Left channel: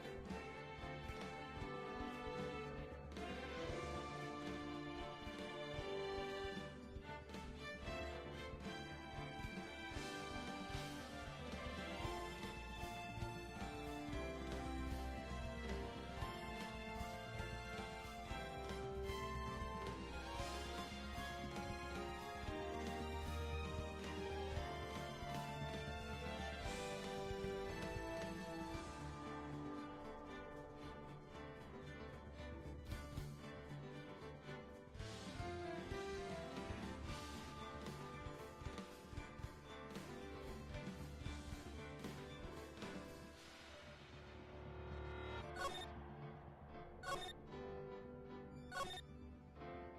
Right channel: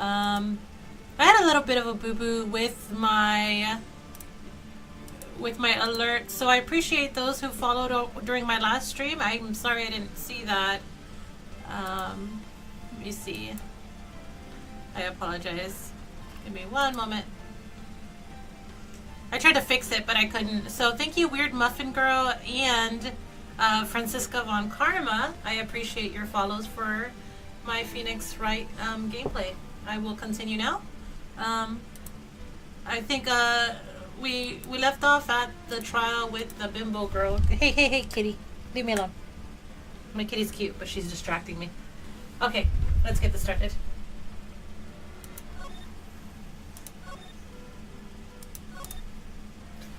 I had a little bit of a boo-boo with my alert, so I appreciate those who followed during my last stream. I'm sorry I didn't see that. Let me see. I apologize. Give me one moment. I tried to fix it, but I couldn't. So thank you, Weird Muffin Girl and Francisca Von Karma. I appreciate your follows for my Phoenix Wright gameplay. I will continue now. I think we left off at the trial with the bimbo girl. Hey, kitty. Leave me alone. My kitty's cute, but she's distracting me. Okay, let's get this started.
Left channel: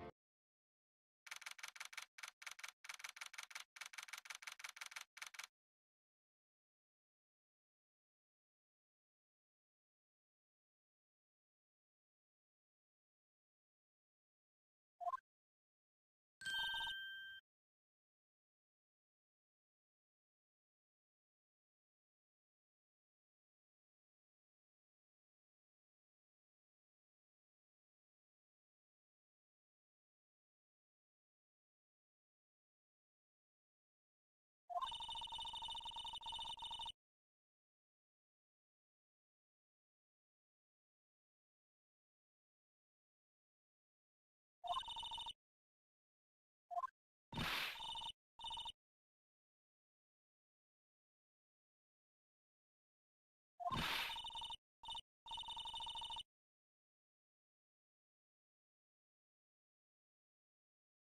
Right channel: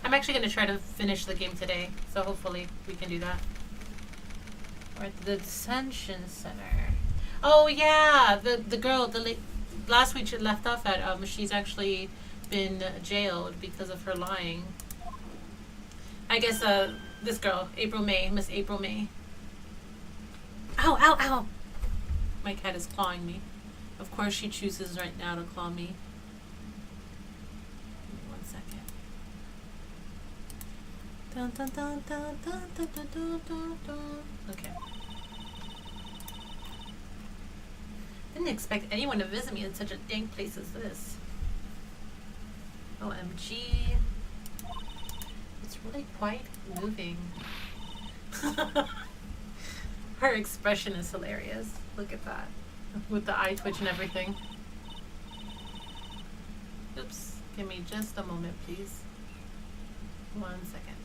I'm actually going to try to finish the game today, so hopefully we can do that. We're at the Detention Center. Oh yeah, the girl, last week she left off at, she's actually been jailed because of her lying. I guess, this girl, Miss April May. Ow, ow, ow! My cat is clawing me. Of course she chooses right now to claw me. Give me 1 second. Dun, dun, dun, dun, dun, dun, dun, dun, dun, dun. Okay. Didn't expect anyone to visit me in such a dank place as this. OMG. It's really quite moving. Her expression is hilarious. Look at that. With the eye twitch and everything. Oops. Give me just a moment, please. 1 second.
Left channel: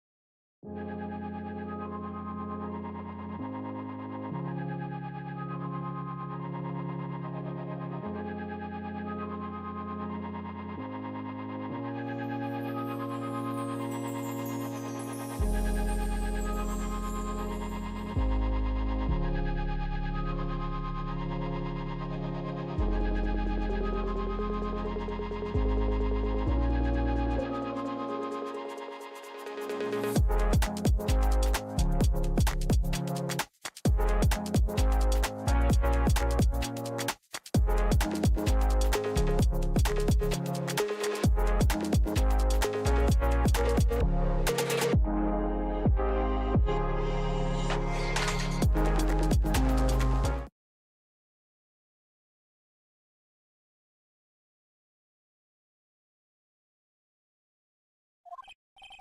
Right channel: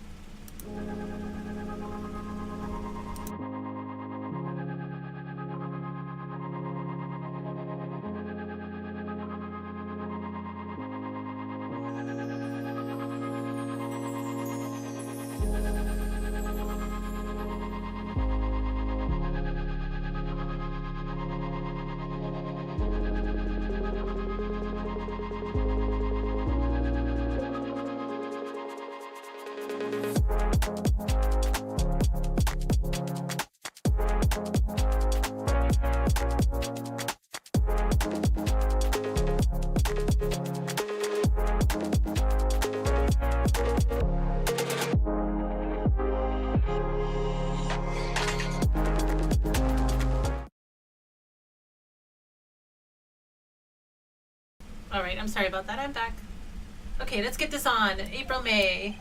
Alright, I'm sorry about that. I'm back. Okay, let's get this on. April May.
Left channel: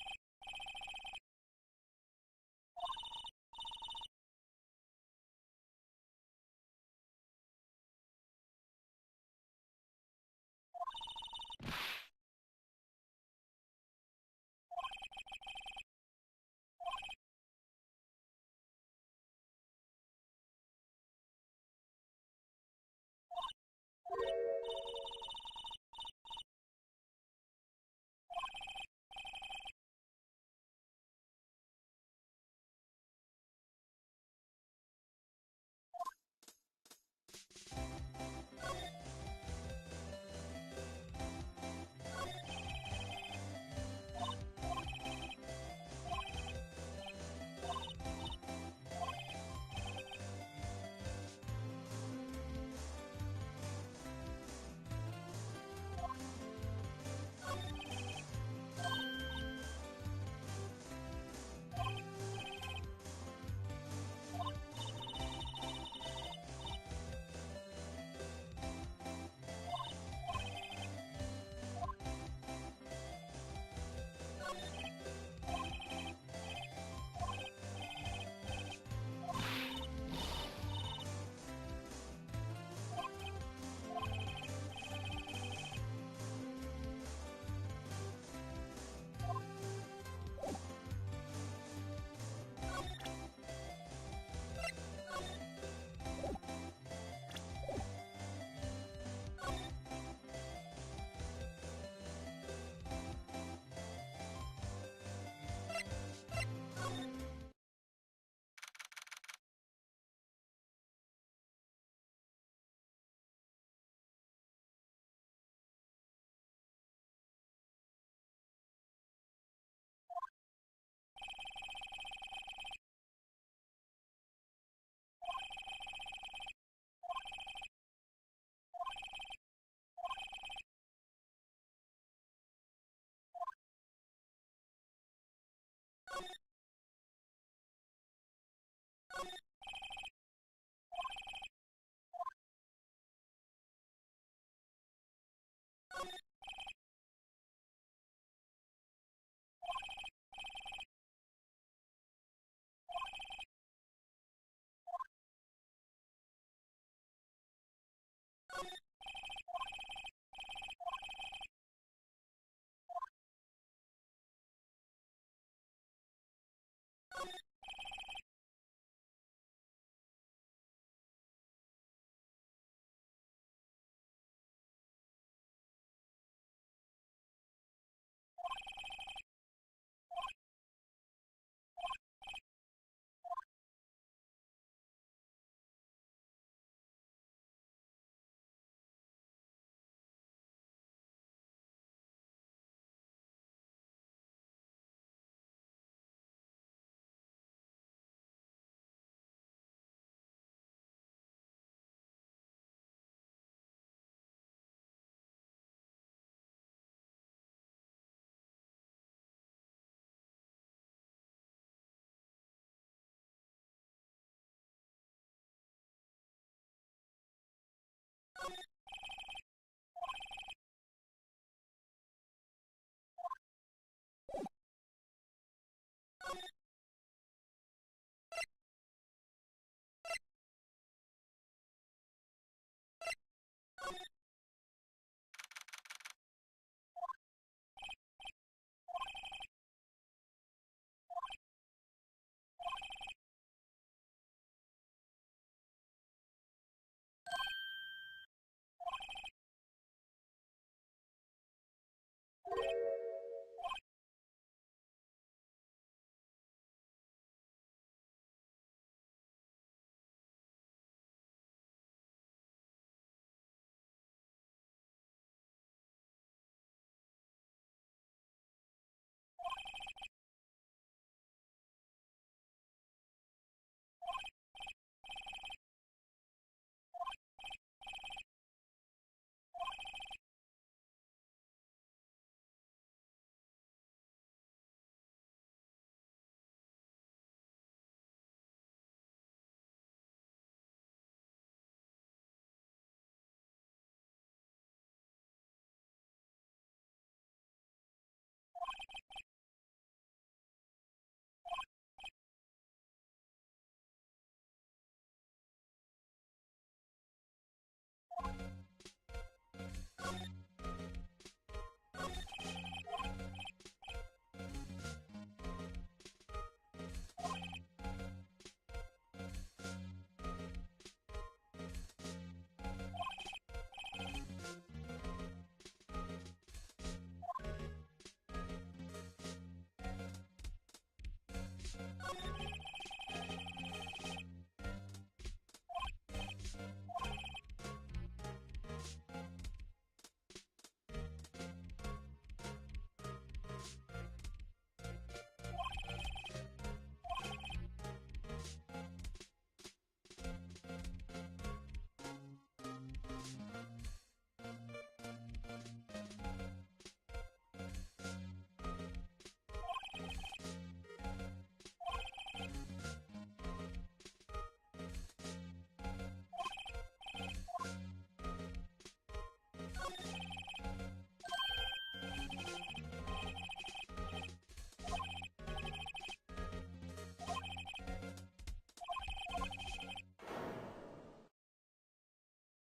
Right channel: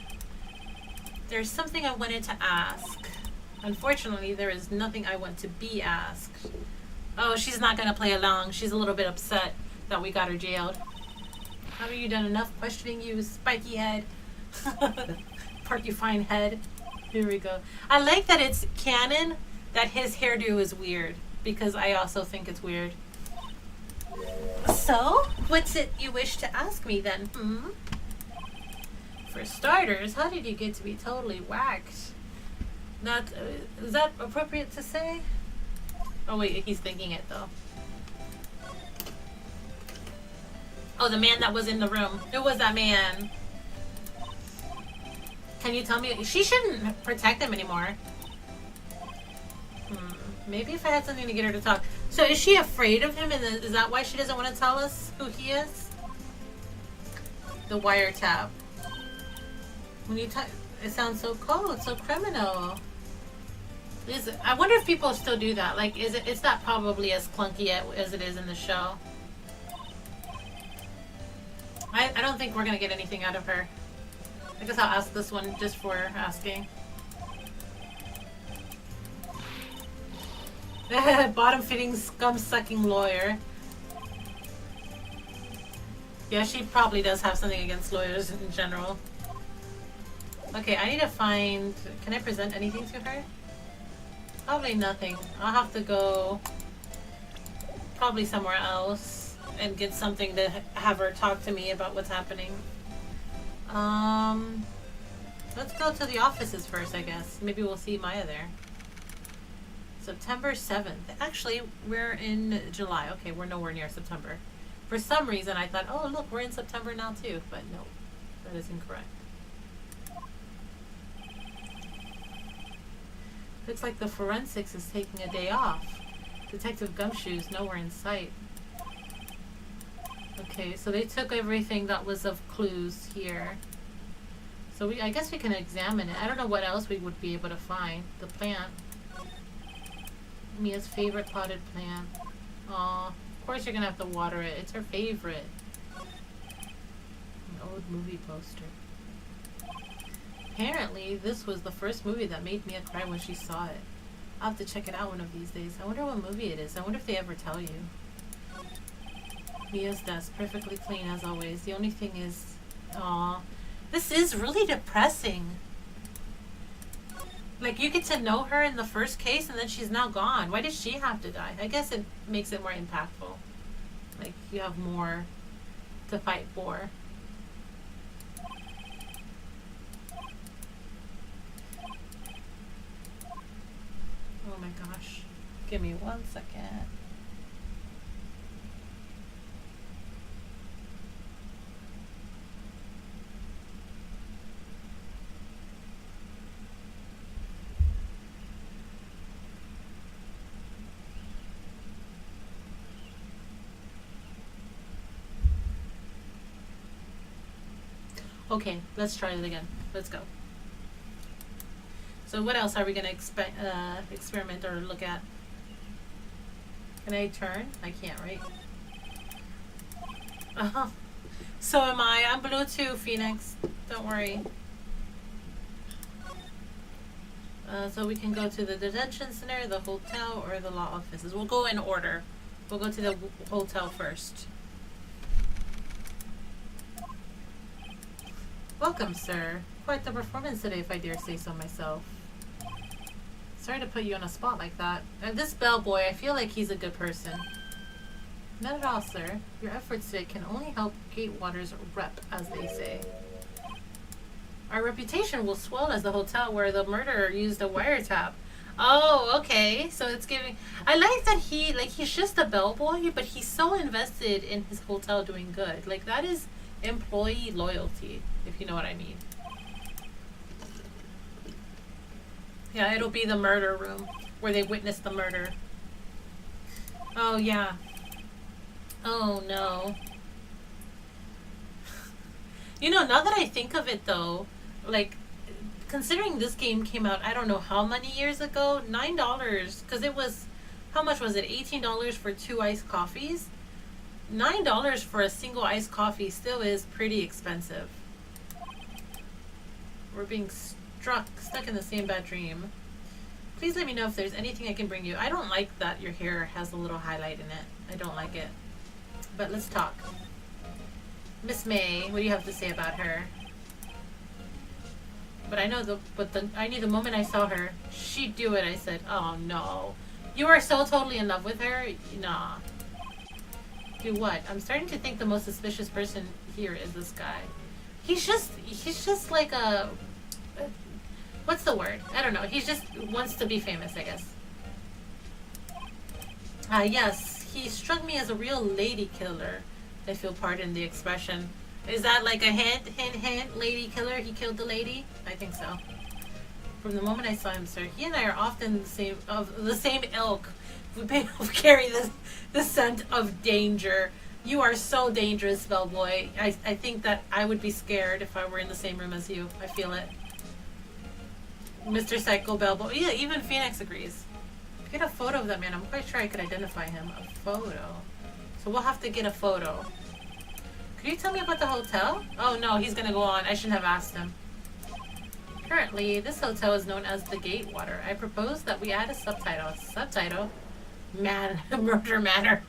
There's something I wanted to ask. Unfortunately, there is nothing I want to be asked. Oh, she's not going to play along. She's a little bit upset that we got her jailed. Have you done enough questioning, you spiky head? Porcupine head. Here we go. I like that it's canon that his hairdo is weird, because I also think it's weird. So, what's it you wish to ask me then, For starters, how did you get to be totally whacked? Not, is that appropriate to say? Oh wait, he's thinking it though. Oh, the man that was in the room. Who was that man? Can you tell me? She shouldn't protect him anymore. Maybe if I had something to get her to talk. So is she afraid of him, and is that why she doesn't want to tell us who he is? The wiretap. When you talk, it sounds so cold, so criminal. I wonder if people still do that. Like, it's not probably as clunky as it is in the show. I don't think we're gonna get anything out of her. I guess I'll ask this one just for asking. Bottom-fitting, scum-sucking lawyer. Yeah, she probably does have something against lawyers in general. Okay, I need to find... Can I present anything to her? Probably nothing. I'll have to go... probably somewhere else and get something to have her talk to me about what's happening. Let's go to the offices first, I guess. Maybe we'll see Maya there. September 7th. Actually, we're in July. Okay, we're nowhere near September. For some reason, I thought, oh, look, we're in September now, too. But no, that is incorrect. Looks like the forensics is taking a day off. Detective Gumshoe's nowhere in sight. Okay, so they took everything that was of clues here. So I guess we can examine it. I don't know what else we would be able to find. The plant. Mia's favorite potted plant. Aw, of course you're gonna have to water it. It's her favorite. An old movie poster. Apparently, this was the first movie that made Mia cry when she saw it. I'll have to check it out one of these days. I wonder what movie it is. I wonder if they ever tell you. Mia's desk, perfectly clean as always. The only thing is... Aw. This is really depressing. Like, you get to know her in the first case and then she's now gone. Why did she have to die? I guess it makes it more impactful. Like, you have more to fight for. Oh my gosh. Give me 1 second. Okay, let's try it again. Let's go. So what else are we going to experiment or look at? Can I turn? I can't, right? Uh-huh. So am I. I'm blue too, Phoenix. Don't worry. So we can go to the detention center, the hotel, or the law offices. We'll go in order. We'll go to the hotel first. Welcome, sir. Quite the performance today, if I dare say so myself. Sorry to put you on a spot like that. This bellboy, I feel like he's a good person. Not at all, sir. Your efforts today can only help Gatewater's rep, as they say. Our reputation will swell as the hotel where the murderer used a wiretap. Oh, okay. So it's giving... I like that he's just a bellboy, but he's so invested in his hotel doing good. Like, that is employee loyalty, if you know what I mean. Yeah, it'll be the murder room where they witness the murder. Oh, yeah. Oh, no. You know, now that I think of it, though, like, considering this game came out, I don't know how many years ago, $9, because it was, how much was it, $18 for 2 iced coffees? $9 for a single iced coffee still is pretty expensive. We're being stuck in the same bad dream. Please let me know if there's anything I can bring you. I don't like that your hair has a little highlight in it. I don't like it. But let's talk. Miss May, what do you have to say about her? But I know I knew the moment I saw her, she'd do it. I said, oh no. You are so totally in love with her? Nah. Do what? I'm starting to think the most suspicious person here is this guy. He's just like a... What's the word? I don't know. He just wants to be famous, I guess. Yes. He struck me as a real lady killer. If you'll pardon the expression. Is that like a hint, lady killer? He killed the lady? I think so. From the moment I saw him, sir, he and I are often the same ilk. We carry the scent of danger. You are so dangerous, bellboy. I think that I would be scared if I were in the same room as you. I feel it. Mr. Psycho Bellboy. Yeah, even Phoenix agrees. Get a photo of that man. I'm quite sure I could identify him. A photo. So we'll have to get a photo. Could you tell me about the hotel? Oh no, he's gonna go on. I shouldn't have asked him. Currently, this hotel is known as the Gatewater. I propose that we add a subtitle. Subtitle? Murder Manor.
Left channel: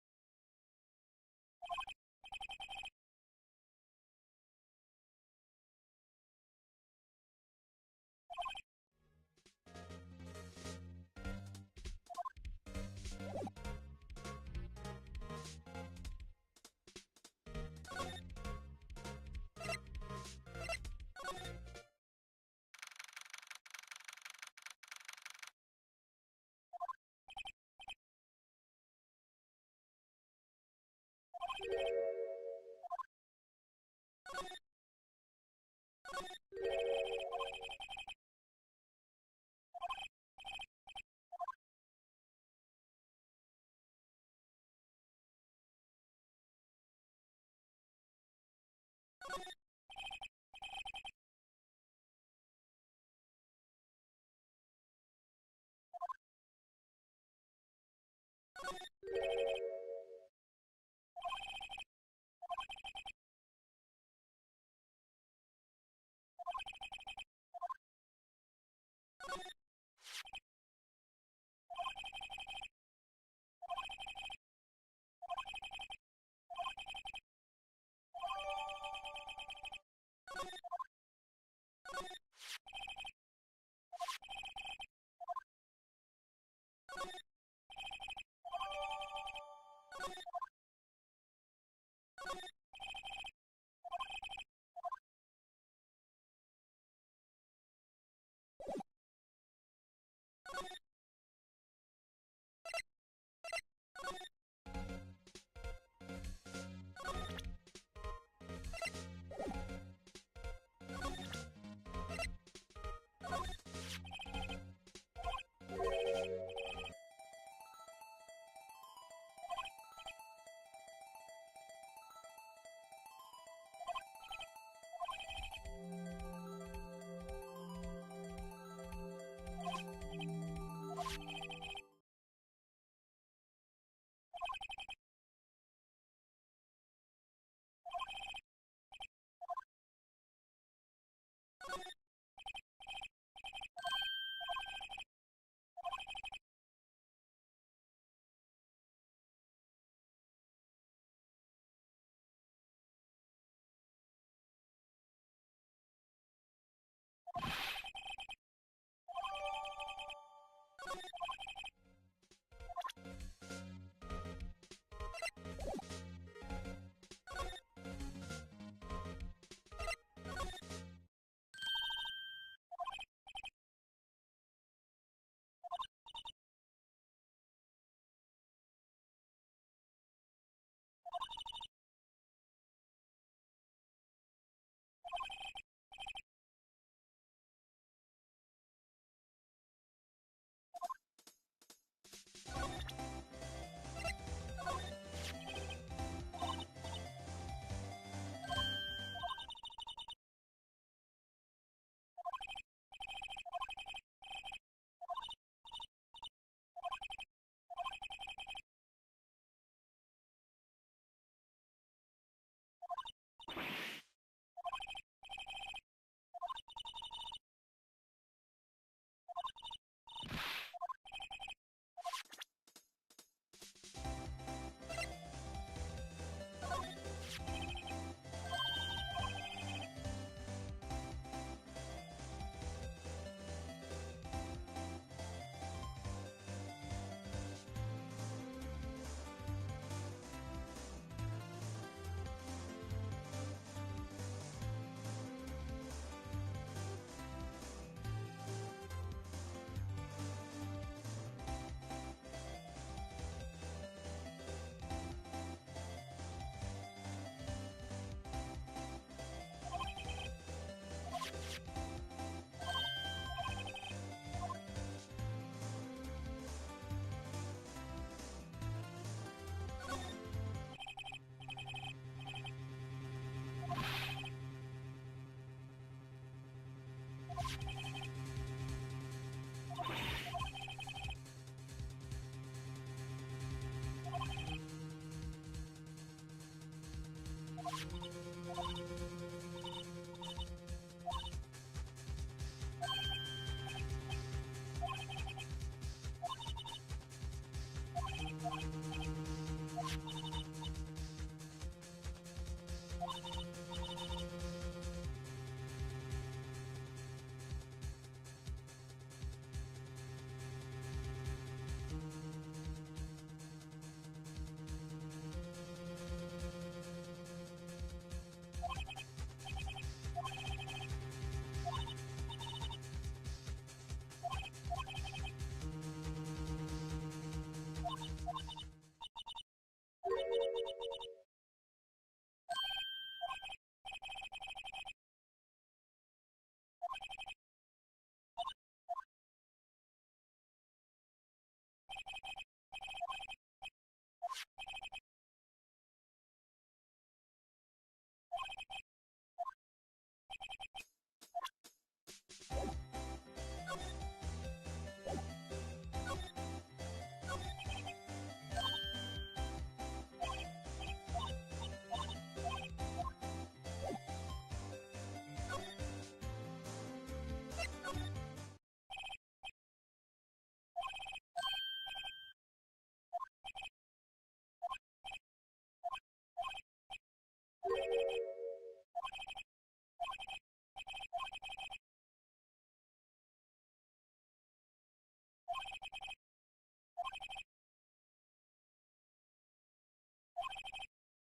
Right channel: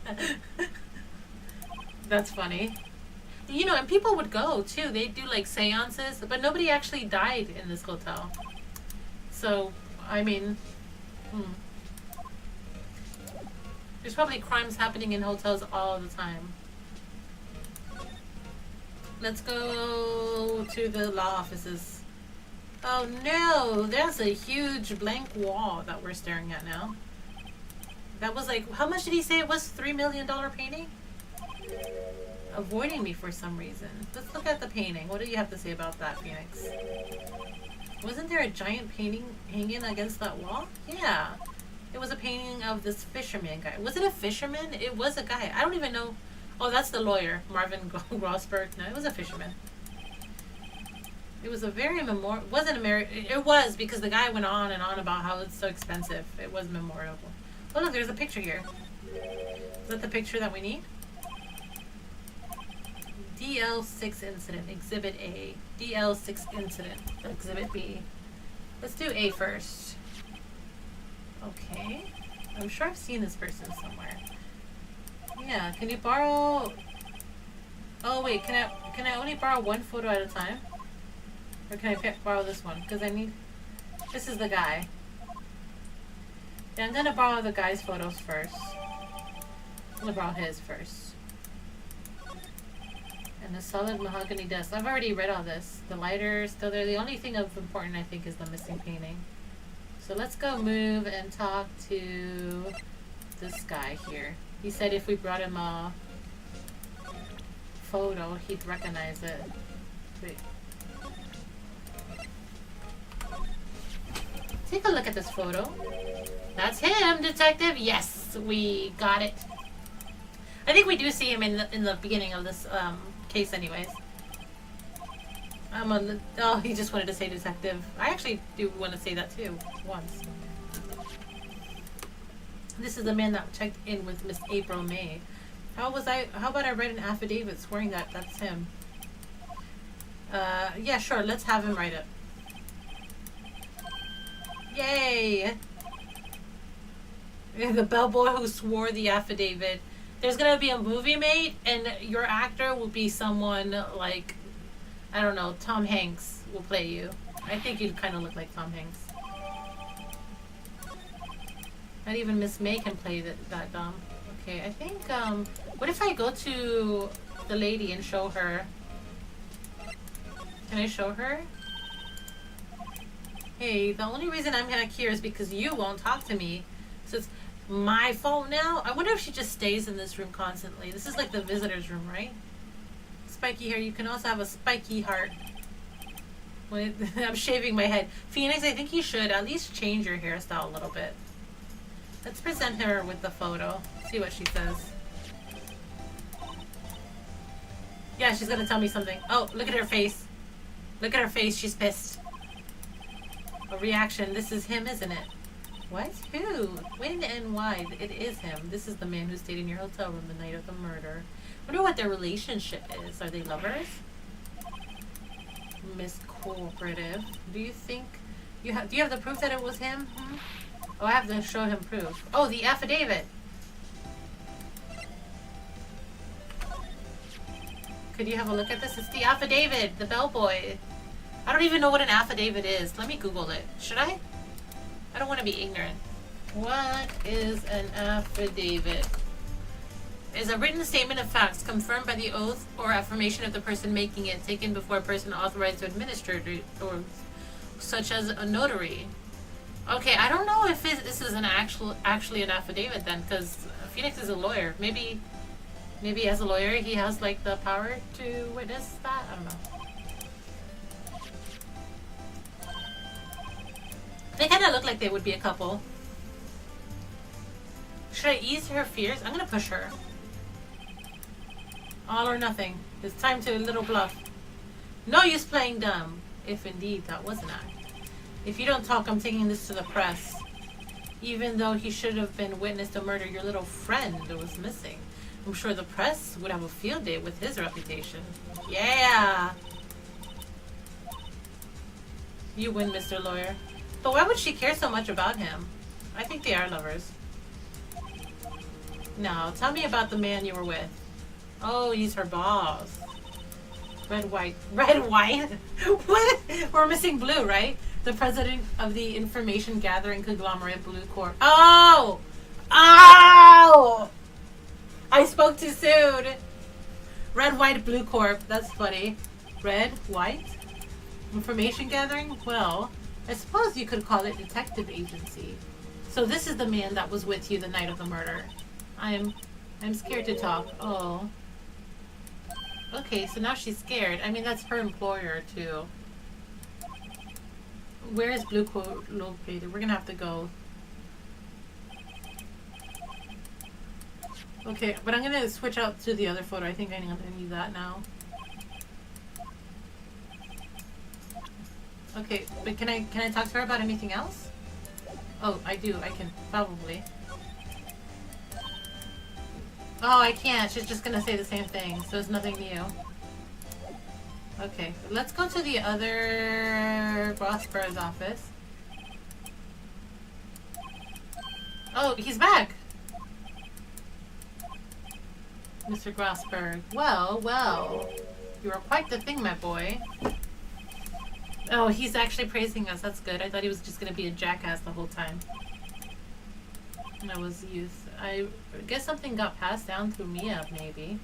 That's funny. You know, and people would go too. They do like seances, but nobody actually died in this hotel. So, I mean, there's probably crimes happening in hotels all the time. Let's go to the law offices. Oh no, there's a huge blank wall that we're staring at now. That was like, how much did he say it was? $3 million painting? Avoiding me for some reason. Let's look at the painting. What do you have to say about that, Phoenix? Wasn't there a giant painting hanging against that wall? Yeah. It was a painting of this fisherman guy. Was it a fisherman? It was a guy. I don't even know. Oh, that's the lawyer, Marvin Grossberg. No, it was a fisherman. It was a very wasn't a it was because the guy went on and on about how it's so expensive. It was memorable. Oh look, there's a picture here. Is that the picture that we need? DL6 incident, Exhibit A. DL6 incident, Exhibit B. Let's do A first. Okay. I'm sure I've seen this person somewhere. Yeah, can you borrow... Oh wait, can I only borrow one photo at a time? Or can I borrow this one? Because I need... This is the guy. Yeah, I'm gonna borrow the guy's photos first. I'm gonna borrow his first. And the solid mahogany desk. I've already read all this. The lighter is still there. The only thing of important, I think, is the missing painting. So let's go move and talk to this guy here. He said if we brought him a photo, he'd recognize it. Wait. Take a look at this photo. That's him, detective. Yes, we got it. I think we do see him in the beginning of this case, anyways. I'm on the. Oh, he just wanted to say detective. I actually do want to say that too once. This is the man that checked in with Miss April May. How about I write an affidavit swearing that that's him? Yeah, sure. Let's have him write it. Yay! The bellboy who swore the affidavit. There's gonna be a movie made, and your actor will be someone like, I don't know, Tom Hanks will play you. I think you kind of look like Tom Hanks. Not even Miss May can play that dumb. Okay, I think, what if I go to the lady and show her? Can I show her? Hey, the only reason I'm back here is because you won't talk to me. So it's my fault now? I wonder if she just stays in this room constantly. This is like the visitor's room, right? Spiky hair. You can also have a spiky heart. I'm shaving my head. Phoenix, I think you should at least change your hairstyle a little bit. Let's present her with the photo. See what she says. Yeah, she's gonna tell me something. Oh, look at her face. Look at her face. She's pissed. A reaction. This is him, isn't it? What? Who? When and why? It is him. This is the man who stayed in your hotel room the night of the murder. I wonder what their relationship is. Are they lovers? Miss Cooperative. Do you think do you have the proof that it was him? Oh, I have to show him proof. Oh, the affidavit. Could you have a look at this? It's the affidavit. The bellboy. I don't even know what an affidavit is. Let me Google it. Should I? I don't want to be ignorant. What is an affidavit? Is a written statement of facts confirmed by the oath or affirmation of the person making it, taken before a person authorized to administer it, or such as a notary. Okay, I don't know if this is actually an affidavit then, because Phoenix is a lawyer. Maybe as a lawyer he has like the power to witness that. I don't know. They kind of look like they would be a couple. Should I ease her fears? I'm gonna push her. All or nothing. It's time to a little bluff. No use playing dumb. If indeed that was an act. If you don't talk, I'm taking this to the press. Even though he should have been witness to murder your little friend that was missing. I'm sure the press would have a field day with his reputation. Yeah! You win, Mr. Lawyer. But why would she care so much about him? I think they are lovers. Now, tell me about the man you were with. Oh, he's her boss. Red, white. Red, white? What? We're missing blue, right? The president of the information gathering conglomerate Blue Corp. Oh! Oh! I spoke too soon. Red, white, Blue Corp. That's funny. Red, white? Information gathering? Well, I suppose you could call it detective agency. So this is the man that was with you the night of the murder. I'm scared to talk. Oh. Okay, so now she's scared. I mean, that's her employer, too. Where is Blue Corp located? We're gonna have to go. Okay, but I'm gonna switch out to the other photo. I think I'm gonna need that now. Okay, but can I talk to her about anything else? Oh, I do. I can probably. Oh, I can't. She's just gonna say the same thing, so it's nothing new. Okay, let's go to the other Grosper's office. Oh, he's back! Mr. Grosberg. Well, well. You are quite the thing, my boy. Oh, he's actually praising us. That's good. I thought he was just gonna be a jackass the whole time. I was youth. I guess something got passed down through Mia, maybe.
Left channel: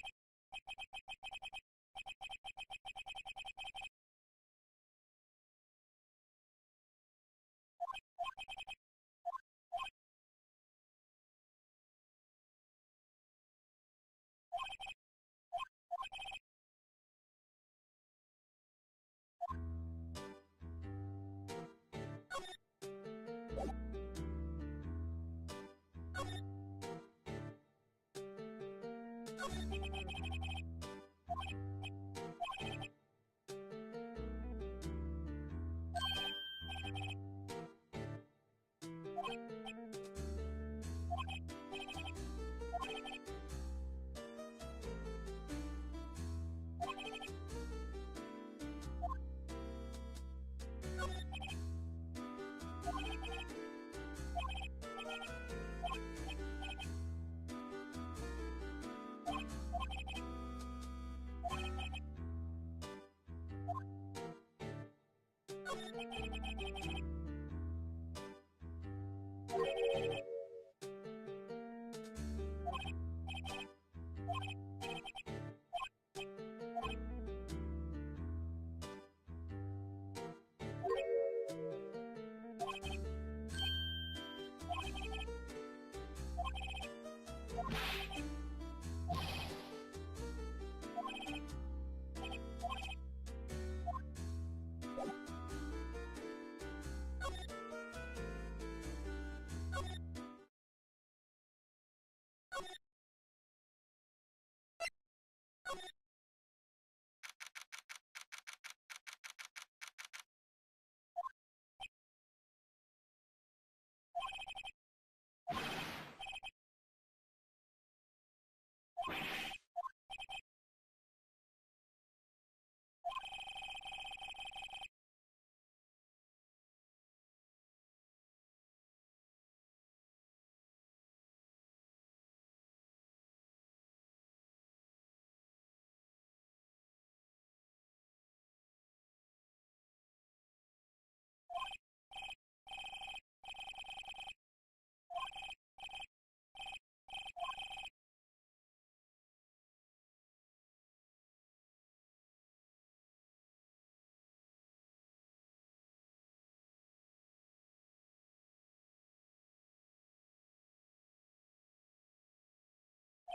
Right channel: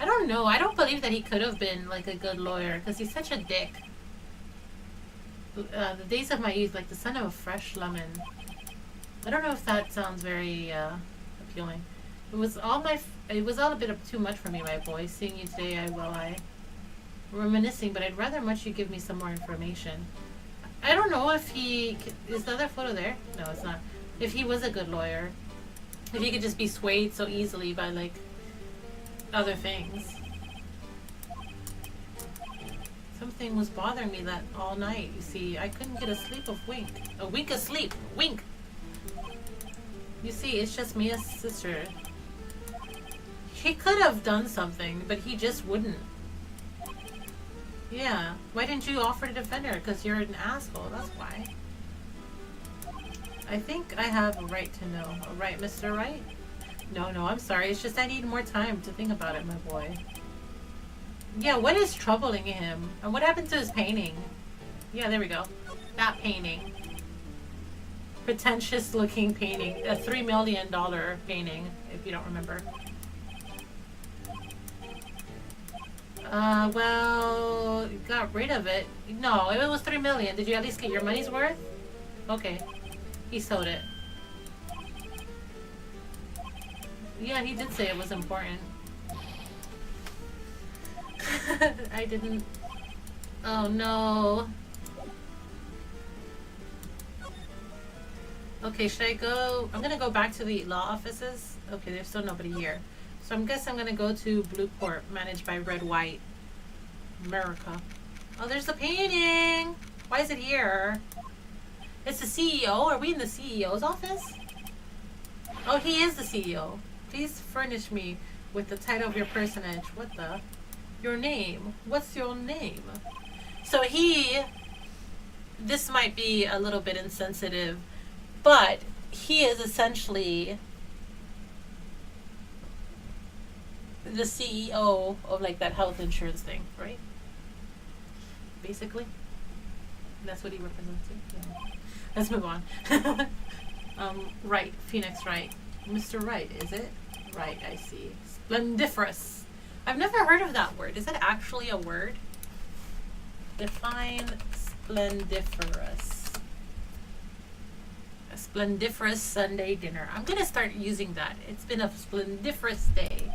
I don't know. I don't believe that he could have been, like, a good lawyer, because he's such a dick. The days of my youth, like the son of a fresh lemon. I don't know if that sounds very, appealing. It was all a bit of too much for me, my boy. Seeing you today, I reminiscing, but I'd rather much you give me some more information. I don't know if he... Is the other photo there? No, it's not. If he was a good lawyer. If he could just be swayed so easily by, like, other things. Something was bothering me that all night, you see. I couldn't get a wink of sleep. Wink! You see, it's just Mia's sister. He could have done something, but he just wouldn't. Yeah. Why didn't you offer to defend her? Because you're an asshole, that's why. I think I have a right to know. A right, Mr. Right? No, I'm sorry. It's just I need more time to think about it, my boy. Yeah, what is troubling him? And what happened to his painting? Yeah, there we go. That painting. Pretentious looking painting. A $3 million painting, if you don't remember. Well, you got rid of it. No, it was $3 million. Did you at least get your money's worth? Okay. He sold it. Yeah, he did say it was important. I didn't... Oh, no. Okay, should I go... I'm gonna go back to the law offices. Okay, there's still nobody here. So I guess I'm gonna go to Blue Corp, managed by Red White. America. Oh, there's the painting! Why is it here? It's the CEO? Are we in the CEO's office? Oh, he is the CEO. Please furnish me with the title of your personage. What the? Your name. What's your name? So this might be a little bit insensitive, but he is essentially the CEO of, like, that health insurance thing, right? Basically. That's what he represents. Yeah. Let's move on. Wright. Phoenix Wright. Mr. Wright, is it? Right, I see. Splendiferous. I've never heard of that word. Is that actually a word? Define splendiferous. A splendiferous Sunday dinner. I'm going to start using that. It's been a splendiferous day.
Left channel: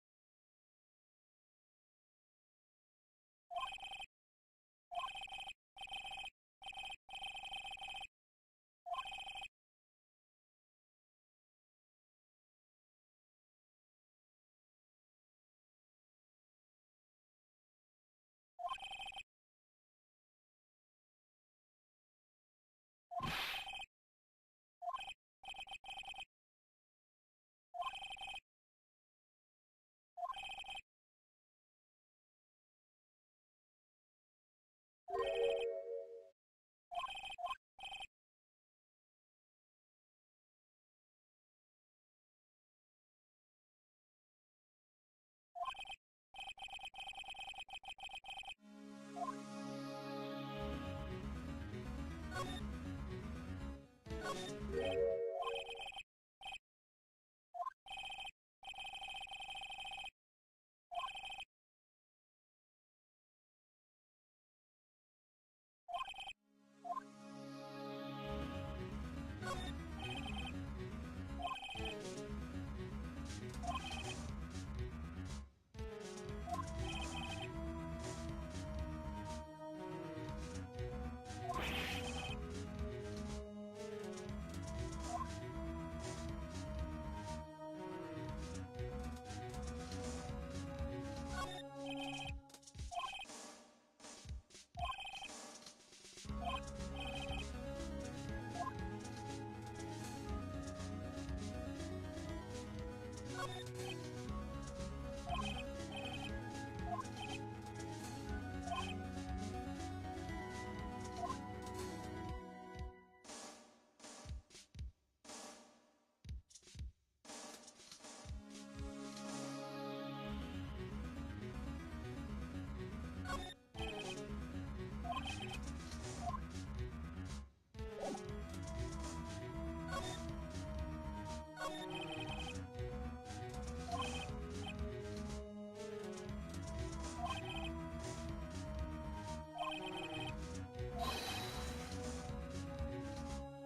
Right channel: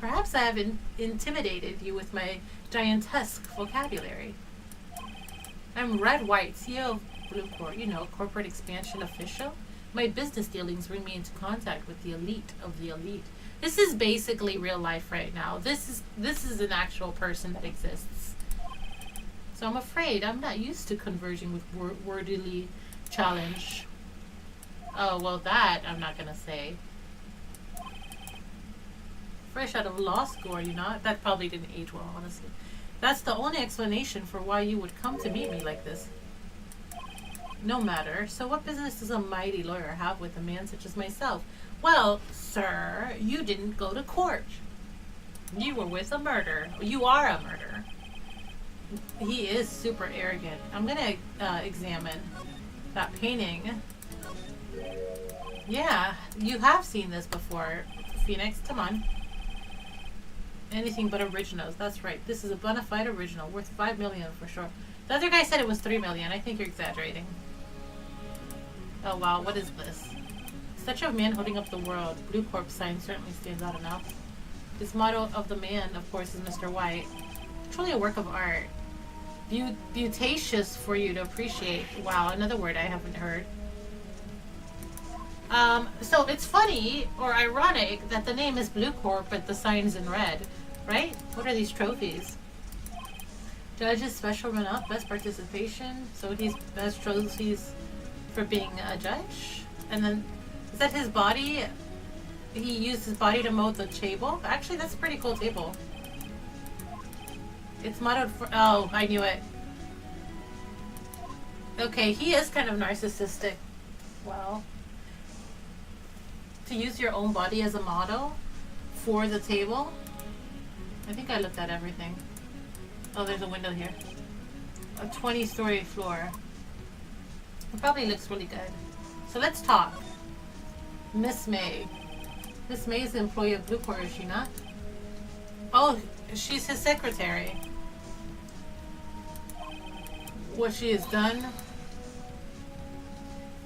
Perhaps I have intimidated you with my giantesque vocabulary. I'm Red White, CEO of Blue Corp, corporate expansion official. My business dealings bring me into contact with the elite of the elite. This is basically real life right now. This is an actual person that exists. So I'm afraid I'm not used to converging with wordily challenge. Oh, well, that I'm not going to say. Fresh out of law school, are you not? That probably didn't age well, honestly. That's the only explanation for why you would come to meet me like this. No matter. So what business does a mighty lawyer have with a man such as myself? Well, sir, you didn't go to court. You were with a murderer. You are a murderer. He is super arrogant. I'm gonna examine that painting. Yeah, you have seen this before. Phoenix, come on. Anything but originals. That's right. This is a bona fide original, worth $5 million for sure. The other guy said it was $3 million. I think you're exaggerating. Oh wow, what is this? Such a man holding up the world. Blue Corp sign certainly stands out enough. This motto of the man, of course, is Mr. White. Truly a work of art. Beautacious for you to appreciate. Wow, another word I haven't heard. So it's funny or ironic that the name is Blue Corp, but the sign's in red, right? What are these trophies? Judge's special run up, best participation. So he's best trophies for being a judge. And then, is that his body? He used his body to mold the table? Actually, that's a pretty cool table. It's mottoed for, oh, I knew it. Okay, he is kind of narcissistic. Well, to use your own body as a model for the table. I think I looked at everything. Oh, there's a window here. A 20-story floor. It probably looks really good. So let's talk. Miss May. Miss May is the employee of Blue Corp, is she not? Oh, she's his secretary. What she has done.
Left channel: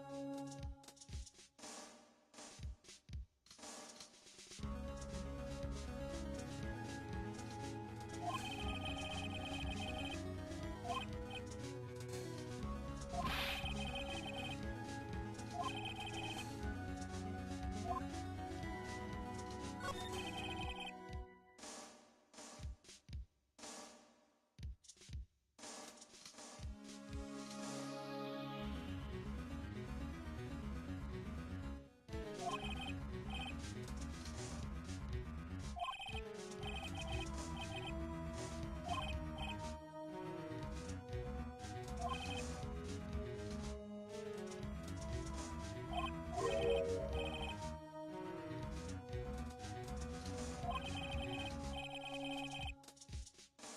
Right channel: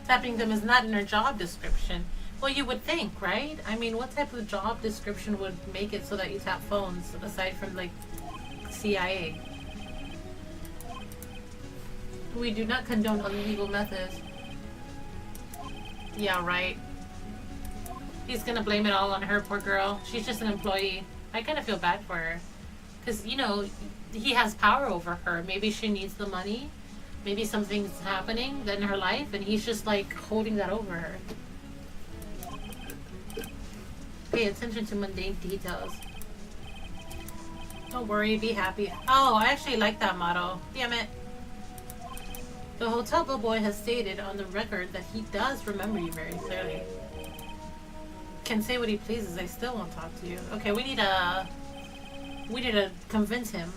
Tapping them is not in her job description. Well, you would think, right? I mean, what type of job description would make it so that you tap phones, aside from, like, CIA? We do not condone illegal methods. Yeah, right. He's gonna blame it all on her, poor girl. She's just an employee. I kind of feel bad for her. Because, you know, he has power over her. Maybe she needs the money. Maybe something's happening in her life, and he's just, like, holding that over her. Pay attention to mundane details. Don't worry, be happy. Oh, I actually like that motto. Damn it. The hotel bellboy has stated on the record that he does remember you very clearly. Can say what he pleases, I still won't talk to you. Okay, we need to convince him.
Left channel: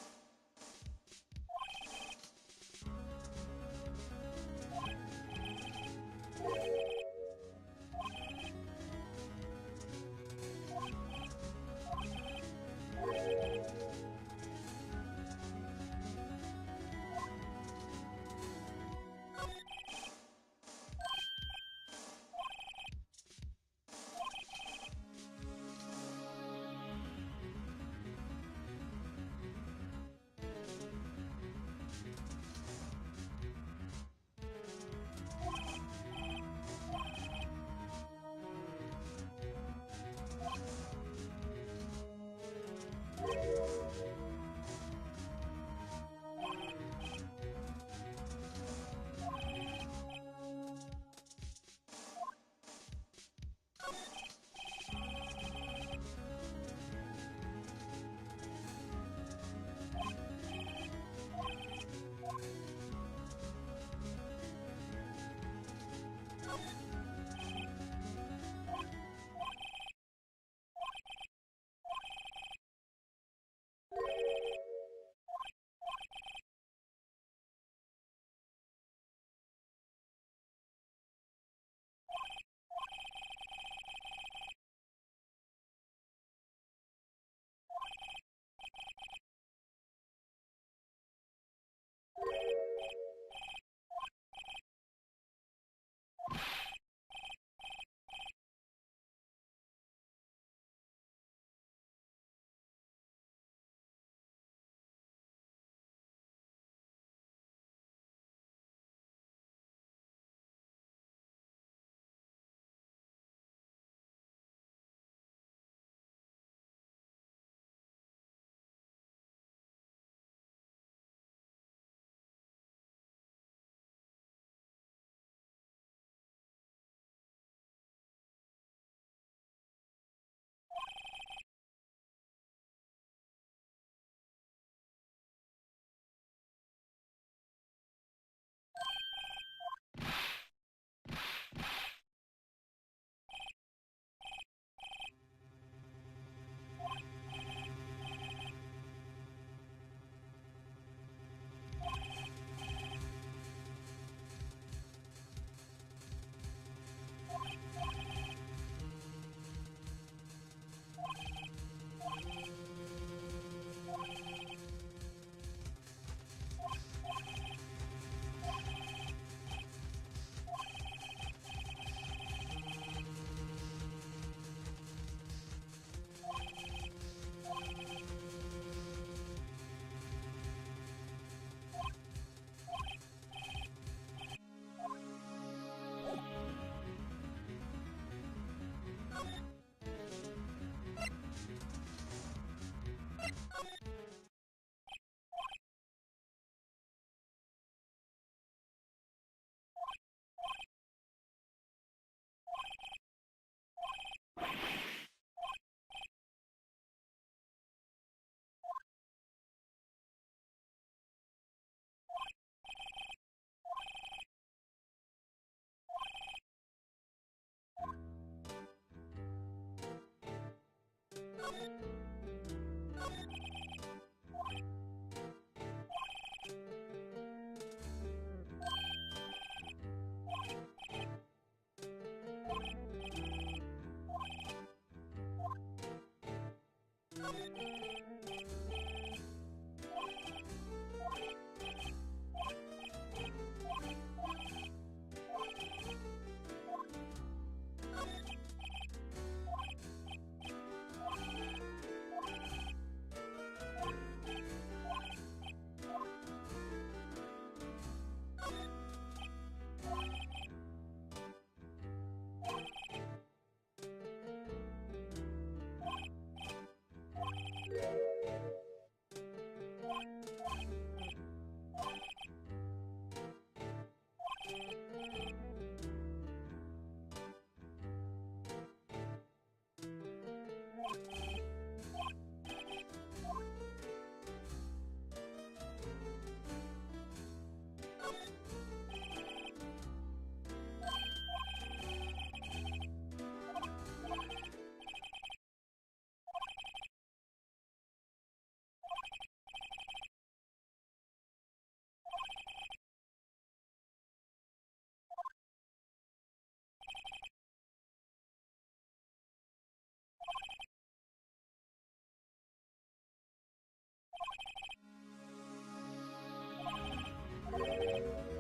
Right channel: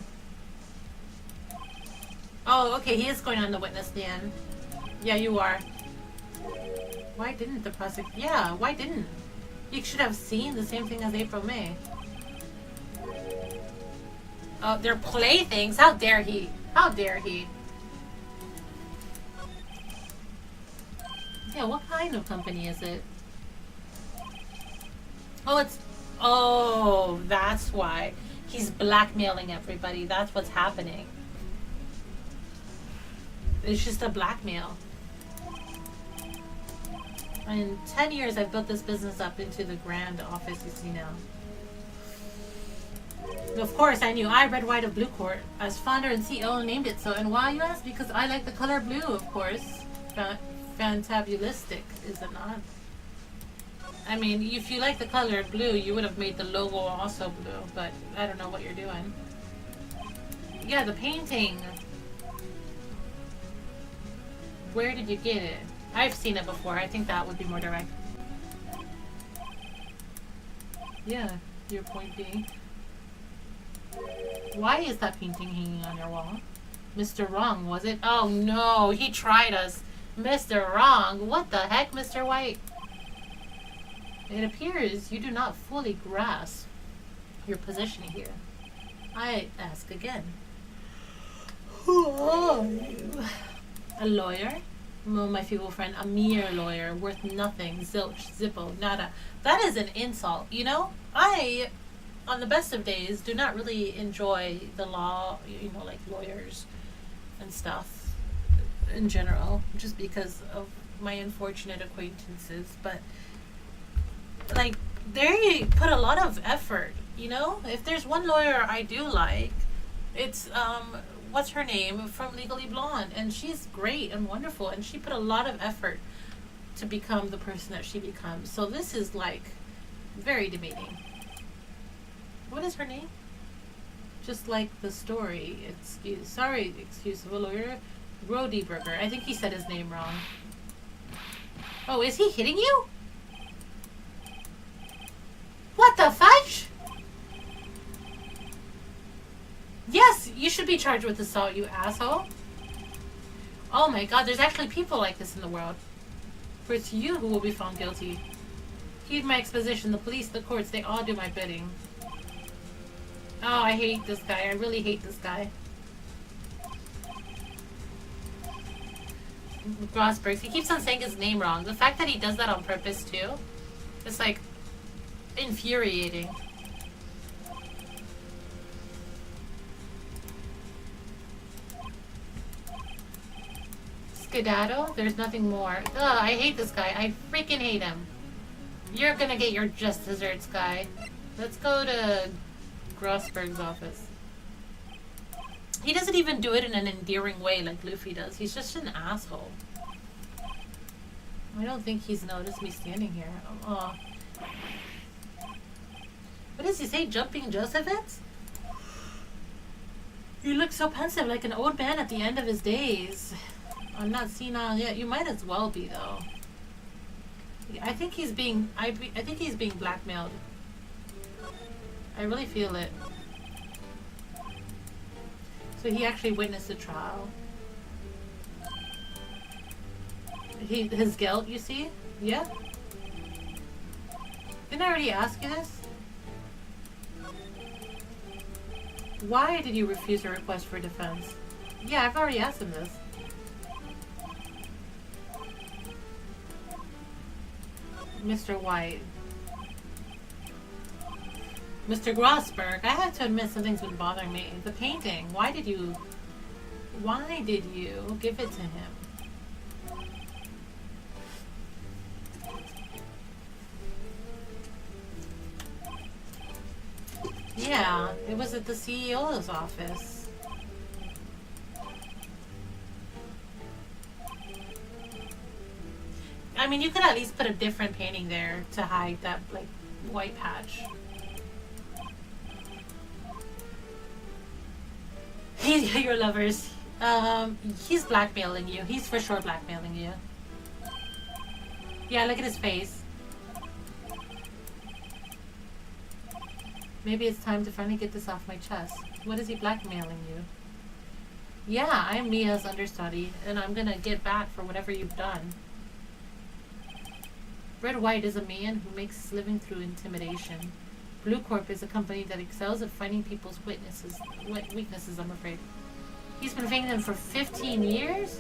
Oh, okay, he is going on the witness stand. Yeah, you are. Why didn't the prosecutor? Yeah, why didn't? You should have seen the same thing as April May. Oh, they're playthings. How dare he? How dare he? Yeah, what kind of company is it? Oh, it's... Oh, that's why. He's blackmailing everybody. That's what's happening. It's just a blackmail. In 10 years, I've built this business up into the grand office you see now. Of course, I knew. I read White of Blue Court. As founder and CEO named it so. And why, you ask? Because I like the color blue, of course. Fantabulistic, is it not? I mean, if you like the color blue, you would have made the logo also blue. But I don't know what you're doing. Yeah, the painting. Where did you get it? I've seen it before. I think that would be more direct. Yeah, your point being. Why is that painting hanging on your wall? Mr. Wrong, was it? Oh no, he tried us. Mr. Wrong? What the heck, Mr. White? It appears you do not fully grasp your position here. I ask again. Who are you? A lawyer? Oh, my feeble friend, a mere lawyer, worth nothing, zilch, zippo, nada. That is an insult, you know? I, on the best of days, do not really enjoy the law, you know, like lawyers and stuff in general, just because of my unfortunate acquaintances, but, like, they put a lot of effort, you know? If there's one lawyer I do like, it's, what's her name from Legally Blonde, and she's great and wonderful, and she put a lot of effort to become the person that she becomes. So this is like very demeaning. What is her name? Just like the story. Excuse of a lawyer. Rodeberger. I think he said his name wrong. Oh, is he hitting you? What the fudge? Yes, you should be charged with assault, you asshole. Oh my god, there's actually people like this in the world. For it's you who will be found guilty. Heed my exposition, the police, the courts, they all do my bidding. Oh, I hate this guy. I really hate this guy. Rosberg, he keeps on saying his name wrong. The fact that he does that on purpose, too, it's like infuriating. Skedaddle? There's nothing more. Ugh, I hate this guy. I freaking hate him. You're gonna get your just desserts, guy. Let's go to Grossberg's office. He doesn't even do it in an endearing way like Luffy does. He's just an asshole. I don't think he's noticed me standing here. Oh. What does he say? Jumping Josephets? You look so pensive, like an old man at the end of his days. I'm not senile yet. You might as well be, though. I think he's being... I think he's being blackmailed. I really feel it. So he actually witnessed the trial. His guilt, you see? Yeah? Didn't I already ask you this? Why did you refuse a request for defense? Yeah, I've already asked him this. Mr. White. Mr. Grossberg, I have to admit something's been bothering me. The painting, why did you give it to him? Yeah, it was at the CEO's office. I mean, you could at least put a different painting there to hide that, like, white patch. Your lovers. He's blackmailing you. He's for sure blackmailing you. Yeah, look at his face. Maybe it's time to finally get this off my chest. What is he blackmailing you? Yeah, I'm Mia's understudy, and I'm gonna get back for whatever you've done. Red White is a man who makes his living through intimidation. Blue Corp is a company that excels at finding people's weaknesses, I'm afraid. He's been finding them for 15 years?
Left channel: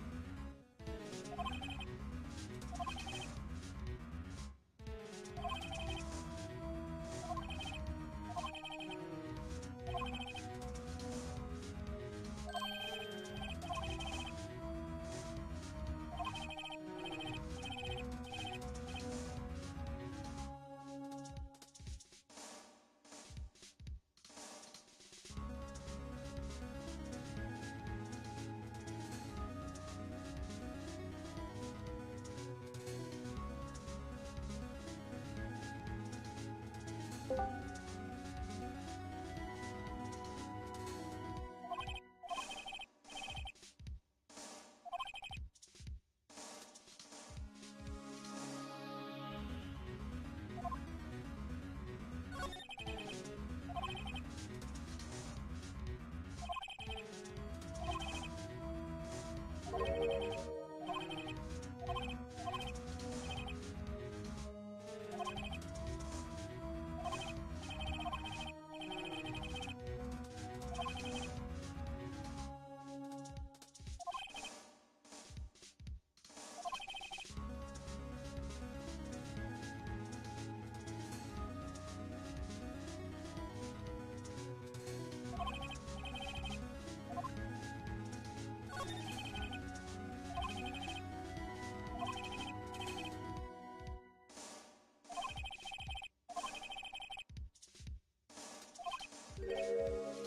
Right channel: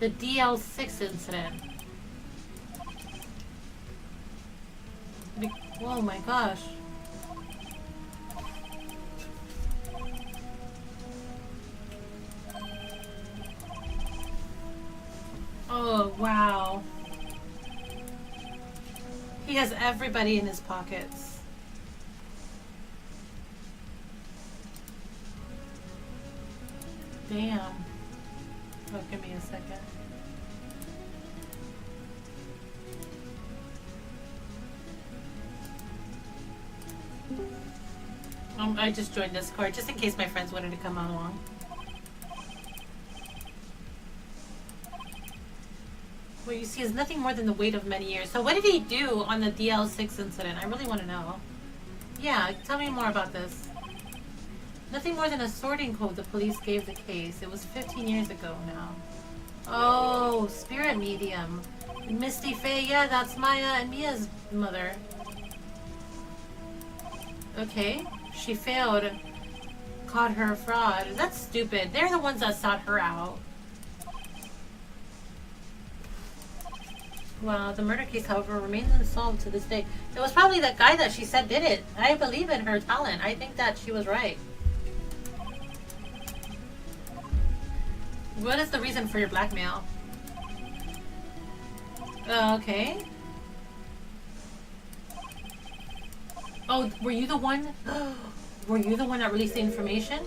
The DL6 incident. Oh my gosh. Oh, wow. He has everybody in his pockets. Damn. Oh, give me a second. I just joined Discord just in case my friends wanted to come along. What you see is nothing more than the weight of many years. So what did he do on the DL6 incident? I really want to know. Yeah, tell me more about this. Nothing more than a sorting code the police gave the case. It was 15 years ago now. Oh, spirit medium. Misty Faye, yeah, that's Maya and Mia's mother. Okay, she failed. Caught her a fraud. That's stupid. They're the ones that sought her out. Wow, the murder case, however, remains unsolved to this day. It was probably that guy that she said did it. I believe in her talent. I think that she was right. What is the reason for your blackmail? Okay. Oh, were you the one? Were you the one that released the information?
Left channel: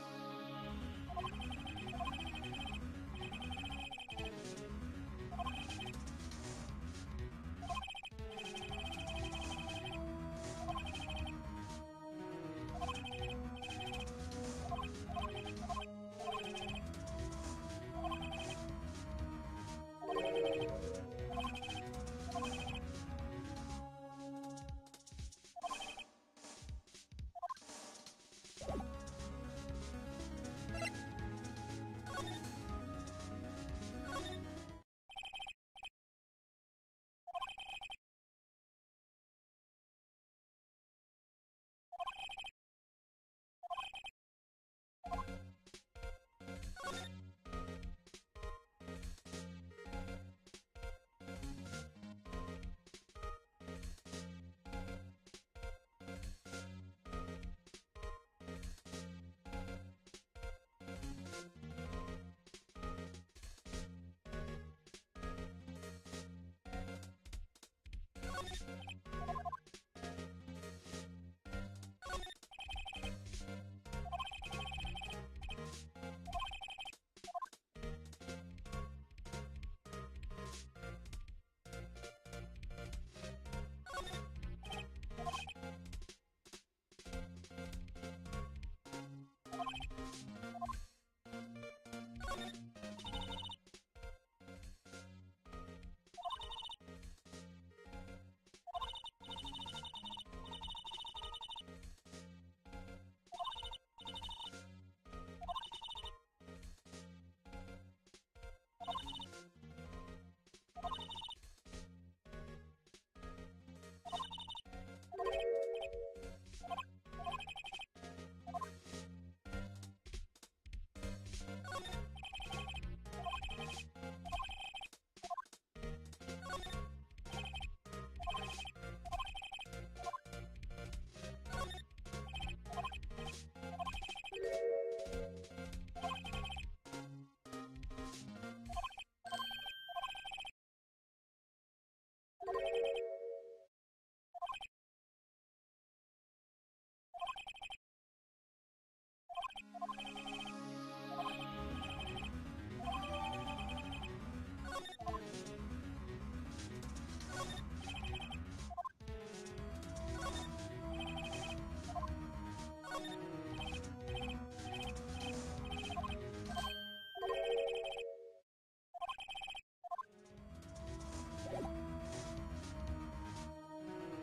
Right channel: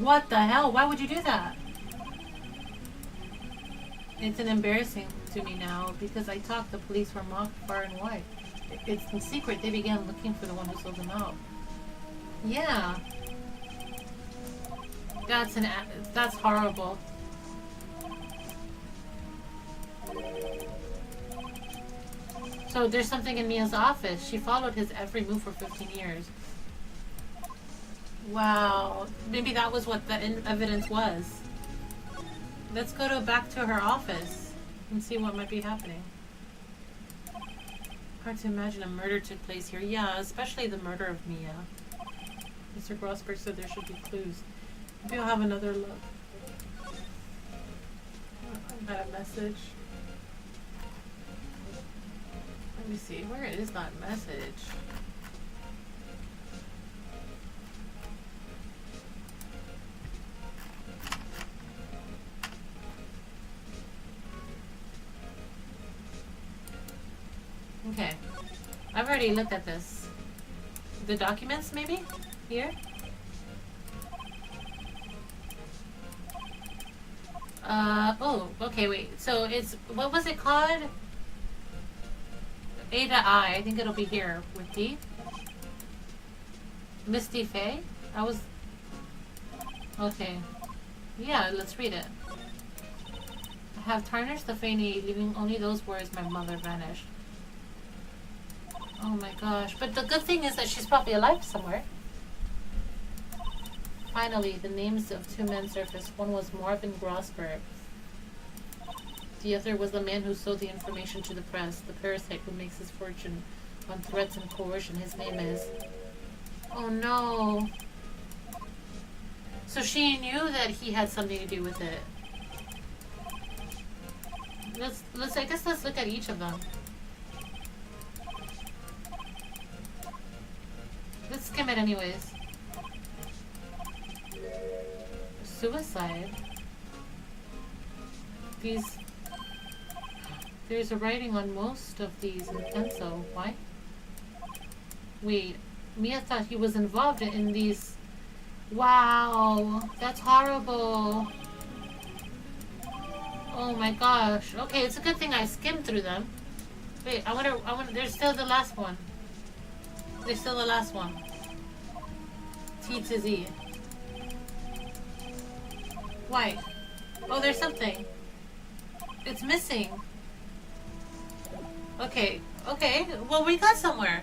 What the hell? Why would you do that? It's an embarrassing to me now because I thought the police were mocked far and wide. It's in secret they began looking for the one who sold them out. Yeah. That's horrible. So there's something in Mia's office. She followed his every move for 15 years. Wow. Maybe that was what the evidence was. Let's go back to her office and see what might be happening. Hard to imagine a murder took place here. Yeah, especially the murder of Mia. Mr. Grossberg said there should be clues. Maybe I'll have another look. Got a message. Let me see. Where is that message? already looked at this. The documents, maybe? Here? Oh, okay, wait. So it's, what was it called? A to I. I think it'll be here with D. Misty Faye? I was... Okay. Yeah, let's read it. I have tarnished the Faney, leaving only those words my mother vanished. Oh my gosh. But the good thing is that she's probably alive somewhere. Finally, the names of two men surfaced. One was Marvin Grossberg. The other was the man who sold the information to the press, the parasite who makes his fortune on threats and coercion. His name is... Oh no. So she knew that he had something to do with it. I guess let's look at each of them. Let's skim it anyways. Suicide. There's a writing on most of these in pencil. Why? Wait, Mia thought he was involved in these. Wow, that's horrible. Oh my gosh. Okay, it's a good thing I skimmed through them. Wait, I wonder, there's still the last one. There's still the last one. T to Z. Why? Oh, there's something. It's missing. Okay, okay. Well, we got somewhere.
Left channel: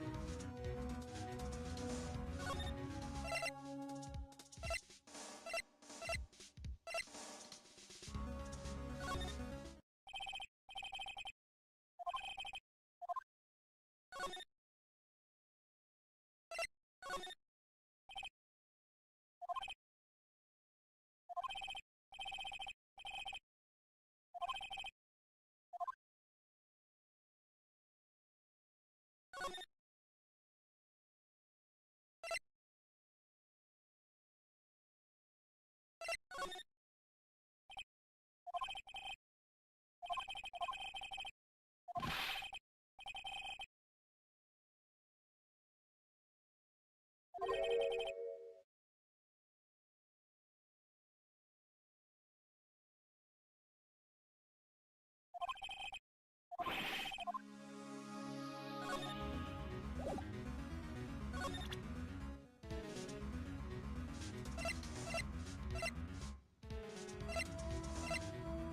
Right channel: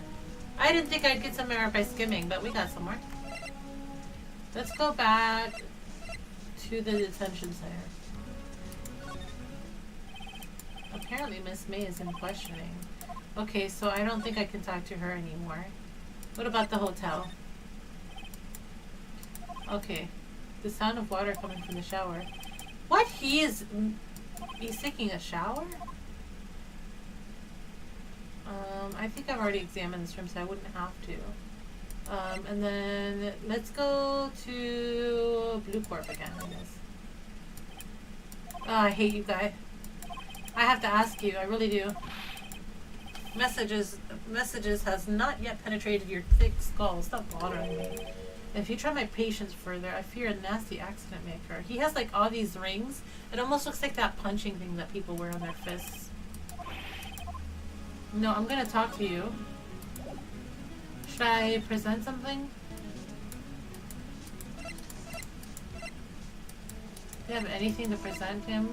I didn't think I'd get somewhere by skimming, but we got somewhere. Let's go back to the detention center. Apparently Miss May is in questioning. Okay, so I don't think I can talk to her anymore. What about the hotel? Okay. The sound of water coming from the shower. What? He's taking a shower? I think I've already examined this room, so I wouldn't have to. And then let's go to Blue Corp again. Oh, I hate you guys. I have to ask you, I really do. Messages has not yet penetrated your thick skull. Stop bothering me. If you try my patience further, I fear a nasty accident may occur. He has like all these rings. It almost looks like that punching thing that people wear on their fists. No, I'm gonna talk to you. Should I present something? Do you have anything to present him?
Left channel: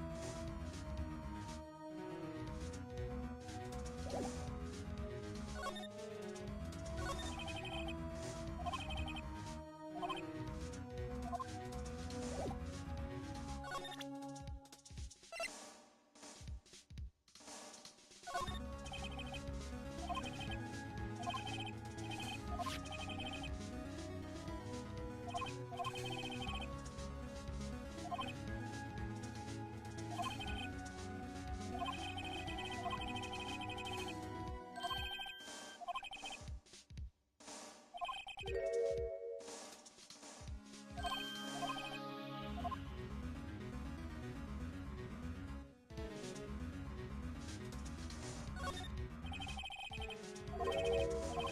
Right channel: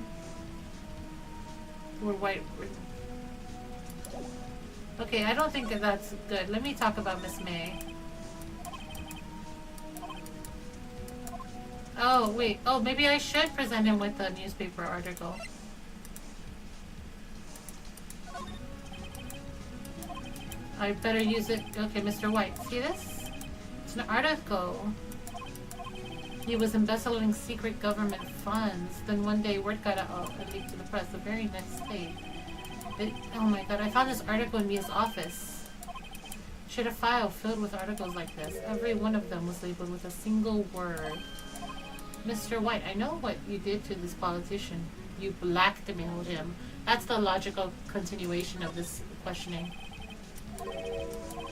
Or white? Okay, I don't think that that's good. Let me talk about Miss May. Oh, wait. Oh, maybe I should present him with a newspaper article. I better use it. Okay, Mr. White. See this? It's an article. He was embezzling secret government funds. Then one day word got out and leaked to the press. The very next day. Oh my god, I found this article in Mia's office. She had a file filled with articles like this. Every one of them was labeled with a single word. Mr. White, I know what you did to this politician. You blackmailed him. That's the logical continuation of this questioning.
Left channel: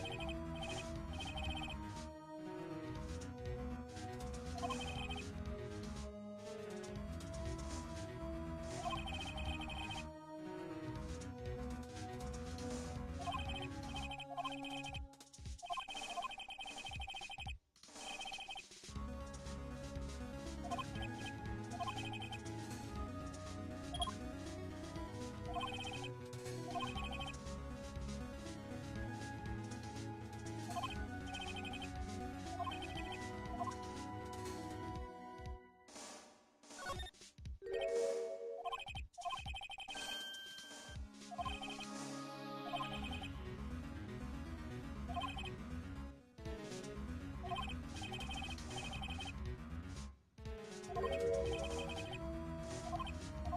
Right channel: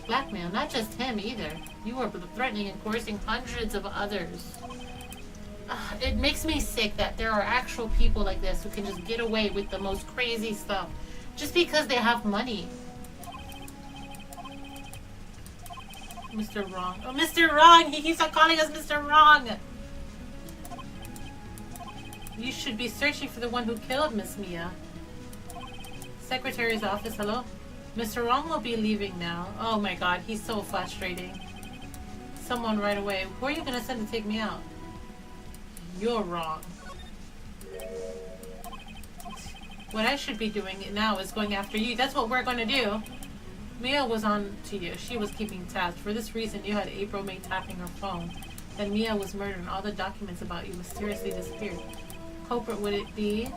Blackmail, not just him either. You were threatening and coercing hundreds of others. It makes me sick that there are actual people like this who can just get away with the most crazy stuff just because they have money. Mr. Wrong. Oh, Mr. Wrong! He keeps on calling us Mr. Wrong! You should be searching for the one who killed Miss Mia. Secretary's office, hello? Mr. Wrong will be leaving now. Oh my god, he's so frustrating. Someone right away. Who are you gonna send to take me out? You're wrong. What I should be doing now is going after you. That's what we're gonna do. Mia was on to you. She was keeping tabs. For this reason, you had April May tapping her phone. Then Mia was murdered and all the documents about you mysteriously disappeared. Culprit would it be?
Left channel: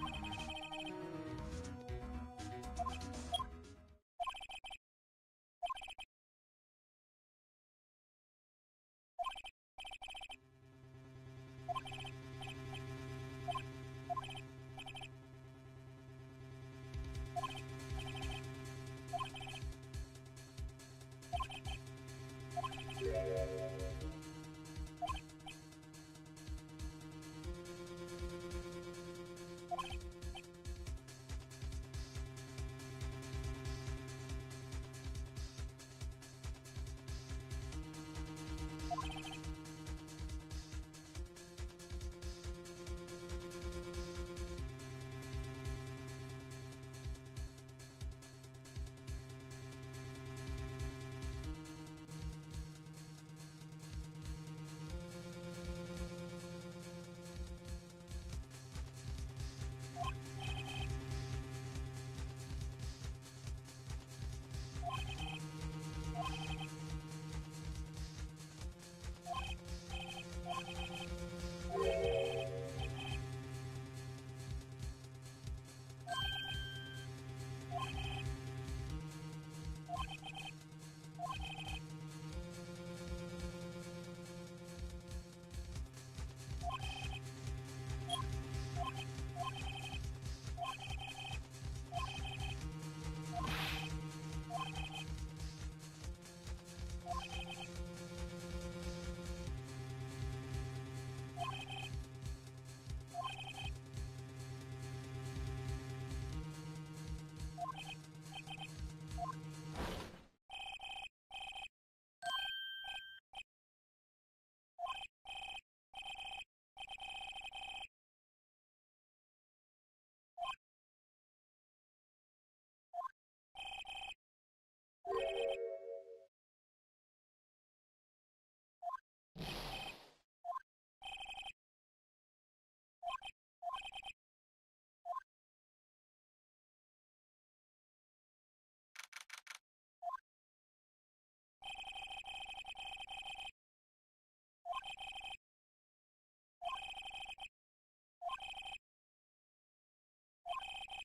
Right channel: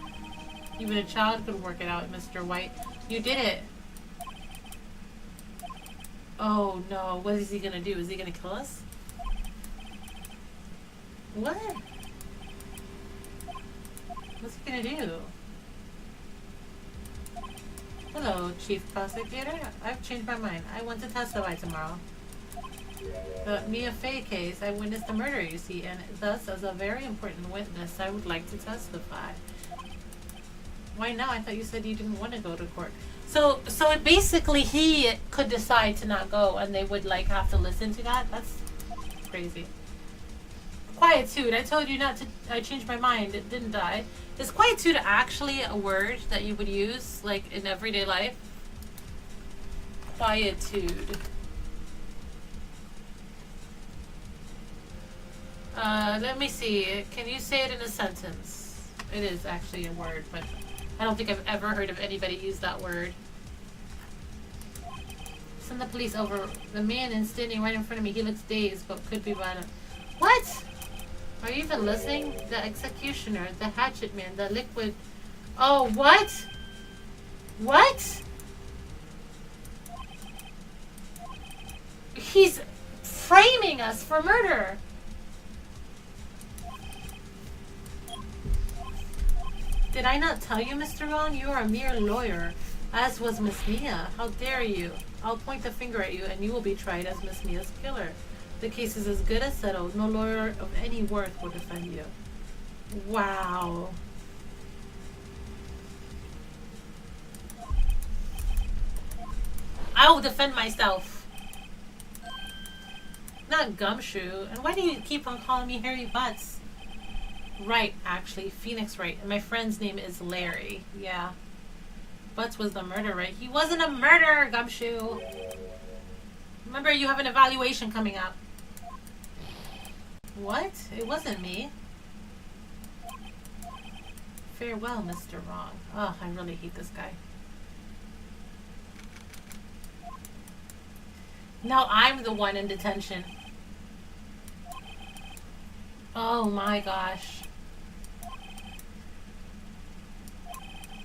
Even a child could work it out, Mr. White. You did it! Oh no, what is he gonna do? Is he gonna kill us? What? What's he gonna do? Hello, Chief Prosecutor. I've changed my mind. I want to testify tomorrow. The Mia Fey case, I witnessed the murder, you see, and thus, as a very important witness, I would like to testify. Why now? I thought you said you didn't want to go to court. So basically he could decide to not go, and they would, like, have to listen to that? That's crazy. Quietude. I told you not to... I changed my mind, didn't I? Is quietude actually a word that you would use, like, in everyday life? Quietude. Let me see. Can you say it in a sentence? It is actually a word, but I don't think I've ever heard of anybody use that word. Send the police over. The man is standing right in front of me. He looks dazed, but could be violent. What? Are you even listening? The executioner, the hatchet man, the liquid... Oh, what? What? He's framing us for murder. Did I not tell you, Mr. Ron? You are a mere lawyer, as was Miss Mia. How dare you? I'll point the finger at you, and you will be tried as Miss Mia's killer. The case is as good as settled. No lawyer of any worth will defend you. Wow. I will defend myself. Not Gumshoe. And why do you keep on calling me Harry Butts? Right, actually. Phoenix Wright. And my friend's name is Larry. Yeah. Butts was the murderer, right? He wasn't a murderer, Gumshoe. Remember, you have an evaluation coming up. What? It wasn't me. Farewell, Mr. Wrong. Oh, I really hate this guy. Now I'm the one in detention. Oh my gosh.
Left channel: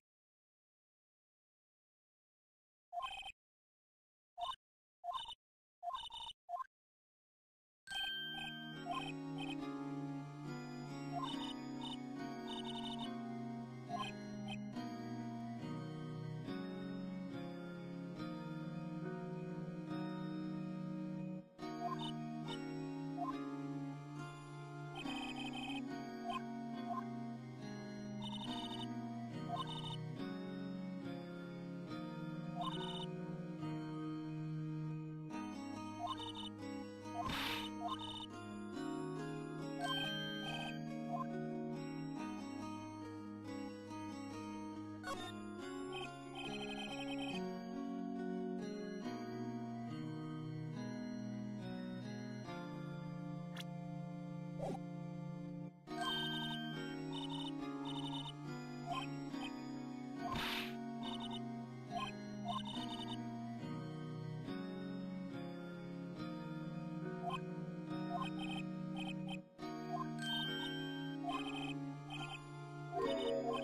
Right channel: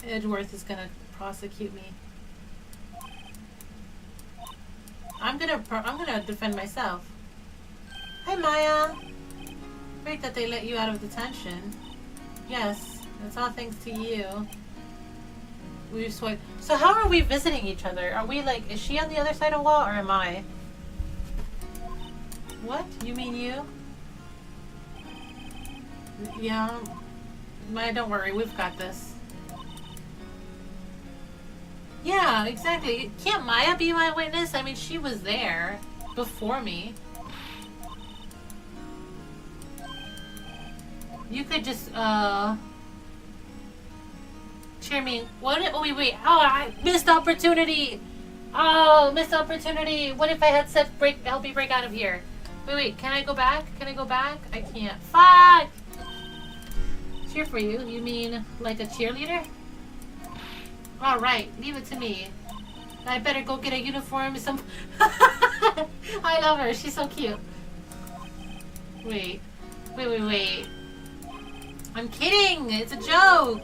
Edgeworth is gonna prosecute me. I'm gonna defend myself. Hi, Maya. Great that they let you out of detention. Yes, it's all thanks to you. We've swiped. So how are we visiting each other? Are we like, is she on the other side of the wall or am I? What? You mean you? Yeah. Maya, don't worry, we've got this. Yeah, exactly. Can't Maya be my witness? I mean, she was there before me. You could just, cheer me. What? Oh, wait. Oh, I missed opportunity. Oh, missed opportunity. What if I had said help me break out of here? Wait. Can I go back? Can I go back? I can't. Fuck! Cheer for you? You mean like a cheerleader? All right, leave it to me. I better go get a uniform. I love her. She's so cute. Wait. I'm kidding. It's a joke.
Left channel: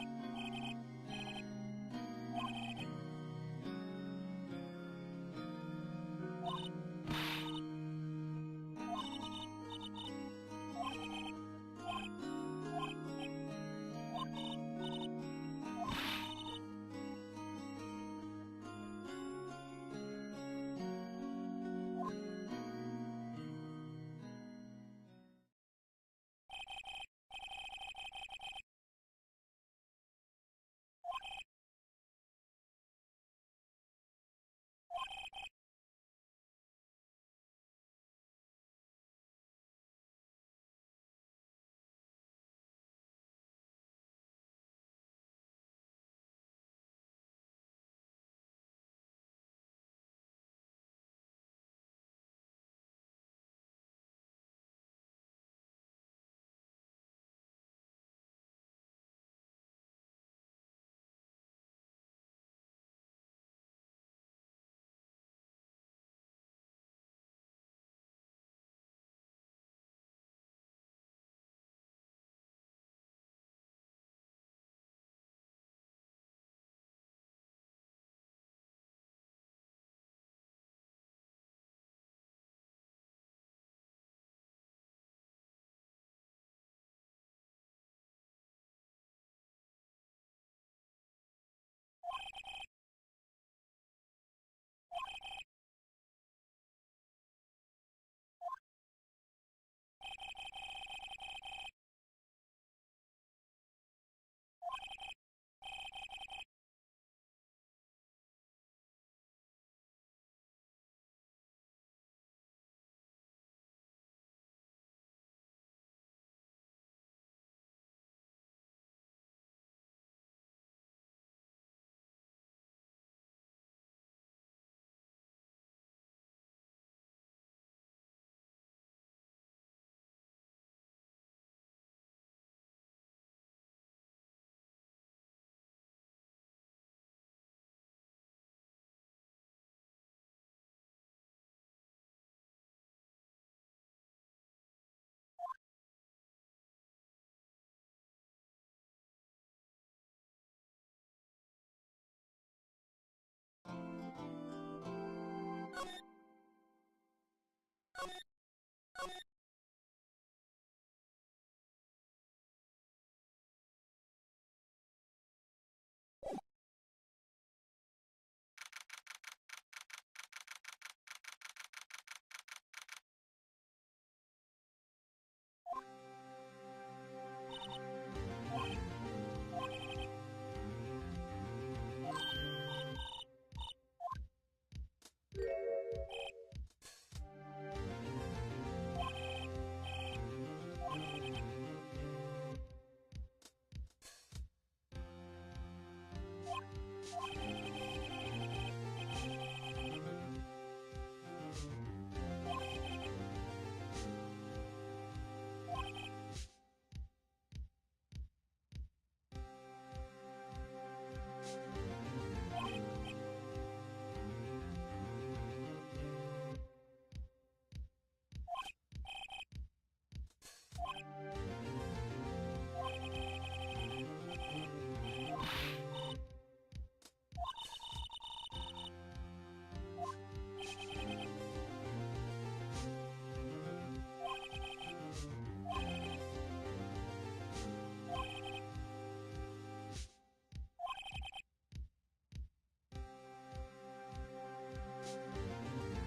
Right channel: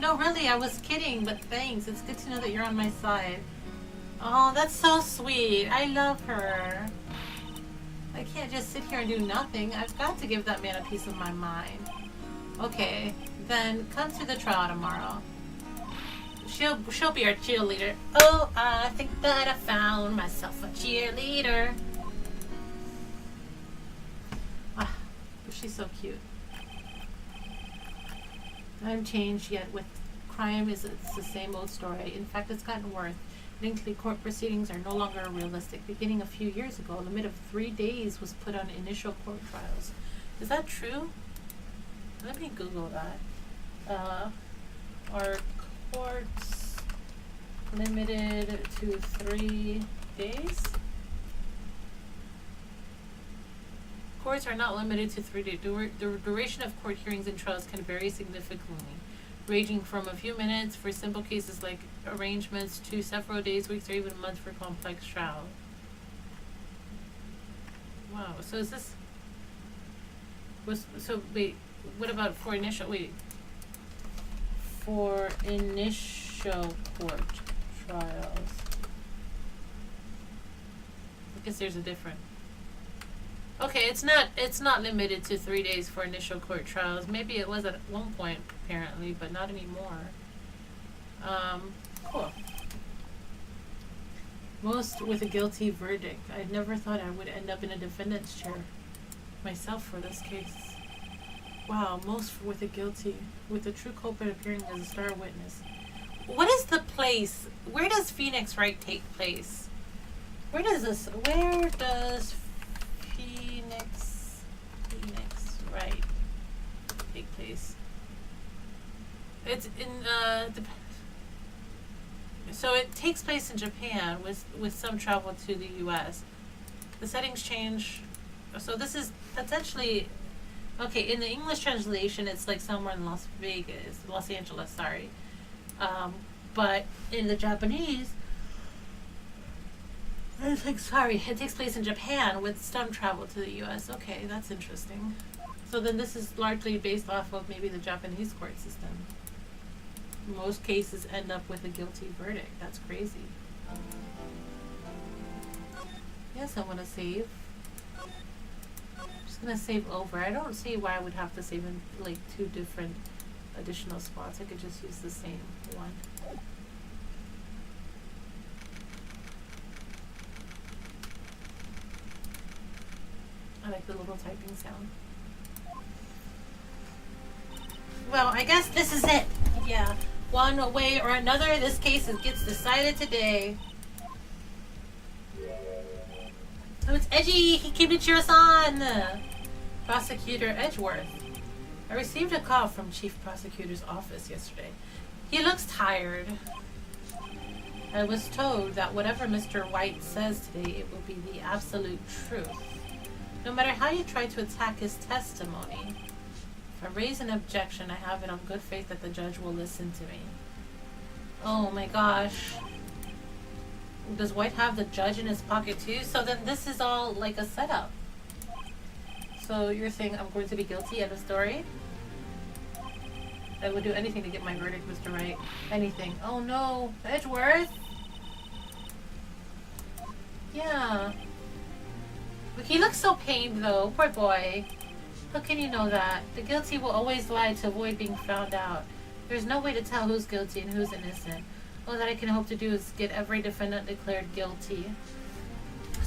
No, really, I was kidding, but thanks. It's good to know that you're on my side. Oh, that's so sweet. I love her. I can't just sit here and do nothing. I've got to give that man a piece of my mind. Okay, then come to the trial tomorrow. She'll be our cheerleader. Oh, I think that I found myself a cheerleader. Ah, she's so cute. I haven't changed yet. With crime, it's the same old story. In fact, it's gotten worse. Lengthy court proceedings are no longer realistic. Beginning a few years ago, a limit of 3 days was put on initial court trials. Is that true? Let me Google that. Are courts limited to 3 days? Courts are not limited to 3 days. The duration of court hearings and trials can vary significantly, ranging from a few minutes for simple cases like arrangements to several days, weeks, or even months for complex trials. Wow. So is this? Wait. What about for initial? Wait. For initial court trials. I guess there's a difference. Okay, it's not limited to 3 days for initial court trials. Maybe it was at one point, apparently, but not anymore. Cool. Most with a guilty verdict. I never thought I would end up in a defendant's chair myself for this case. Wow, most with a guilty, with the true culprit appearing as a star witness. What is the place? Where does Phoenix Wright take place? Where does Phoenix Wright take place? It's in so it takes place in Japan with some travel to the US. The settings change. So that's actually okay, in the English translation it's like somewhere in Los Angeles, sorry. But in the Japanese it's like, sorry, it takes place in Japan with some travel to the US. Okay, that's interesting. So then this is largely based off of maybe the Japanese court system. Most cases end up with a guilty verdict. That's crazy. Yes, I want to save. I'm just going to save over. I don't see why I would have to save in like 2 different additional spots. I could just use the same one. I like the little typing sound. Well, I guess this is it. Yeah. One way or another, this case gets decided today. Oh, it's Edgy! He came to cheer us on! Prosecutor Edgeworth. I received a call from Chief Prosecutor's office yesterday. He looks tired. I was told that whatever Mr. White says today, it will be the absolute truth. No matter how you try to attack his testimony, if I raise an objection, I have it on good faith that the judge will listen to me. Oh my gosh. Does White have the judge in his pocket too? So then this is all like a setup. So you're saying I'm going to be guilty, end of story? I would do anything to get my verdict, Mr. Wright. Anything. Oh no. Edgeworth? Yeah. He looks so pained though. Poor boy. How can you know that? The guilty will always lie to avoid being found out. There's no way to tell who's guilty and who's innocent. All that I can hope to do is get every defendant declared guilty.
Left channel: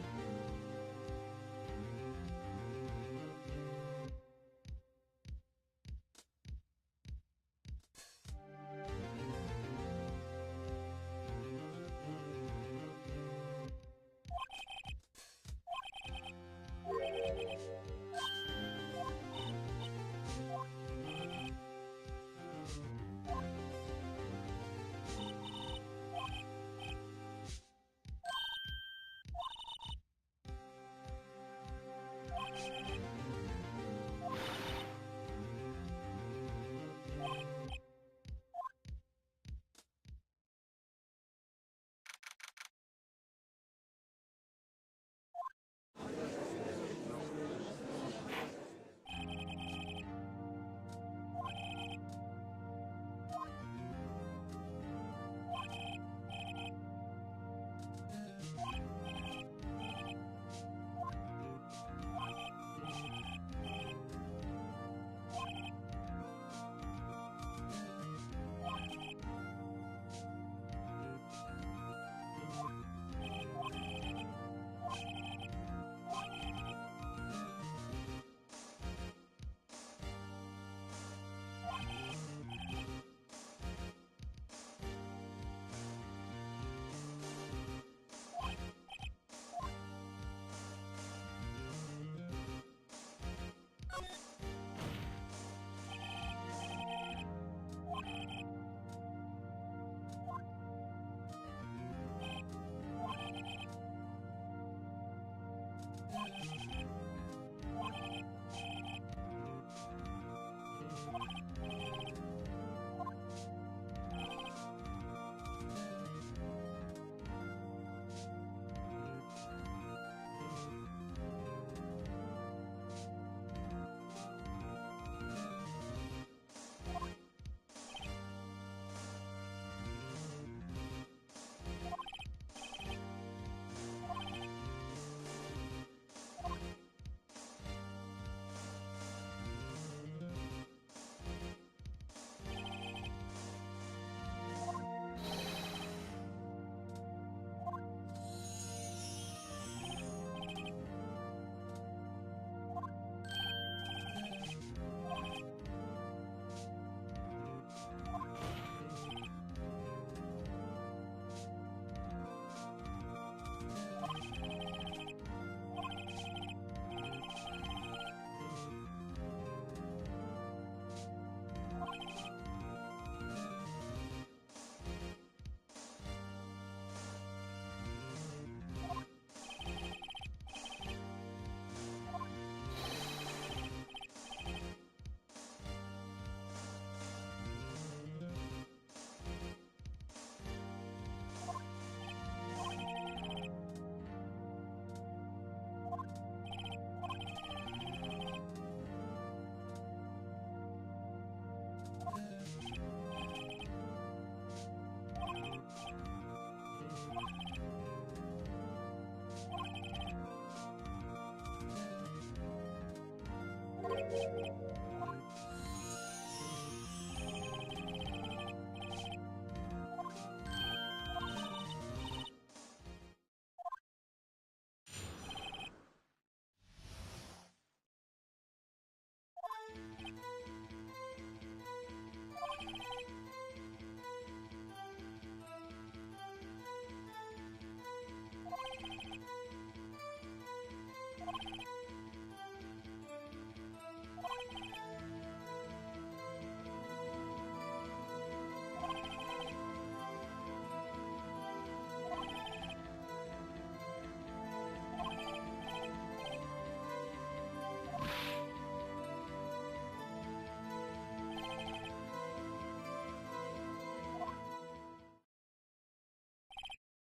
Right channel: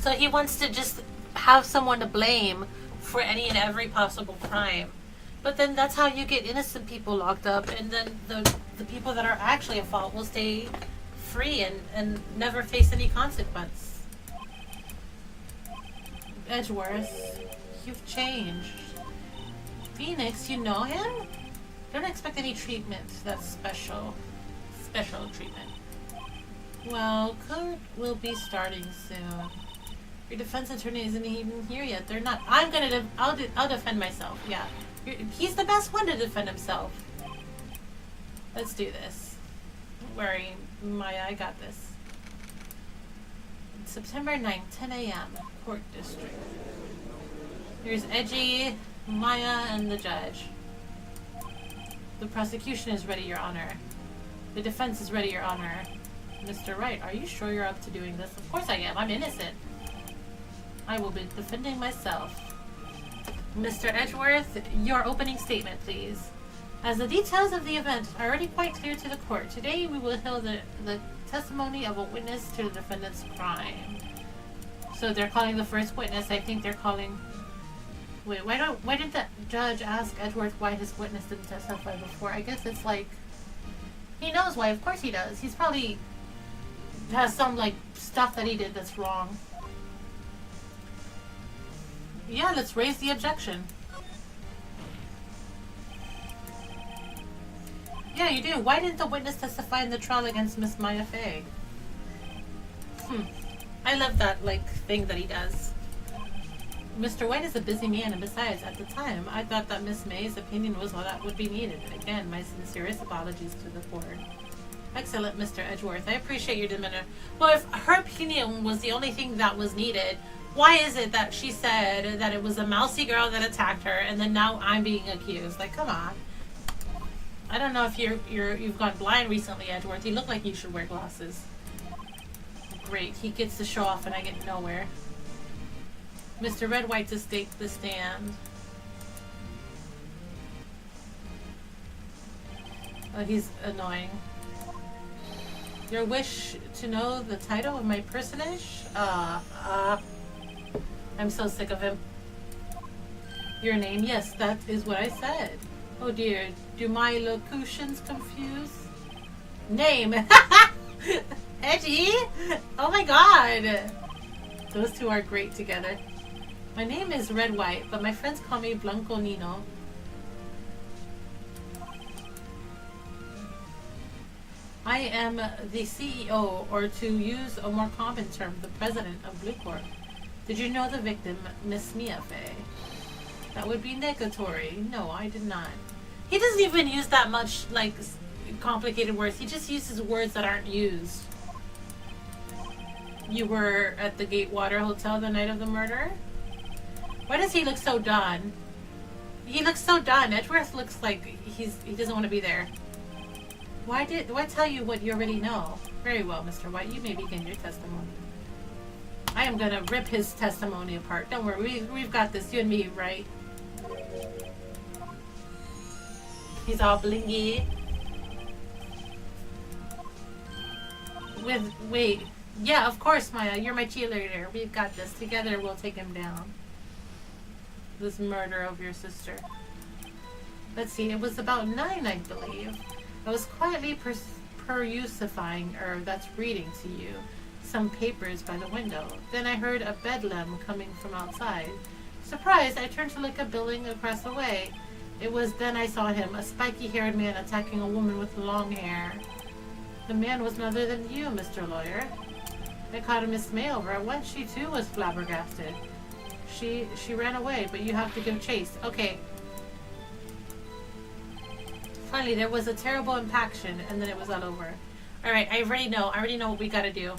So he wants to just have someone to blame for any and every possible crime. But then that's how you get innocent people locked up, and then the people that are actually at fault will stay free and never face any consequence. Edgeworth, you've changed. Phoenix, you know him? Don't expect any treatment. That's special treatment. Well, court will be starting soon. Your defense attorney isn't even here yet. They're not. I'll defend myself. Yeah, he's the best one to defend himself. Let's do this. Don't worry, Maya. I got this. September 9th, 10 a.m. Court District. Here's Edgy, Maya, and the judge. The prosecution is ready, Your Honor. The defense is ready, Your Honor. Mr. Wright, are you sure you're up to doing this? Of course I am. I'm innocent. I will be defending myself. Mr. Edgeworth, your opening statement, please. As the details of the event are already quite clear to the court, today we will hear the testimony of a witness to the defendant's crime. So they're calling the first witness. I think they're calling... Wait, why didn't the judge ask Edgeworth why his witness didn't testify before? I guess it's like... He knows why. Of course he does. He's probably... has some, like, stuff that he did that's wrong. Yeah, let's raise the objection. Yeah, you do. Why didn't the witness testify in the trial against Miss Maya Fey? I love that, like, thing that he does. Mr. White is a busy man, and besides, at the time, I thought that Miss May's opinion was all that would be needed. Again, my sincerest apologies to the court. Excellent, Mr. Edgeworth. I appreciate your demeanor. Well, if her opinion was the only thing that was needed, why is it that she said that it was a mousy girl that attacked her, and then now I'm being accused? Like, come on. I don't know if you've gone blind recently, Edgeworth. You look like you should wear glasses. Great. He gets to show off, and I get nowhere. Mr. Red White to take the stand. Oh, he's annoying. Your wish to know the title of my personage? I'm so sick of him. Your name? Yes, that is what I said. Oh dear, do my locutions confuse? Name! Edgy! Oh my god! Those two are great together. My name is Red White, but my friends call me Blanco Nino. I am the CEO, or to use a more common term, the president of Blue Corp. Did you know the victim, Miss Mia Fey? That would be negatory. No, I did not. He doesn't even use that much, like, complicated words. He just uses words that aren't used. You were at the Gatewater Hotel the night of the murder? Why does he look so done? He looks so done. Edgeworth looks like he doesn't want to be there. Why tell you what you already know? Very well, Mr. White. You may begin your testimony. I am gonna rip his testimony apart. Don't worry, we've got this. You and me, right? He's all blingy. Wait. Yeah, of course, Maya. You're my cheerleader. We've got this. Together, we'll take him down. This murder of your sister. Let's see. It was about 9, I believe. I was quietly that's reading to you, some papers by the window. Then I heard a bedlam coming from outside. Surprised, I turned to look at a building across the way. It was then I saw him, a spiky-haired man attacking a woman with long hair. The man was none other than you, Mr. Lawyer. I caught a Miss May over at once. She too was flabbergasted. She ran away, but you have to give chase. Okay. Finally, there was a terrible impaction, and then it was all over. Alright, I already know what we gotta do.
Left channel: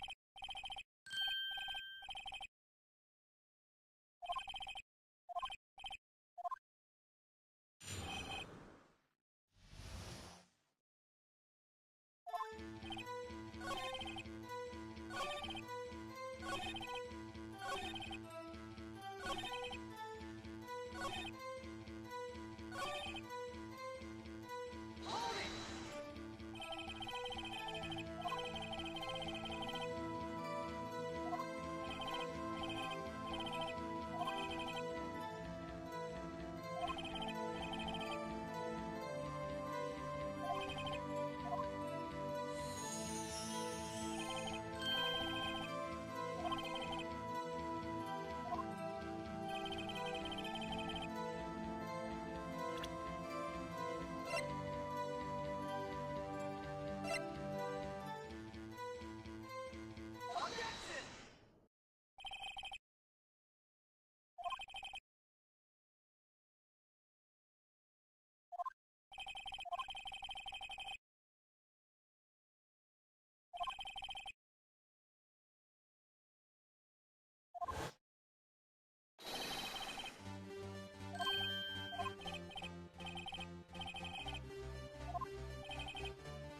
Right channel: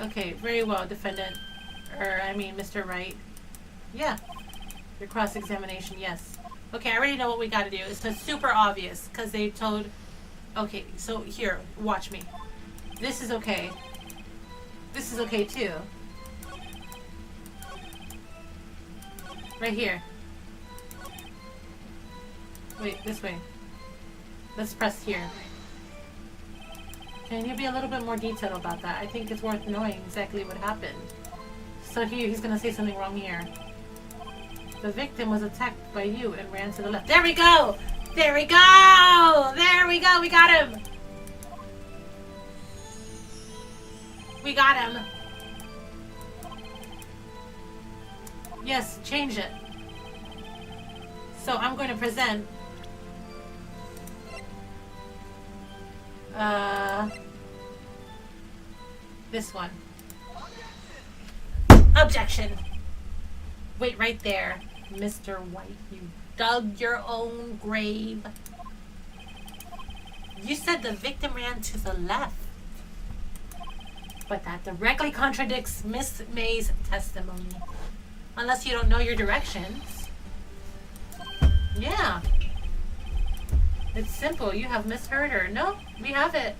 Okay, very well, defendant. Mr. Wright. Yeah. Your cross-examination, yes. Okay, I already know what we gotta do. It's super obvious, because they told... Okay, so here, watch me. This is okay. This is okay, too. Right here. Wait, this way. Let's press here. Can you be a little bit more detailed about that? I think it's worth knowing exactly what happened. So he's gonna say something wrong here. The victim was attacked by you and ran to the left. There we go! There we go! There we go! We got him! We got him! Yes, change it. So I'm going to present this one. Objection! Wait right there, Mr. White. You dug your own grave. You said the victim ran to the left. But that directly contradicts Miss May's testimony. Unless you don't know your directions. Yeah. It's simple. You have misheard her. No, we have it.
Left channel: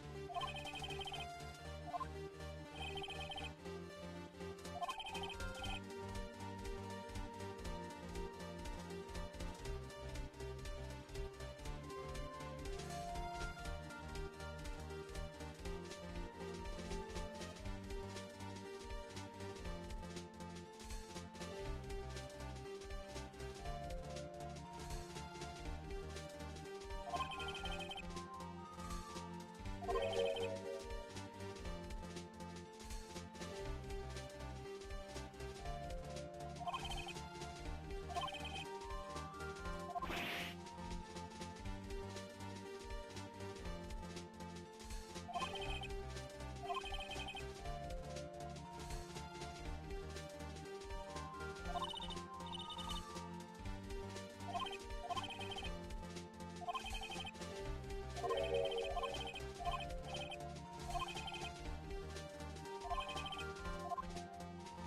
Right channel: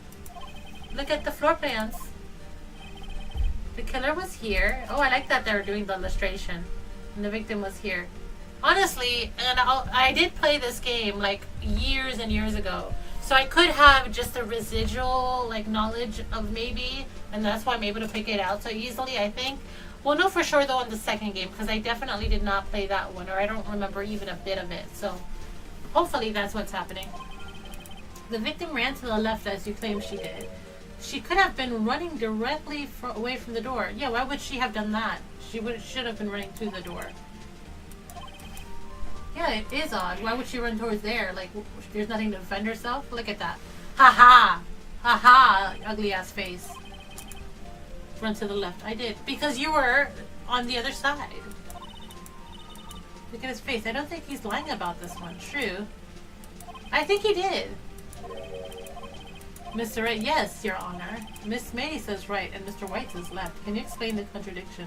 Look at the floor plans. The killer was here. Oh, I like that they were doing the illustration. And the victim was here. Honestly, and I did play this game like years and years ago. So I could have just a residual like knowledge of maybe, and that's why I'm able to pick it out so easily, I think. We'll know for sure though in the second game, because I definitely did not play that one, or I don't remember even a bit of it. So hopefully that's what's happening. The victim ran to the left as you claimed she did. She could have been running directly away from the door. Yeah, why would she have done that? She should have been running to the door. Yeah, it is odd. Why would she run towards there? Like, there's nothing to defend herself? Look at that. Ha ha! Ha ha! Ugly ass face. Run to the left. I did. Because you were on the other side. Look at his face. I don't think he's lying about this one. True. I think he did. Mr. Wright, yes, Your Honor. Miss May says right and Mr. White says left. Can you explain the contradiction?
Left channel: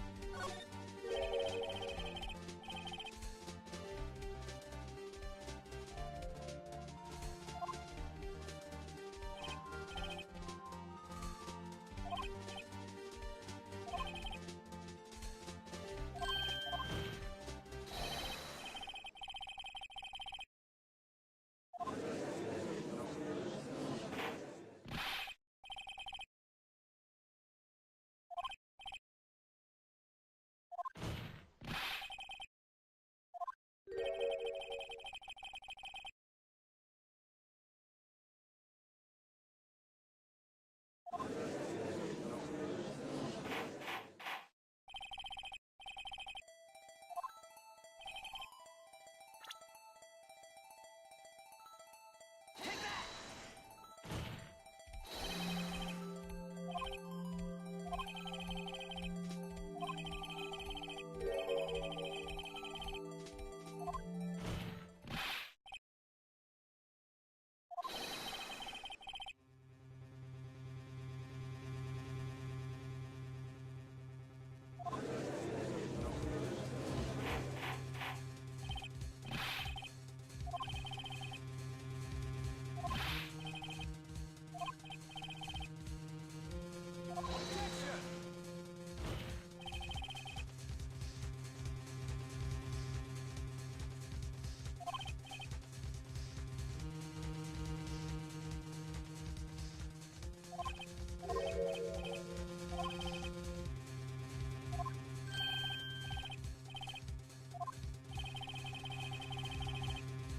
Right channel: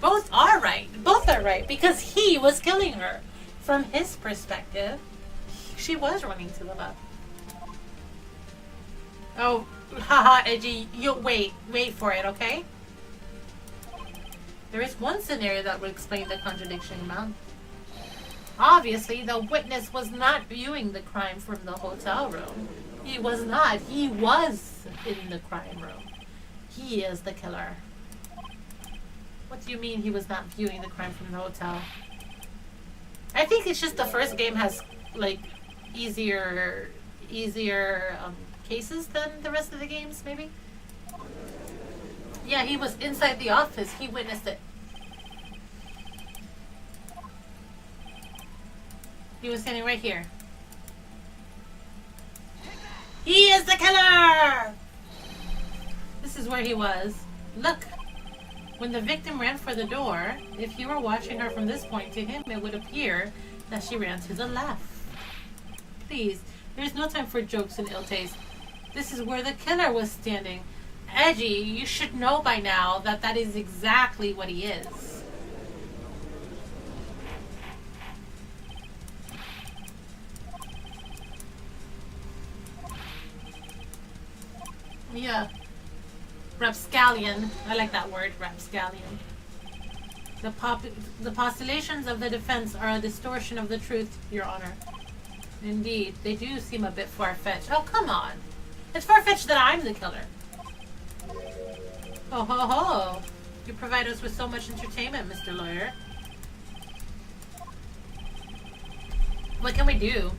Both are right. Both are right because he was killing her. From his perspective, she was running to the left. Oh, haha, Edgy. You wait for it, okay? There is one scenario that would explain the contradiction, ma'am. Obviously, the witness was not viewing the crime from the hotel room. He was not. He was in the crime room. He is the killer. What do you mean he was not viewing the crime from the hotel? I think it's just the first game has, like, easier cases than the rest of the games, maybe? Yeah, he was inside the office. He witnessed it. He was standing right here. He is the killer! This is where he was. Look. When the victim ran for the door, if you were watching her from this point, to him it would appear that she ran to the left. Please, there's no time for jokes and ill taste. This is where the killer was standing. Edgy, you should know by now that that is exactly what he is. Yeah. Rapscallion. I like that word, rapscallion. The postulations of the defense are a distortion of the truth, Your Honor. Indeed, they do seem a bit far-fetched. Oh, come on. It's far-fetched that I'm the killer. Oh ho ho! You provide us with so much entertainment, Mr. Lawyer. What can we do?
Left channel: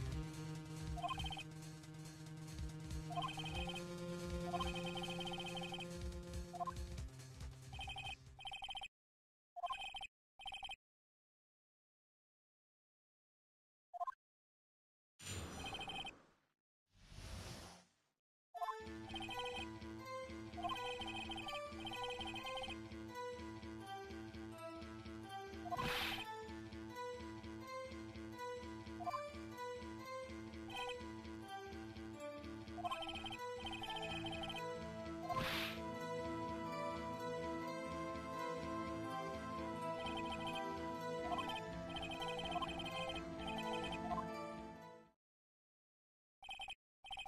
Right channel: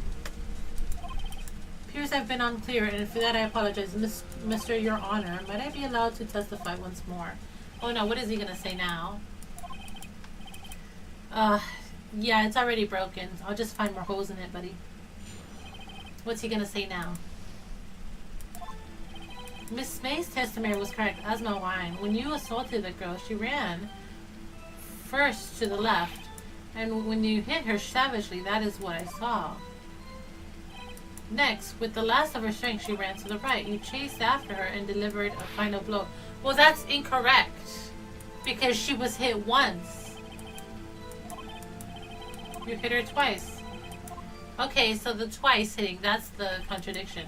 Appears I've been unclear, and for that I apologize. Mr. Your Honor, might I be allowed to testify once more? Oh no, what is he gonna say now? Yeah, it's already broken. I'll just find more holes in it, buddy. What's he gonna say now? Miss May's testimony was correct, as my wine. When you assaulted the girl, she ran first to the left, and when you hit her savagely, that is what I saw. Next, with the last of her strength, she ran to the right. You chased after her and delivered a final blow. Well, that's incorrect, because she was hit once. You hit her twice. Okay, so the twice hitting, that's the contradiction.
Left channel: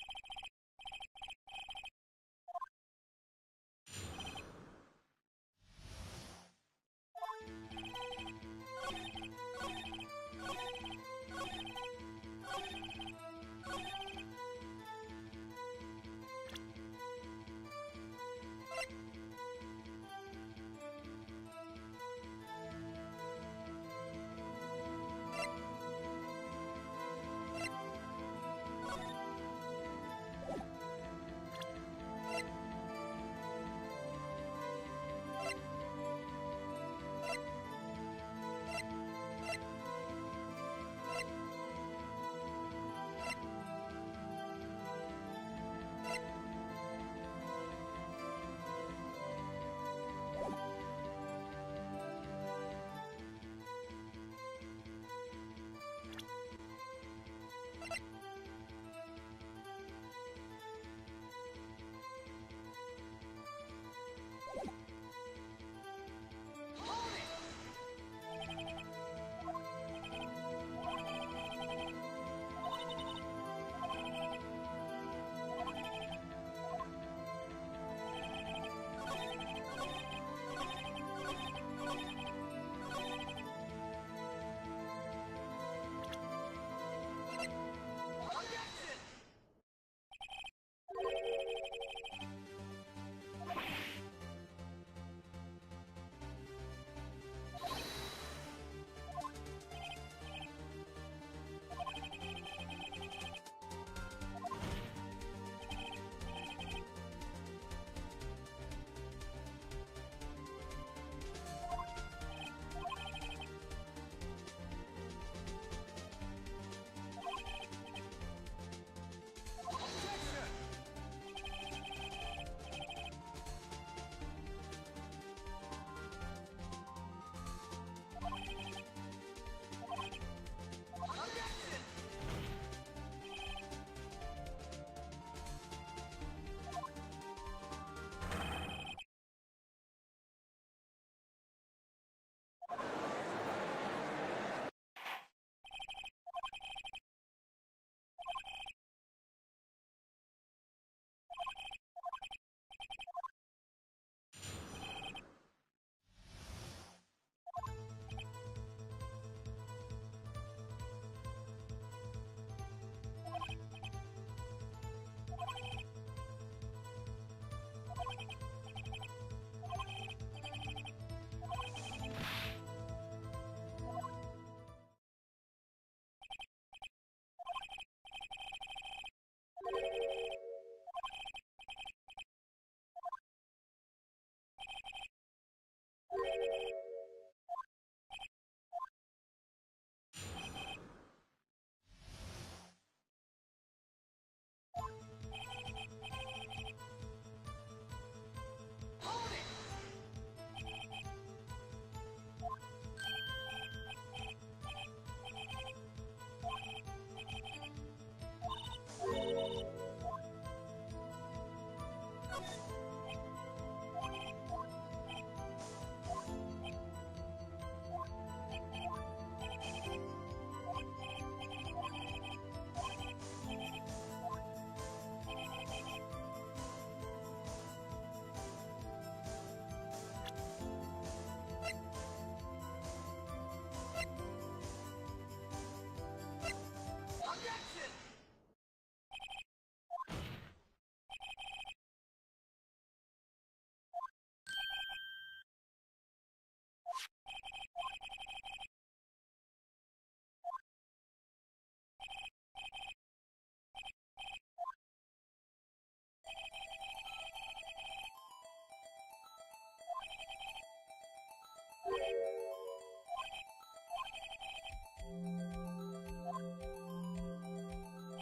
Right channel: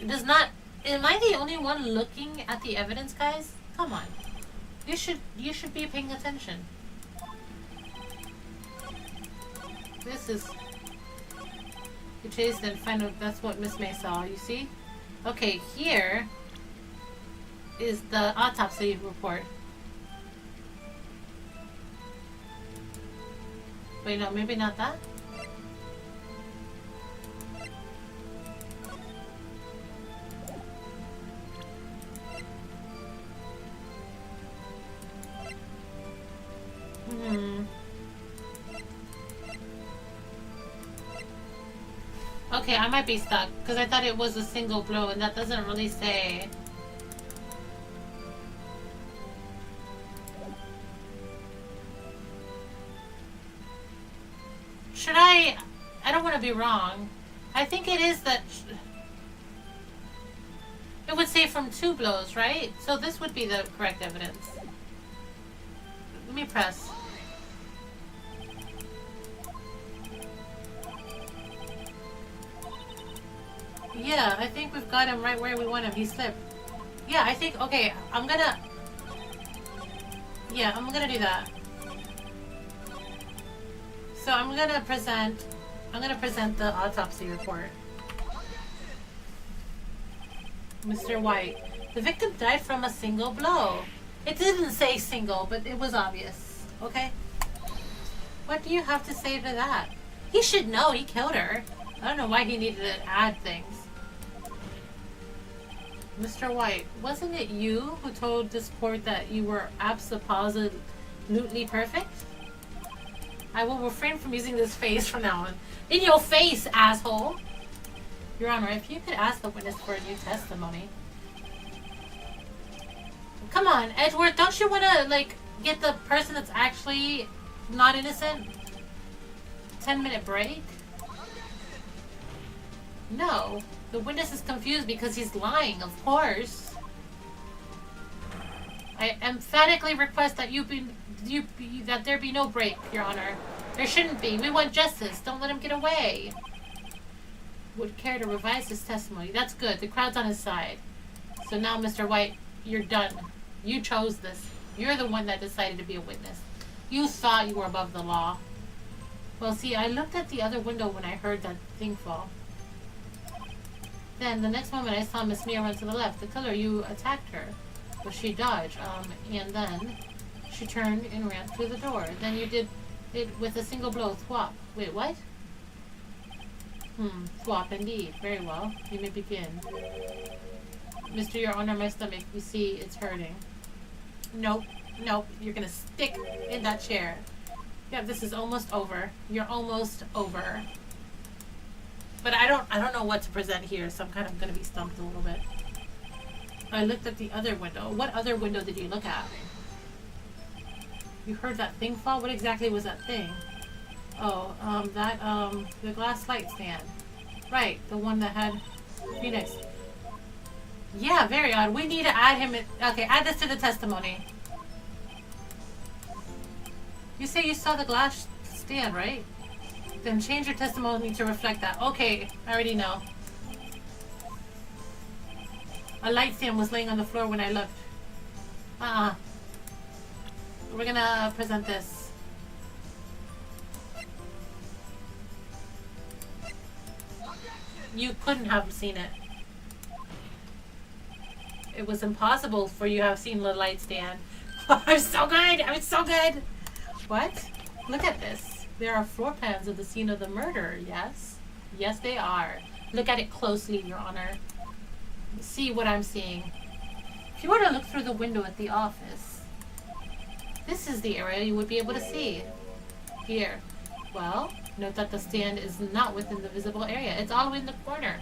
It does not... Am I the only one looking at the evidence, guys? Come on. You should be paying attention. This is... You chased and find out that's what Miss May saw, you see? Okay, here is the autopsy report. Wait, no, maybe not that? Okay, I might be stuck, because I thought it was a single blow, and that doesn't really say. Should I don't want to be wrong. I think it is that... It would say from 2 blows, right? So this would be the correct evidence. Let me press. Yeah, I think we've got him right where we want him. He slipped. Yeah, I think... Okay, I'm gonna... Yeah, I'm gonna do that. So I'm gonna present the autopsy report. Mr. White, the victim died from a single blow. It didn't say single, but it was obvious. Okay? What do you have to say to that? He should know he killed her. I don't know why he needed to add things. Mr. White, wasn't it you who told this court that you were absolutely perfect? I will refrain from using this face from now on. In your face, asshole! Your Honor, if you could ask the witness for a new testimony. Come on, Edward, don't you want to, like, get the person that's actually not innocent? 10-minute break? No. The witness is confused because he's lying, of course. I emphatically request that that there be no break, Your Honor. There shouldn't be. We want justice. Don't let him get away. Would care to revise his testimony. That's good. The crowd's on his side. So now, Mr. White, you're done. You chose this. You're the one that decided to be a witness. You thought you were above the law. Well, see, I looked at the other window when I heard that thing fall. Then, the next moment, I saw Miss Mia run to the left. The killer, you attacked her. But she dodged, and then she turned and ran through the door. Then you did it with a single blow. Swap. Wait, what? Swap indeed. Very well. You may begin. Mr. Your Honor, my stomach. You see, it's hurting. Nope. Nope. You're gonna stick in that chair. Yeah, this is almost over. You're almost over. But I don't know what to present here, so I'm kind of gonna be stumped a little bit. I looked at the other window. What other window did you look at? You heard that thing fall? What exactly was that thing? Oh, the glass light stand. Right, the one that had Phoenix. Yeah, very odd. We need to add him in. Okay, add this to the testimony. You say you saw the glass stand, right? Then change your testimony to reflect that. Okay, I already know. A light stand was laying on the floor when I looked. We're gonna present this. You couldn't have seen it. It was impossible for you to have seen the light stand. I'm so good! I'm so good! What? Look at this. There are floor plans of the scene of the murder, yes? Yes, they are. Look at it closely, Your Honor. See what I'm seeing. If you were to look through the window at the office, this is the area you would be able to see. Here. Well, note that the stand is not within the visible area. It's all the way in the corner.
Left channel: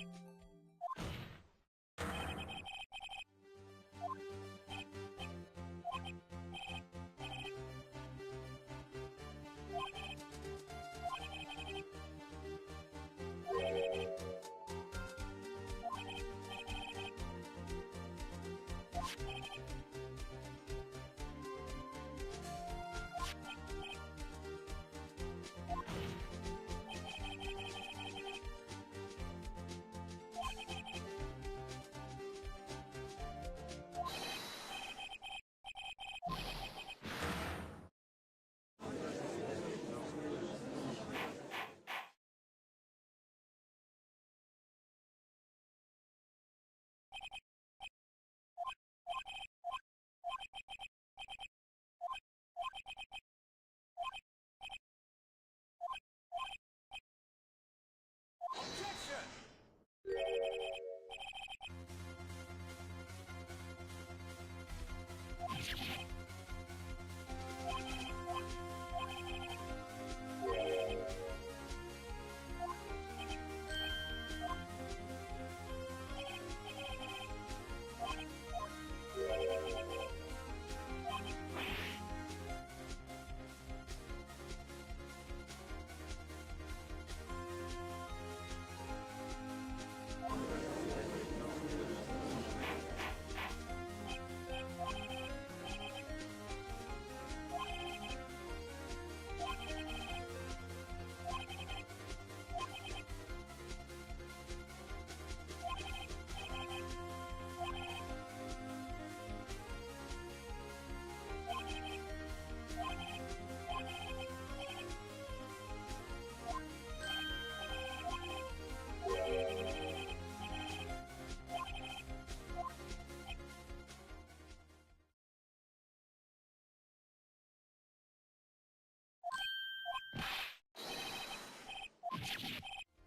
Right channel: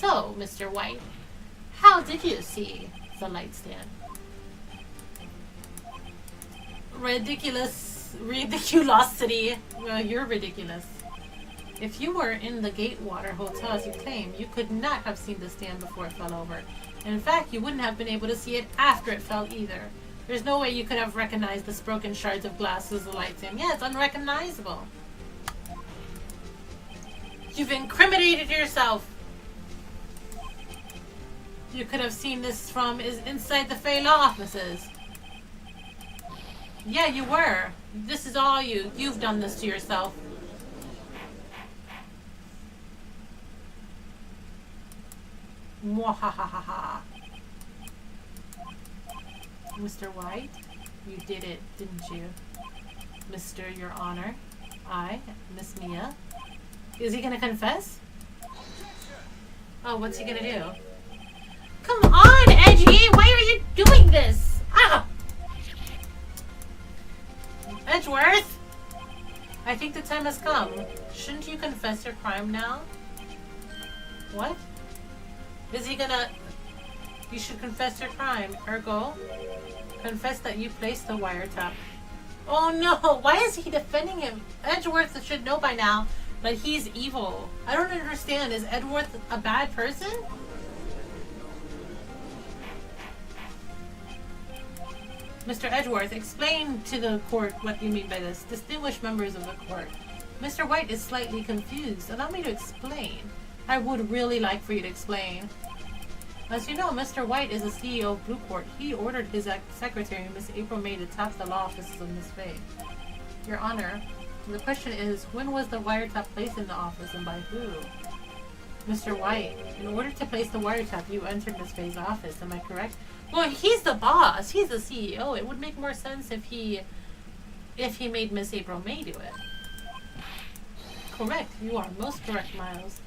So, Mr. White, how did you see the light stand? Ridiculosity. Well, you're ridiculous. If you were in the Gatewater Hotel as you claim, you could not have seen the stand before it fell over. In fact, you wouldn't have been able to see it after it fell either. There's no way you could have recognized the broken shards of glass as the light stand. Yeah, it's unrecognizable. You've incriminated yourself. You could have seen this from inside the Fey Law offices. Yeah, you were. This is all you. You've done this to yourself. Mwahahaha. Mr. White, you did it, didn't you? Mr. Your Honor, I, Miss Mia. Is he gonna confess? Oh, what's he gonna do? Come on, Edgy! Why are you doing this? Ah! Edgeworth! I think the time has come. Shouldn't you confess your crime now? What? Is he gonna... You should confess your crime. Ergo, confess that you placed the wiretap. Oh no! Why is he defending him? Edgeworth should know by now that he's evil. I don't understand. Is Edgeworth a bad person? Mr. Edgeworth, explain to the court what you mean by this. Distinguished members of the court. Mr. White is slightly confused. Allow me to explain. I would really like for you to explain. As you know, Mr. White is the CEO of Blueport. He ordered his secretary, Miss April May, to tap the law offices of Miss Faye. Your Honor, the question is, when was the wiretap placed in the office and by who? Mr. White, in order to place the wiretap, you entered Miss Faye's office. Am I correct? Well, he's the boss. He's the CEO. It would make more sense if he made Miss April May do it. Correct. You are most correct, Miles.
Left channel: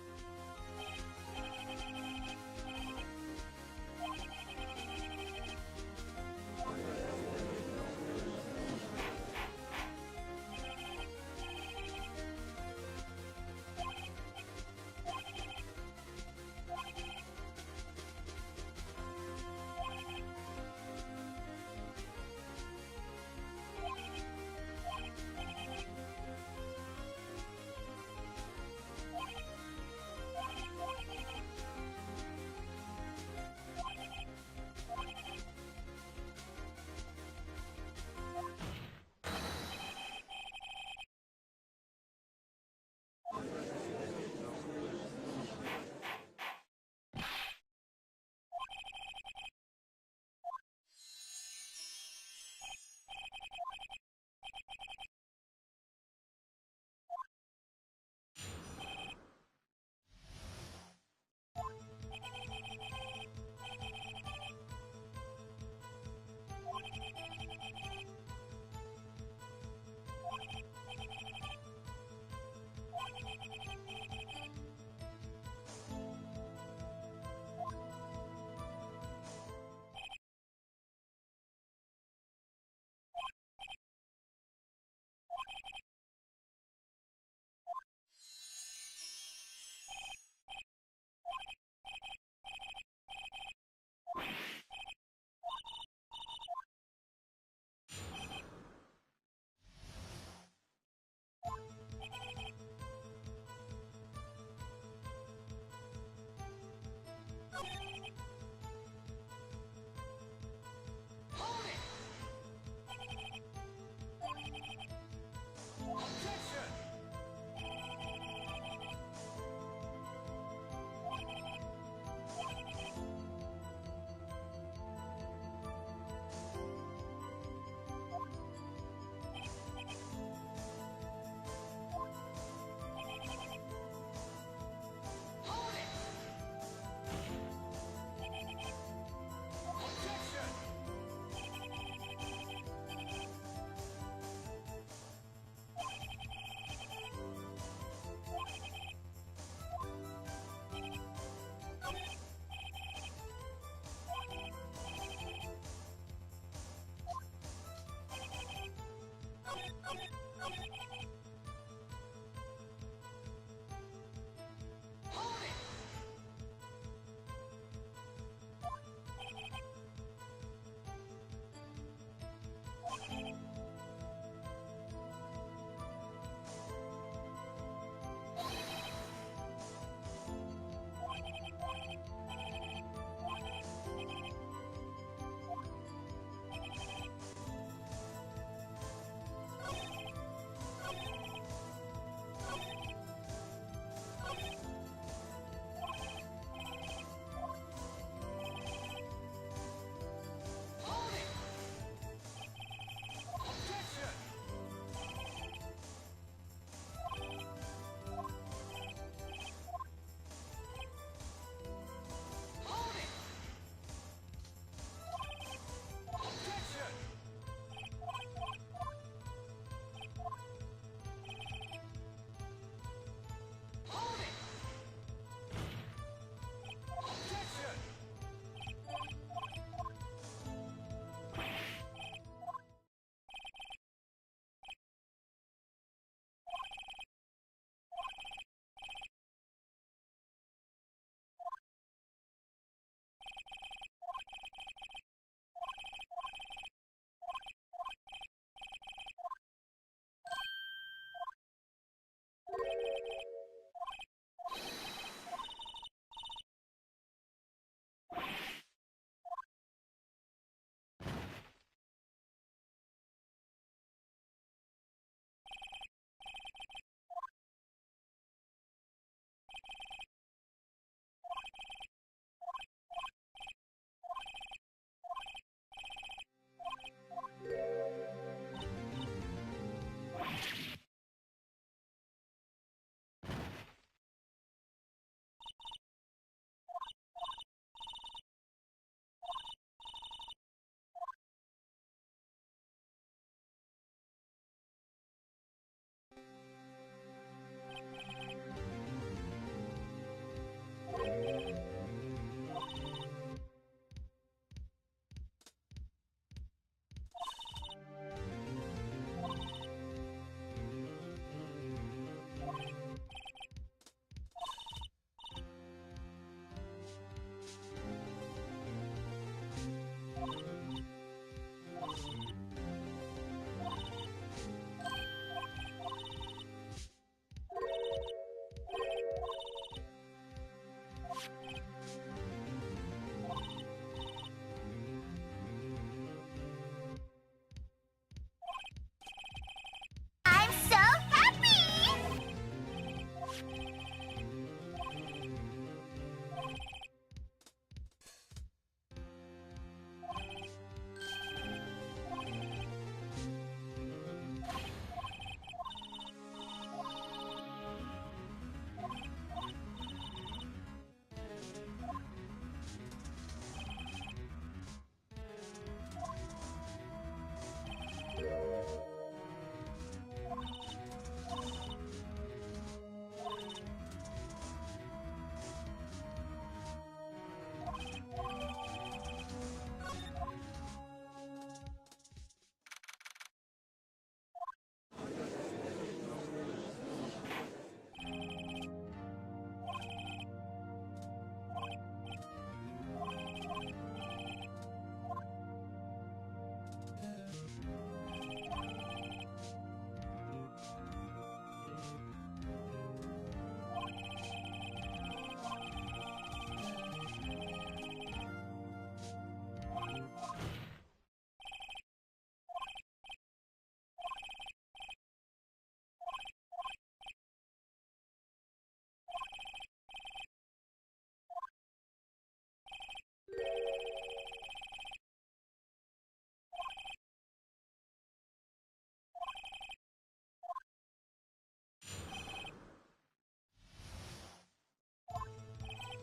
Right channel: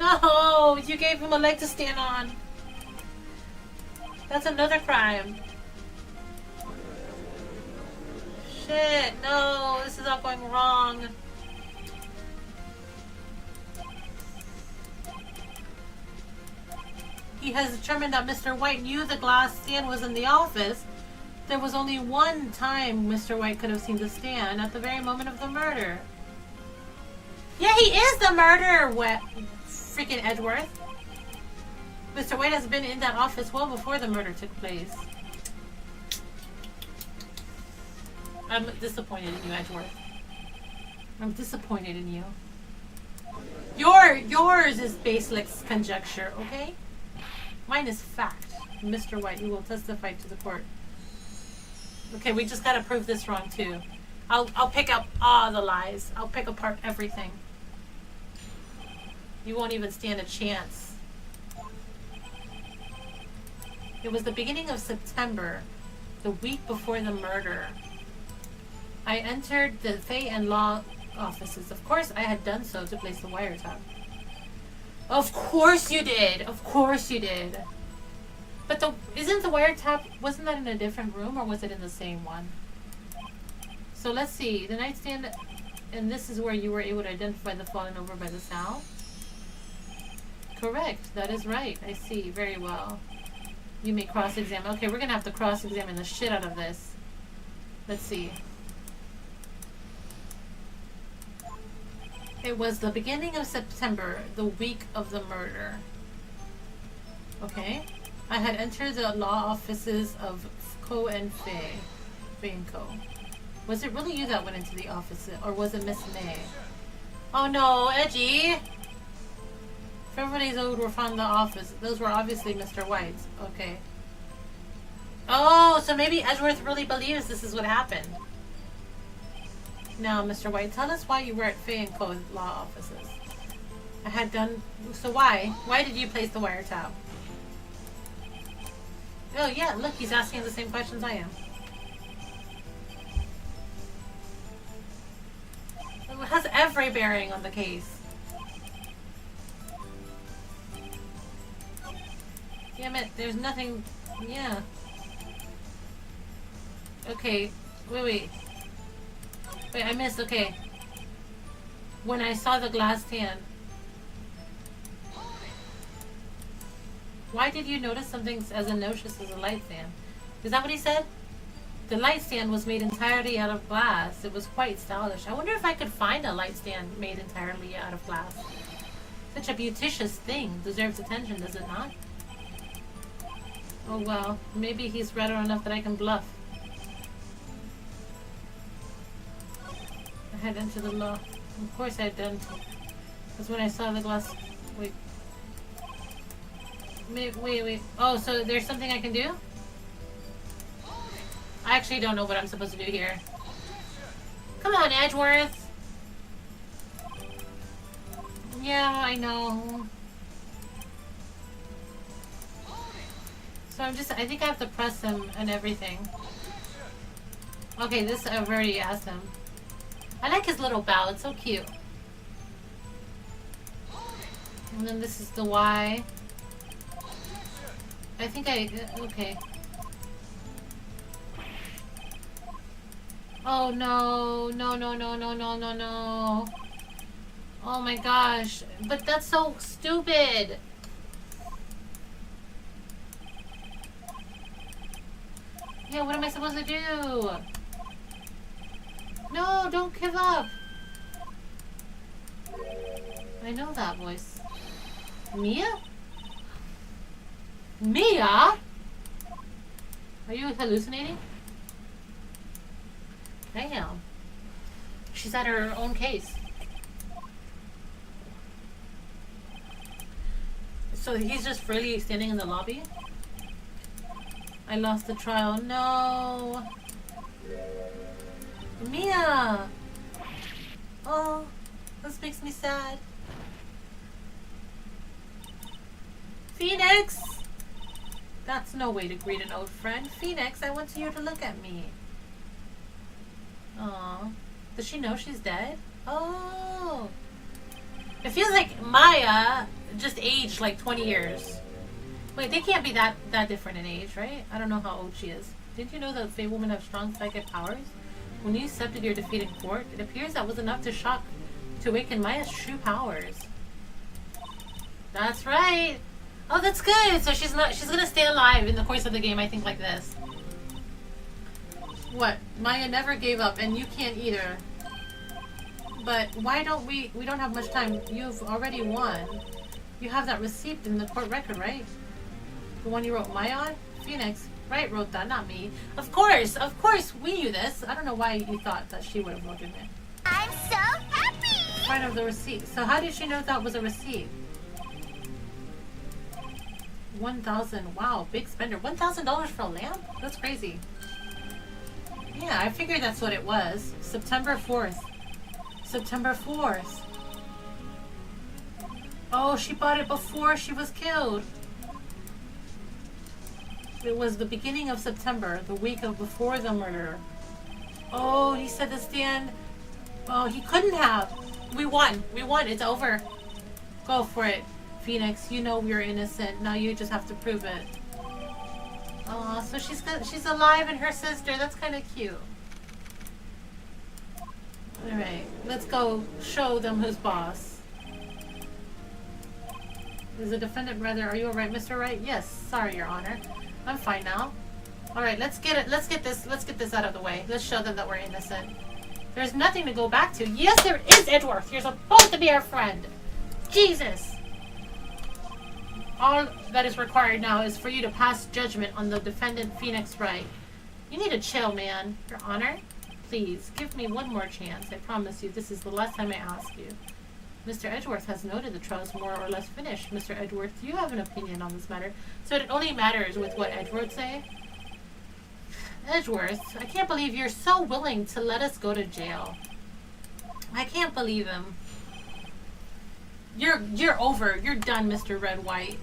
No! You gave him a leg to stand on. That's another crime. Shit, no, this is all going wrong. He has determined that Mr. White knew the glass stand was in the office. There was only one time Mr. White could have seen the stand, at the very moment of the murder. Yeah, he is the murderer, freaking Edgeworth. Mr. White has been in that office well before the murder took place. I'm disappointed in you, Edgeworth. I'm disappointed in you. Yours is baseless conjecture, okay? Mine is fact. Mr. White, you will testify to the court. Okay, we just gotta prove this wrong too. I'll pick up all the lies. I'll pick apart everything. You won't even stand a chance. It was the beginning of September, the week before the murder. I entered the Fay and Law offices. Of course, I had done so to place the wiretap. Of course you did. Of course you did. But isn't the wiretap, wasn't that in a different room or was it in the same one? So let's see. The nightstand, and this is where you were able to identify the fallen over by the sow? Correct. That is right. I see. Very well. You may cross-examine. Okay, we're going to have to cross-examine the shit out of this. Let's see. It was the beginning of September, the week of the murder. Okay. I had entered the law offices of Co and Fay and Co. Was it really you that went into the office, or was it Miss May? Oh no, Edgy! If everybody's owed were from the office, those were obviously Mr. White's. Okay. Oh, so maybe Edgeworth really believes this is what happened. Now, Mr. White, tell us why you were at Fay and Co. law offices. I had done... So why? Why did you place the wiretap? Oh yeah, look, he's asking the same questions I am. It has every bearing on the case. Damn it, there's nothing... Yeah. Okay, wait. Wait, I missed, okay. When I saw the glass stand. Why did you notice something as atrocious as a light stand? Is that what he said? The light stand was made entirely out of glass. It was quite stylish. I wonder if I could find a light stand made entirely out of glass. Such a beauticious thing. Deserves attention, does it not? Oh well, maybe he's redder enough that I can bluff. I had entered the law. Of course I had done. Because when I saw the glass... Wait. Oh, so there's something I can do? I actually don't know what I'm supposed to do here. Come on, Edgeworth! Yeah, I know. So I think I have to press him and everything. Okay, this I've already asked him. I like his little bow, it's so cute. And then this is the Y. I think okay. Oh no. No. Oh my gosh. But that's so stupid. Yeah, what am I supposed to do? No, don't give up. I know that voice. Mia? Mia? Are you hallucinating? Damn. She's at her own case. So he's just freely standing in the lobby? I lost the trial. No. Mia! Oh, this makes me sad. Phoenix! That's no way to greet an old friend. Phoenix, I want you to look at me. Aw. Does she know she's dead? Oh. It feels like Maya just aged like 20 years. Wait, they can't be that different in age, right? I don't know how old she is. Did you know that Fae women have strong psychic powers? When you accepted your defeat in court, it appears that was enough to awaken Maya's true powers. That's right. Oh, that's good. So she's gonna stay alive in the course of the game, I think, like this. What? Maya never gave up, and you can't either. But why don't we don't have much time. You've already won. You have that receipt in the court record, right? The one you wrote Maya on? Phoenix, right, wrote that, not me. Of course, we knew this. I don't know why you thought that she would have wrote it. I'm so happy! Part of the receipt. So how did she know that was a receipt? 1,000. Wow, big spender. $1,000 for a lamp? That's crazy. Yeah, Yeah, I figured that's what it was. September 4th. September 4th. Oh, she bought it before she was killed. It was the beginning of September, the week of before the murder. Oh, he said to Stan. Oh, he couldn't have. We won. We won. It's over. Go for it, Phoenix. You know we're innocent. Now you just have to prove it. Oh, so she's alive and her sister. That's kind of cute. All right, let's go show them who's boss. Is the defendant rather? Are you all right, Mr. Wright? Yes. Sorry, Your Honor. I'm fine now. All right, let's get it. Let's get this out of the way. Let's show them that we're innocent. There's nothing to go back to. Yes, there is, Edgeworth. You're supposed to be our friend. Jesus. All that is required now is for you to pass judgment on the defendant, Phoenix Wright. You need to chill, man. Your Honor, please give me one more chance. I promise you, this is the last time I ask you. Mr. Edgeworth has noted the trial is more or less finished. Mr. Edgeworth, do you have an opinion on this matter? So it only matters with what Edgeworth say? Edgeworth, I can't believe you're so willing to let us go to jail. I can't believe him. You're over. You're done, Mr. Red White.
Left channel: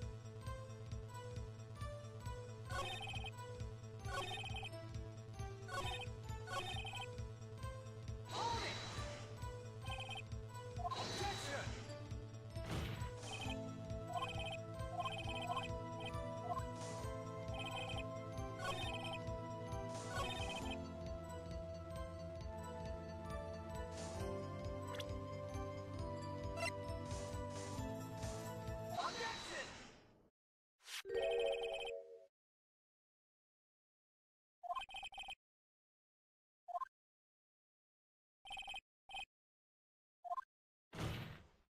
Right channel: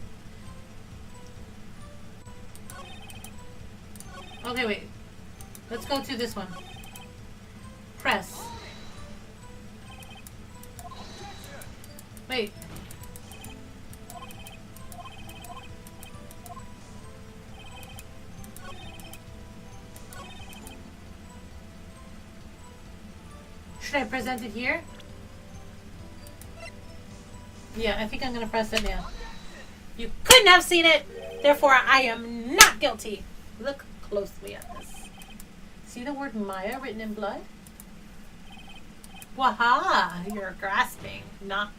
Okay, wait. Let's go to this one. Press. Wait. Should I present it here? Yeah, I think I'm gonna press it now. You couldn't have seen it! Therefore, I am not guilty! Look closely at this. See the word Maya written in blood? Waha! You're grasping. Not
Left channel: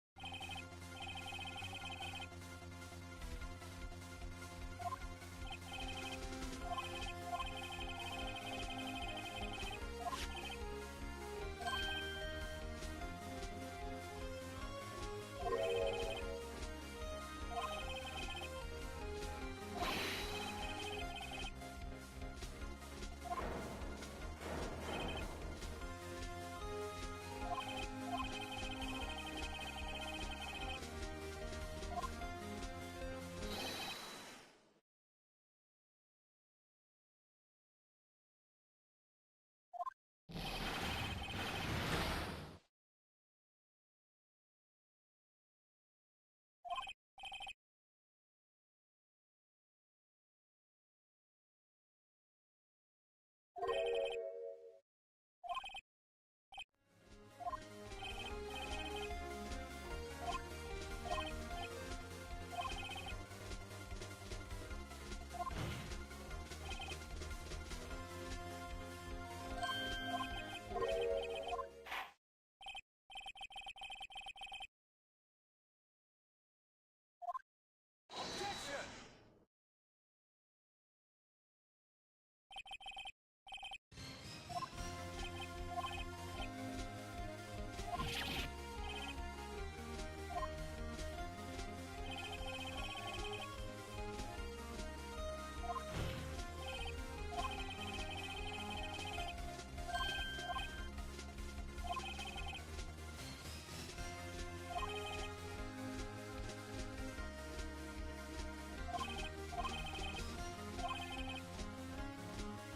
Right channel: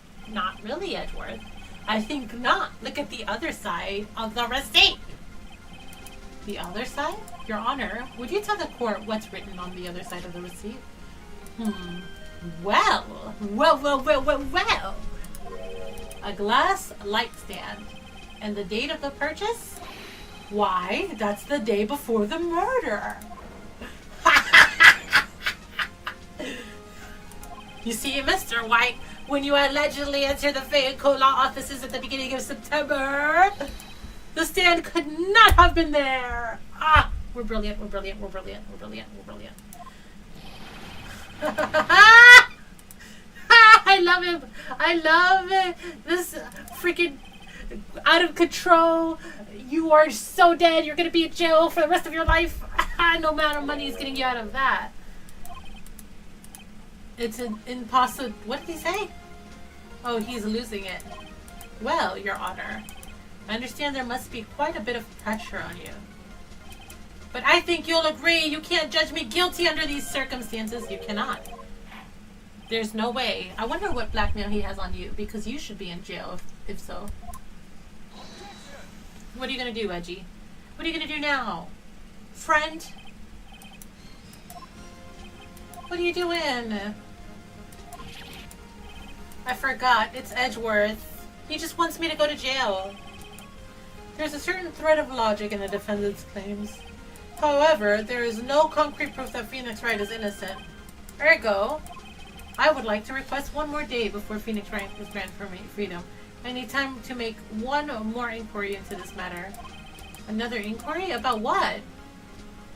really, Edward. I think not. Look at the other side of the receipt! The other side? Your Honor, would you tell the court what's written on the other side of the receipt? Well. A glass light stand. And the date of the purchase? Why, that's the day before the murder. You see, Mr. White, when you allegedly entered the Fayette law offices at the beginning of September, the stand could not have been there. Ah, we're brilliant, we're brilliant, we're brilliant, we're brilliant, we're brilliant. I love him. I love it. This freaking out of control. You are so dead. You're going to be in jail for the rest of your life. No amount of money is getting you out of that. It's an impossible. What did he say? Oh, he's losing it. Well, Your Honor, I understand there must be quite a bit of pressure on you. But I think you'll agree you can't judge me guilty under these circumstances. You cannot. There's no way. I wonder what blackmail he has on you, because you should be in jail if so. What are you gonna do, Edgy? What are you gonna do now? Friend? What are you doing? I forgot. It's Edgeworth. He just wants me to go to jail. There's a certain thread of logic in the defendant's claims. However, there is no concrete proof that Phoenix Wright is innocent. Ergo, I would like to request one more day before Phoenix Wright is granted freedom. I need time to make one more inquiry into this matter. Another inquiry? About what?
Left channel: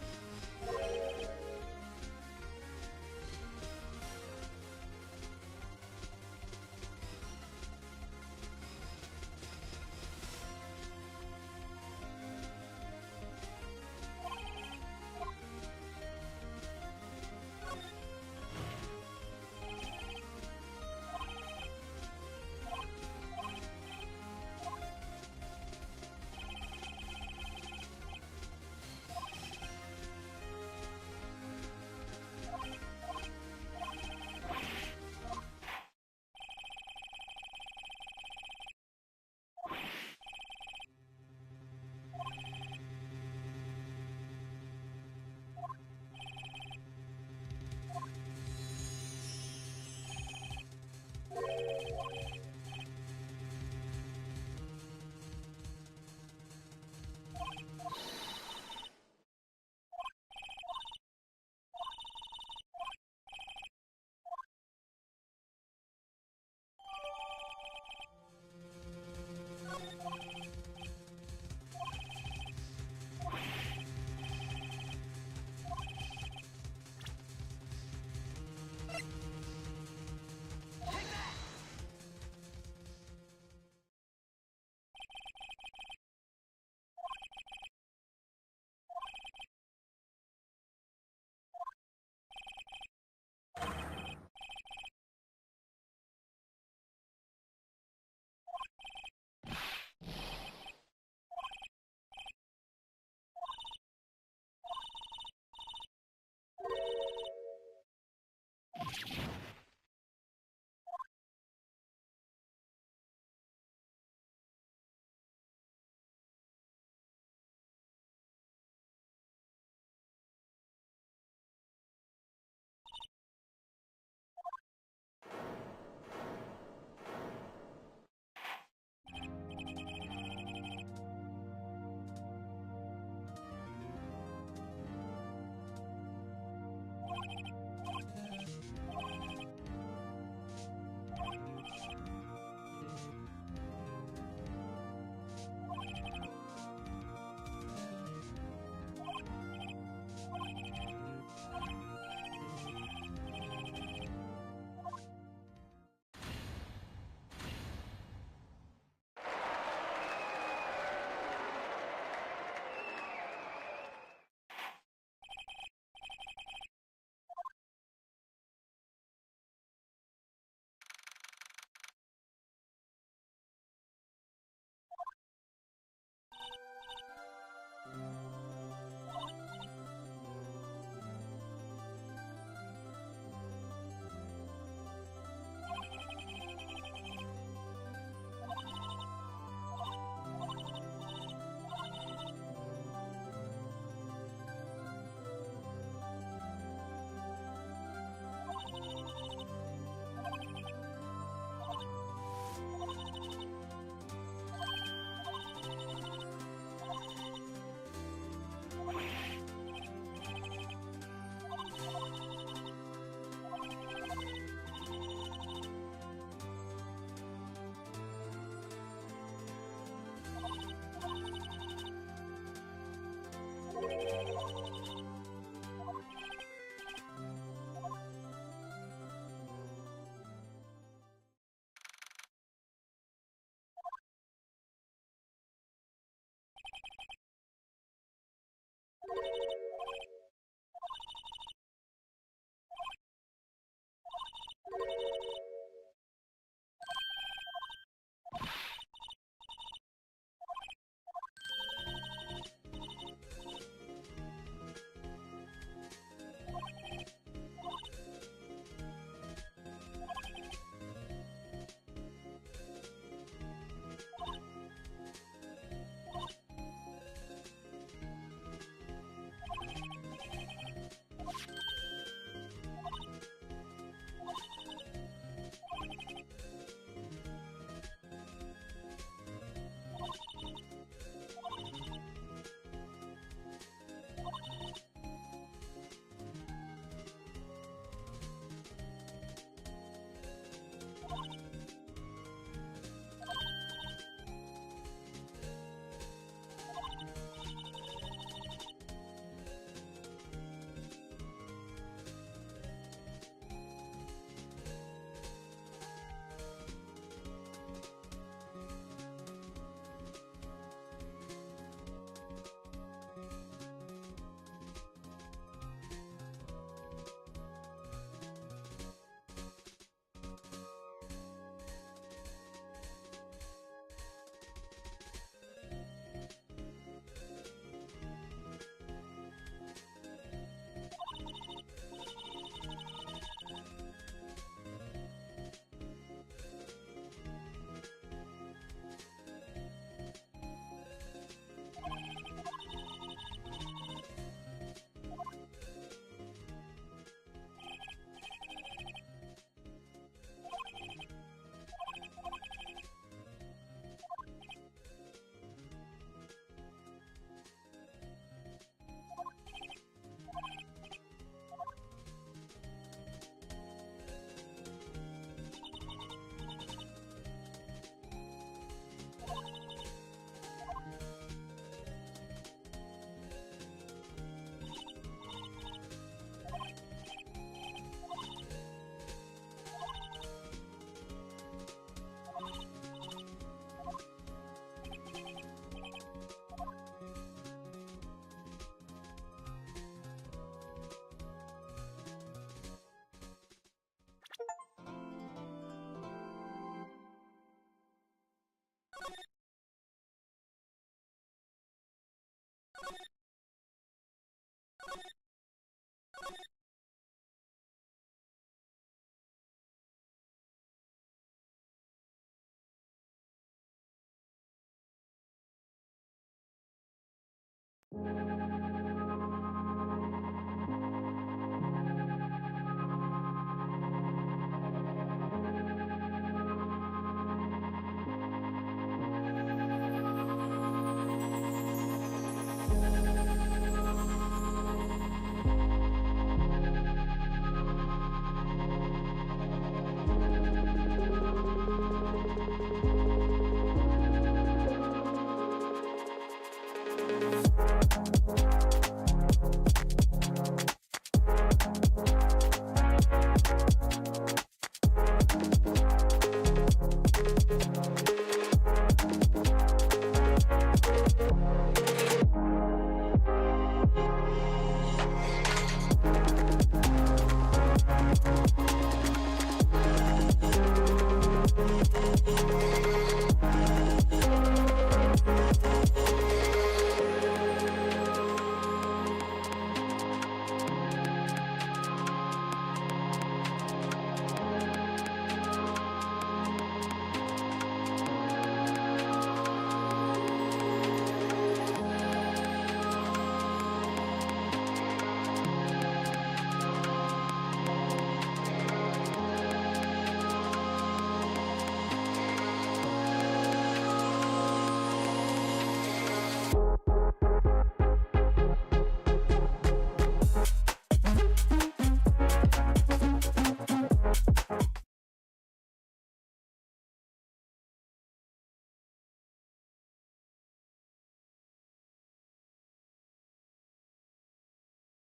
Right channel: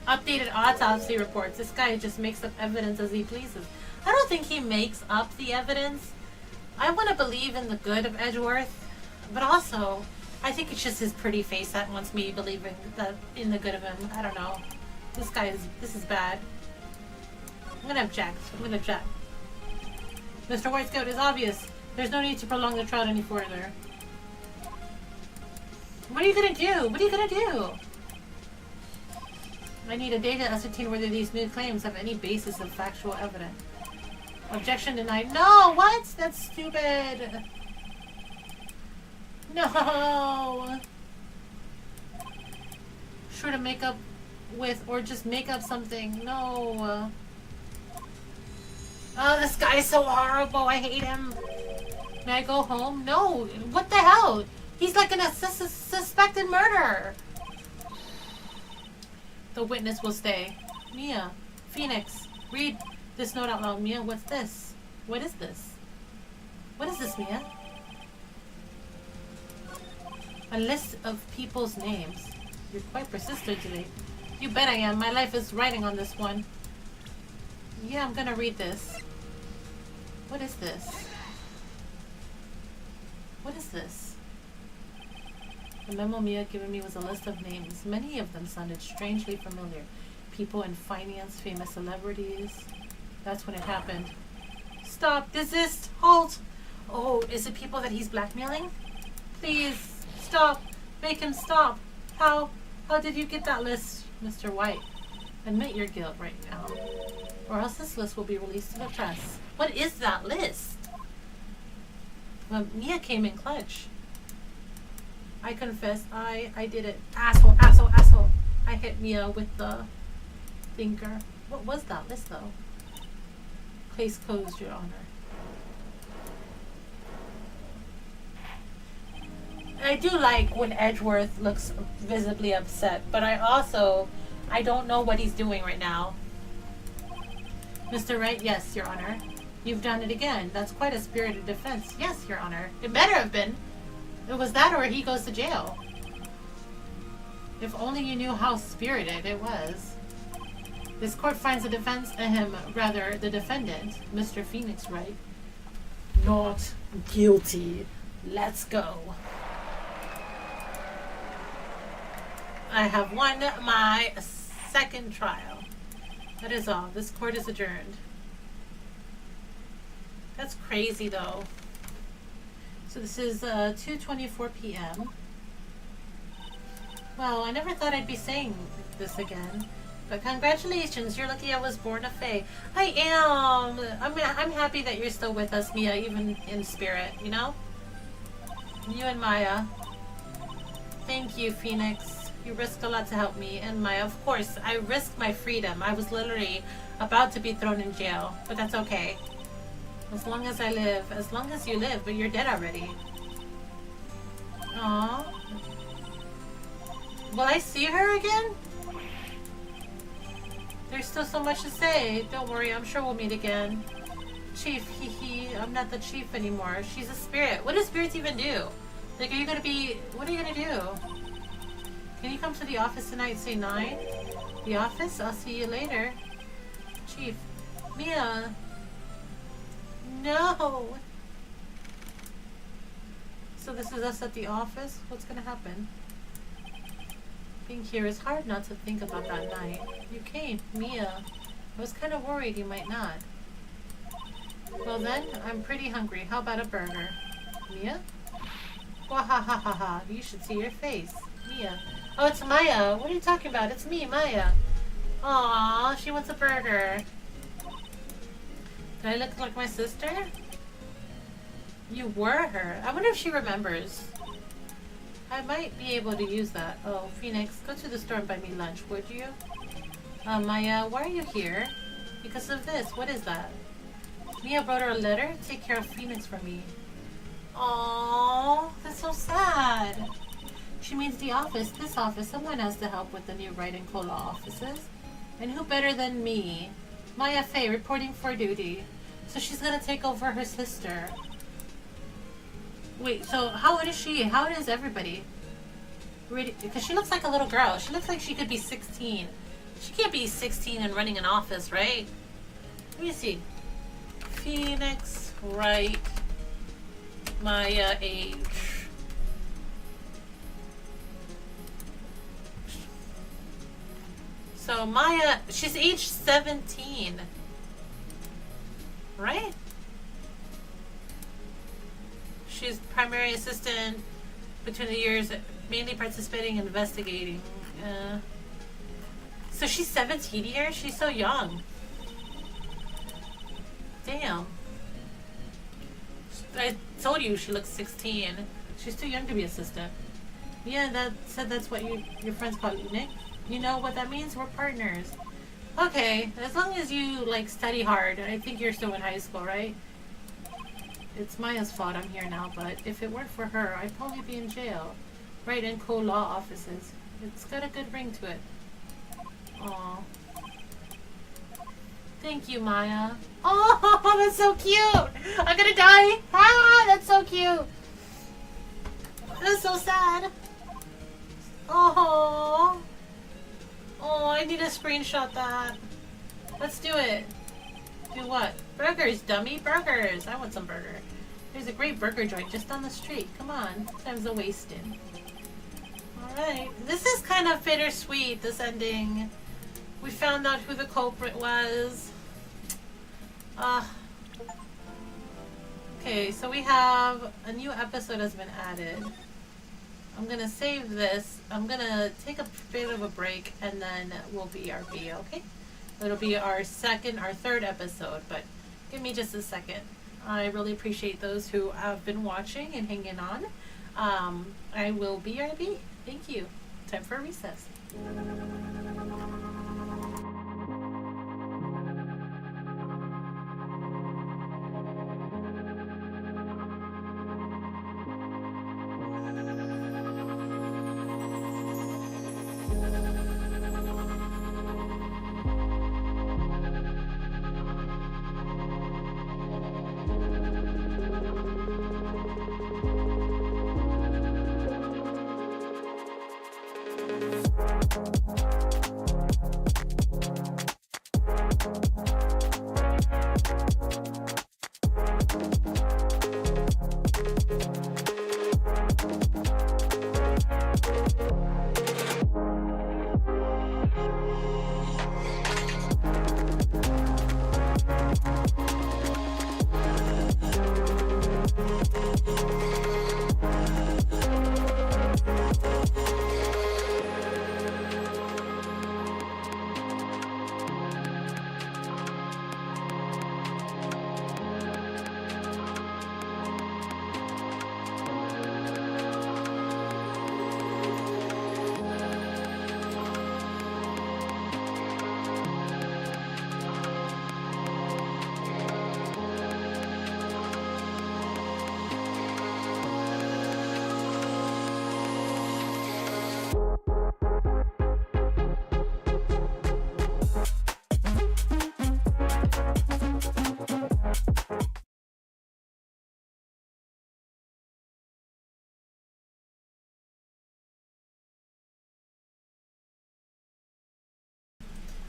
Updated autopsy reports. This guy just makes up evidence as he pleases. I don't think he makes up the evidence. I want to believe in the good of Edgeworth, but also, I think it's just his pretty face that wants me believing in the good of him. I don't know. This is bad. I'm gonna object. Mr. White Scout, is obvious. There's no need to prolong the trial any further. What are you gonna do? What are you gonna do? I need a day to ascertain whether these new claims have any basis in factual evidence. Objection denied. No! What? That's stupid! No! Sure to make up with, or just make up something. No! Oh, this guy's so horrible. I hate him. May I go home? No. What the hell? He's like a suspected murderer. The witness will stay. Mia, Phoenix, read this note out loud. Mia, what's this? What is this? What is this, Mia? A list of people's names. You're quite persistent today. You bet I am. My life is writing on this one. Yeah, I'm gonna read this. What is this? What is this? The memo Mia had given me was a list of names. Many of them sounded strangely familiar. People in finance, famous celebrities. That's when it happened. Stop! Desist! Halt! Oh, is it people that he's blackmailing? Please, stop! Make him stop! How did you get that list, Mr. White? Admit your guilt right now, or else this list will be released to the press. What is that list? Well, Mia came in clutch. I confess, I did it. Asshole, asshole, asshole. I hit Mia with the thinker. What was that list, though? Case closed, Your Honor. I do like when Edgeworth looks visibly upset, but I don't know what he's doing right now. Mr. Wright, yes, Your Honor. You've done it again. That's quite a spirited defense. Yes, Your Honor. It better have been. It was that or he goes to jail. If only you knew how spirited it was. This court finds the the defendant, Mr. Phoenix Wright, not guilty. Let's go. I have won my second trial. That is all. This court is adjourned. That's crazy, though. So this is 2:24 p.m. Well, I never thought I'd be saying this again. But congratulations, you're lucky I was born a Fae. I am! I'm happy that you're still with us, Mia, even in spirit, you know? You and Maya. Thank you, Phoenix. You risked a lot to help me, and Maya, of course, I risked my freedom. I was literally about to be thrown in jail, but that's okay. As long as I live, as long as you live, but you're dead already. Aww. Will I see her again? There's still so much to say. Don't worry, I'm sure we'll meet again. Chief, I'm not the chief anymore. She's a spirit. What do spirits even do? Like, what are you gonna do? Can you come to the office tonight, say 9? The office? I'll see you later. Chief. Mia. No. So this is us at the office? What's gonna happen? Being here is hard not to think about that night. You came, Mia. I was kind of worried you might not. Well then, I'm pretty hungry. How about a burger? Mia? Wahahaha, you should see your face. Mia. Oh, it's Maya. What are you talking about? It's me, Maya. Aww, she wants a burger. Do I look like my sister? You were her. I wonder if she remembers. I might be able to use that. Oh, Phoenix, go to the store and buy me lunch, would you? Maya, why are you here? Because of this. What is that? Mia wrote her a letter. Take care of Phoenix for me. Aww, that's so sad. She means the office, this office. Someone has to help with the new Wright and Cola offices. And who better than me? Maya Faye, reporting for duty. So she's gonna take over her sister. Wait, so how old is she? How old is everybody? Because she looks like a little girl. She looks like she could be 16. She can't be 16 and running an office, right? Let me see. Phoenix, Wright, Maya age. So Maya, she's age 17. Right? She's primary assistant between the years, mainly participating in investigating. So she's 17 years? She's so young. Damn. I told you she looks 16. She's too young to be assistant. Yeah, that's what your friends call you, Nick. You know what that means? We're partners. Okay, as long as you, like, study hard. I think you're still in high school, right? It's Maya's fault I'm here now, but if it weren't for her, I'd probably be in jail. Right in co-law offices. It's got a good ring to it. Aww. Thank you, Maya. Oh, that's so cute. I'm gonna die. Ah, that's so cute. That's so sad. Oh. Oh, I need to screenshot that. Let's do it. Do what? Burgers, dummy. Burgers. I want some burger. There's a great burger joint just down the street. Come on. Time's a wasting. Alright. This is kind of bittersweet, this ending. We found out who the culprit was. Okay, so we have a new episode has been added. I'm gonna save this. I'm gonna take a bit of a break and then we'll be our video, okay? It'll be our third episode, but give me just a second. I really appreciate those who have been watching and hanging on. I will be RB. Thank you. Time for a recess.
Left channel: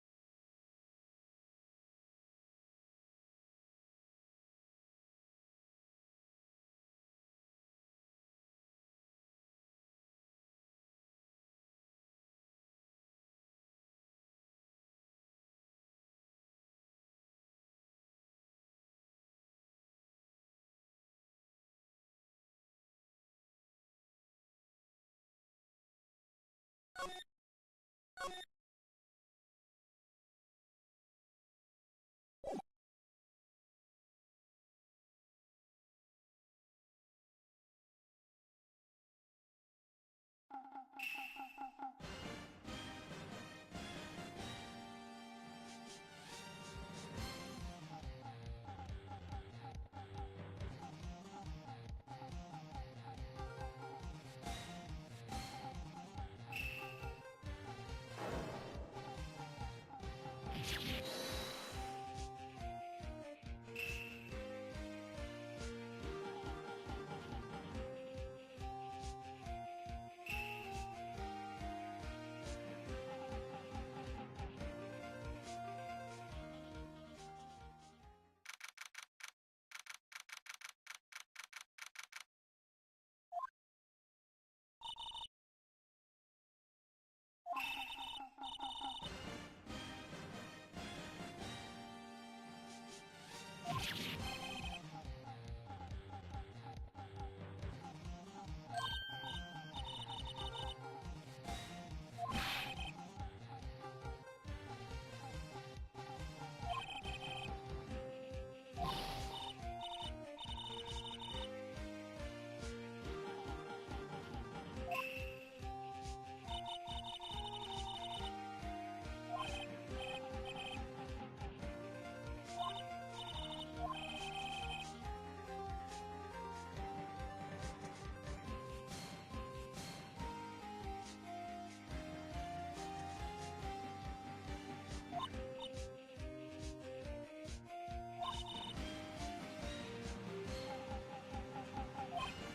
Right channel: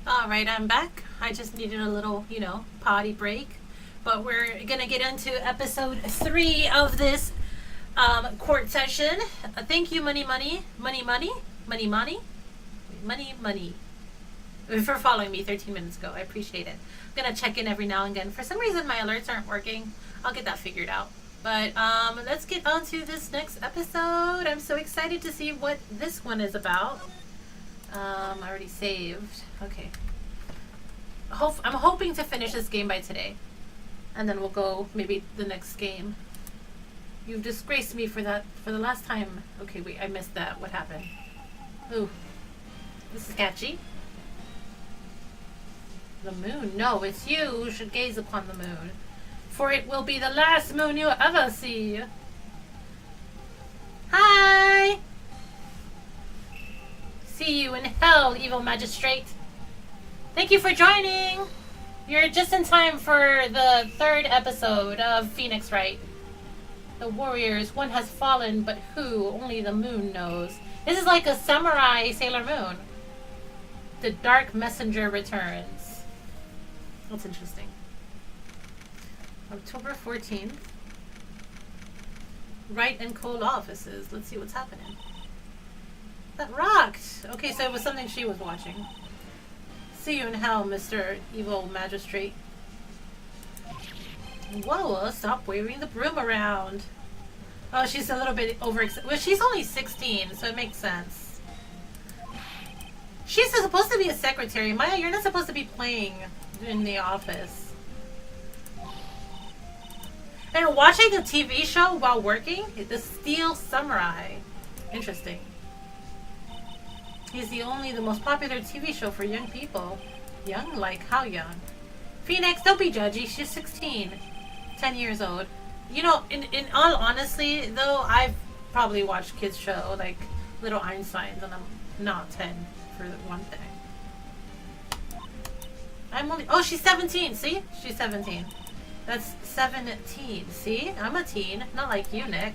Alright, I'm back. I just needed a little, potty break. But we're gonna get into episode 3 of this court session. Thank you, Money, for following me 13 minutes ago. I appreciate it. I'm gonna check in every now and again. For some reason, my alerts aren't working. I'll get that figured out. But let's get on to this next episode. I'm so excited to see what this one is about. I already saved. Okay. I'm hoping to finish this game by today. And then we'll go maybe the next game. You've disgraced me for that for the last time. Okay, wait, I missed that. What happened? Ooh. This is sketchy. The moon. No, it's you who should gaze upon the moon. For it will be the last moon you'll ever see. Hi! See you in hell, evil magistrate. Thank you for joining. You're just in time for the 3rd episode of Phoenix Wright. The warriors, one has fallen, but who? Only the moon knows. This is like a samurai Sailor Moon. The Dark Messenger returns. That's interesting. October 14th. Wright and Cole offices. Let's see what's happening. That rocked! Okay, so it was something she was watching. See you in hell, Mr. Evil Magistrate. Whoa, stop waving the broom around. Oh, she's a little bit well, she's only 16, so it makes sense. She's supposed to be a secretary. Maya, you're not supposed to be playing in the office. And watching a TV show while working? The Steel Samurai. Interesting. He's the most popular TV show for young people. Young? Like, how young? Phoenix, don't be judgy. She's 16. 10 years old. You know, in all honesty, though, I've probably watched kids' show, like Little Einsteins, and I'm not 10, for one thing. I'm only... Oh, she's 17. See? She's 17. That's 17. See? I'm a teen. Not like you, Nick.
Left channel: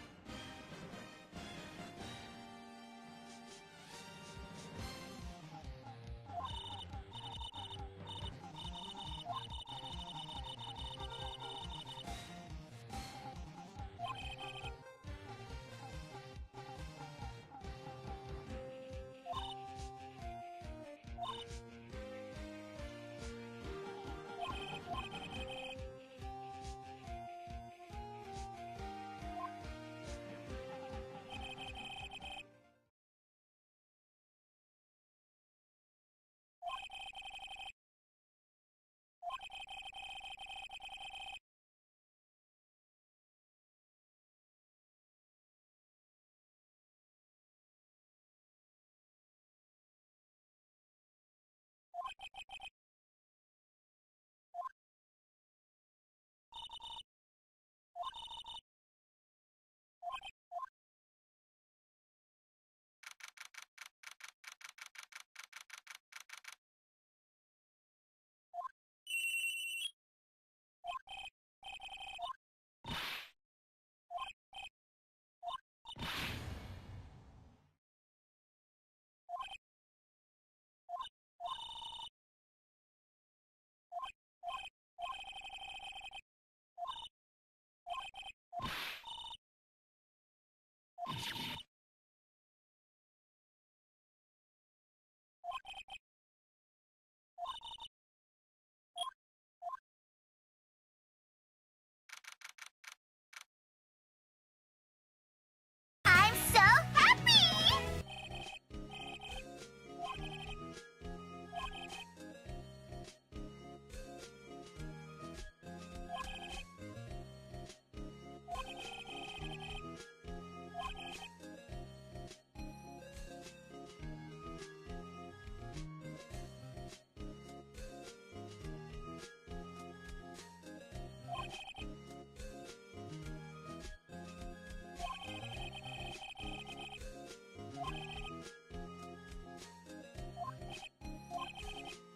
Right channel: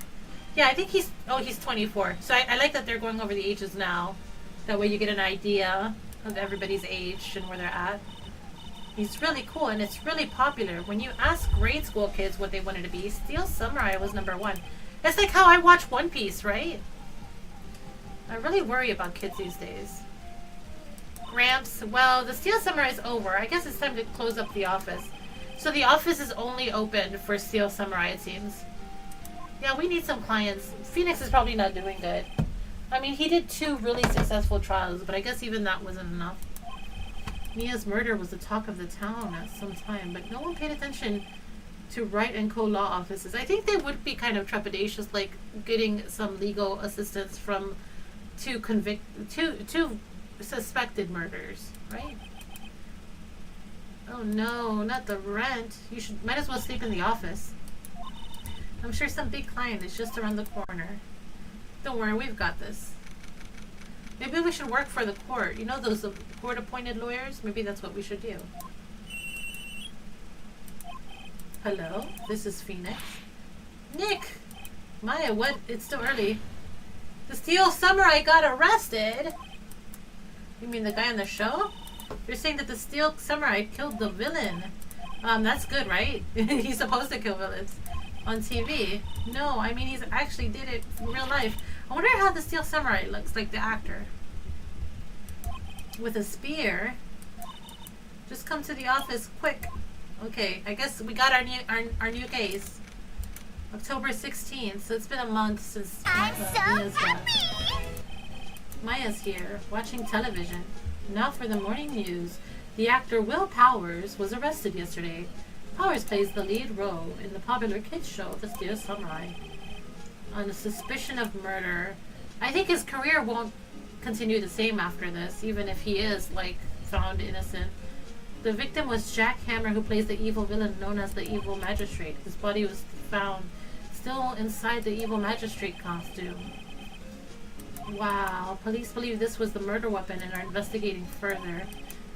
Yeah, I think he's... Oh, he's 24. So I like that they're going over the ages now. That way you get an idea of everybody's age and where they're at. He's really cool, and it's really popular. When you ask grade school kids what they wanted to be, Steel Samurai was #1. It's like how I watch One Piece, right? I really worry about kids these days. Ramps. Well, the Steel Samurai is over. I guess it's time to close up the office. So the office is only open for Steel Samurai, it seems. Yeah, we need some clients. Phoenix is probably not doing good. I mean, he did 2 really successful trials, but I guess even that wasn't enough. Mia's murder was the talk of the town at some time, but no one paid attention to Wright and Co. law offices. I think they would be kind of trepidatious, like getting some legal assistance from two suspected murders, right? Oh no, not the rent. You might as well sleep in the office. I'm sure some big client is just around the corner. Don't worry, we've got this. Maybe we should work for the court. You know those court-appointed lawyers? Maybe that's what we should do. Hello, this is Phoenix. Nick! Maya, what? It's still early. The Steel Samurai got arrested? You mean the guy on the show? You're saying that the Steel Samurai killed the villain. That's good, right? He's supposed to kill villains on TV. No, I mean, he's actually did it in real life. I wonder how the Steel Samurai looks like the actor. With a spear. Just come to the office quick. Okay, I guess we got our new case. October 16th, so it's been a month since... I'm so happy! Maya's here, watching television. Now for the morning news. The actor Will Powers was arrested yesterday. Powers plays the lead role in the popular kids show The Steel Samurai. On a suspicion of murder. I think his career won't continue the same after this, even if he is, like, found innocent. The victim was Jack Hammer, who plays the evil villain known as the Evil Magistrate. His body was found still inside the Evil Magistrate costume. Wow, police believe this was the murder weapon and are investigating further.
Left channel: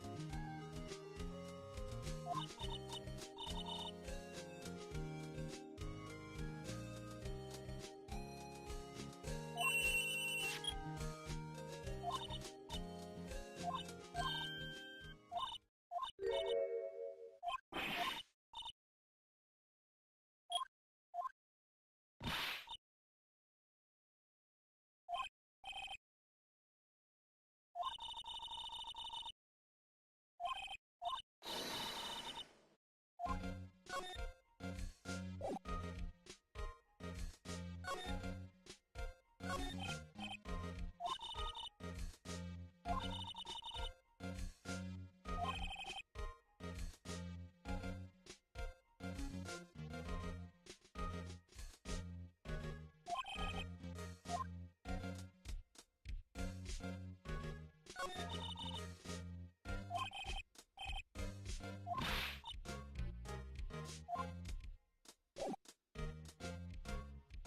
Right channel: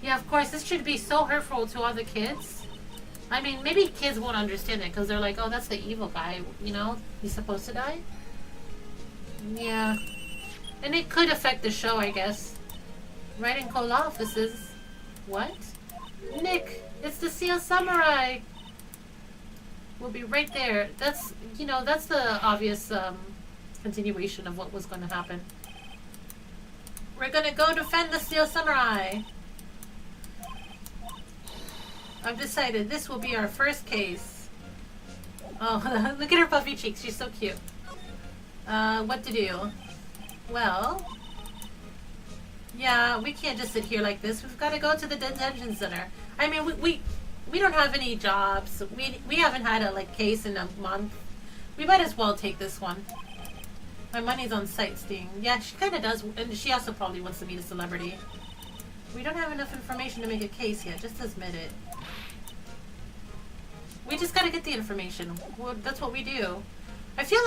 Yeah, of course, this should be so hurtful to other kids. I mean, maybe kids won't understand it because they're like, oh, that's the evil guy, you know? He's supposed to die? Yeah. And it could affect the show, I guess. Right in coal offices. What? Nick, it's the Steel Samurai! We'll be right there. That's, you know, that's the obvious continuation of what was going to happen. We're gonna go defend the Steel Samurai! I've decided this will be our first case. Oh, look at her puffy cheeks. She's so cute. What to do? Well, yeah, we can't just sit here like this. We've got to go to the detention center. I mean, we don't have any jobs. We haven't had a case in a month. We might as well take this one. My money's on sightseeing. Yeah, she kind of does, and she also probably wants to meet a celebrity. We don't have enough information to make a case yet. Just admit it. We just gotta get the information. Well, that's what we do. I feel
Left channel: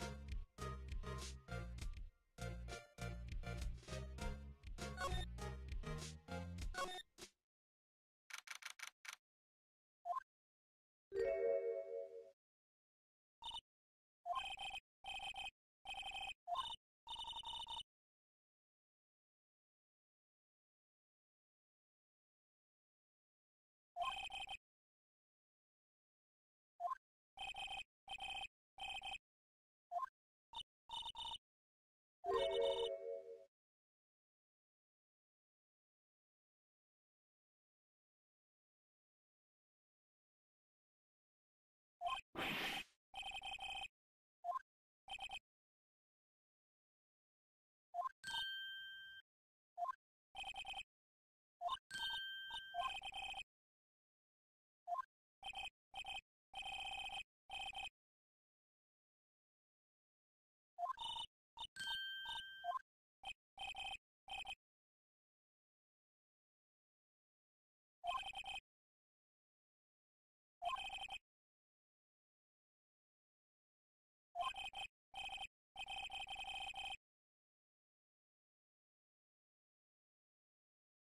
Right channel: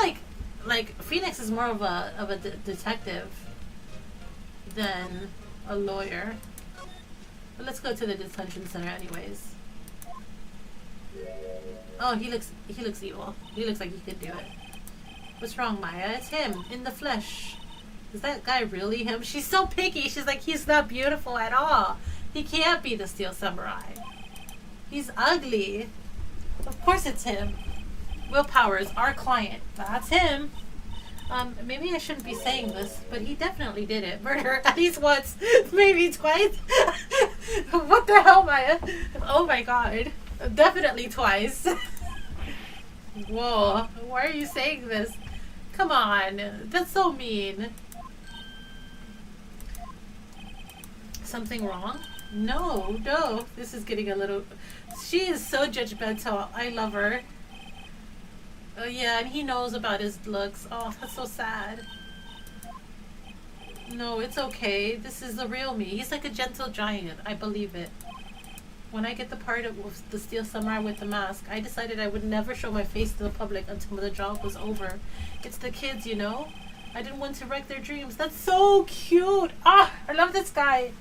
like Phoenix is more of a detective than a lawyer. But let's go to the detention center anyways. Oh, he looks evil. He looks like he could do it. What's wrong, Maya? It's him in the flesh. Is that guy really him? She's so picky. She's like, he's not beautiful at all. He can't be the Steel Samurai. He's ugly. Of course it's him. Will Powers, our client. That's him. Maybe I shouldn't be saying this, but he definitely did it. Murder at least once, maybe twice. What the hell, Maya? Oh my god. Definitely twice. Whoa. Why are you saying this? Come on. That's so mean. Something wrong? No. This is getting a little... She is so judgmental. I love her. Oh yeah, and he knows about his looks. Oh, that's so sad. No, it's okay. This is the real me. He's like a gentle giant. I believe it. When I get the part of the Steel Samurai with the mask, I decided I would never show my face to the public until the job was over. It's the kids, you know? I didn't want to wreck their dreams. That's so cute! Ah! I love this guy!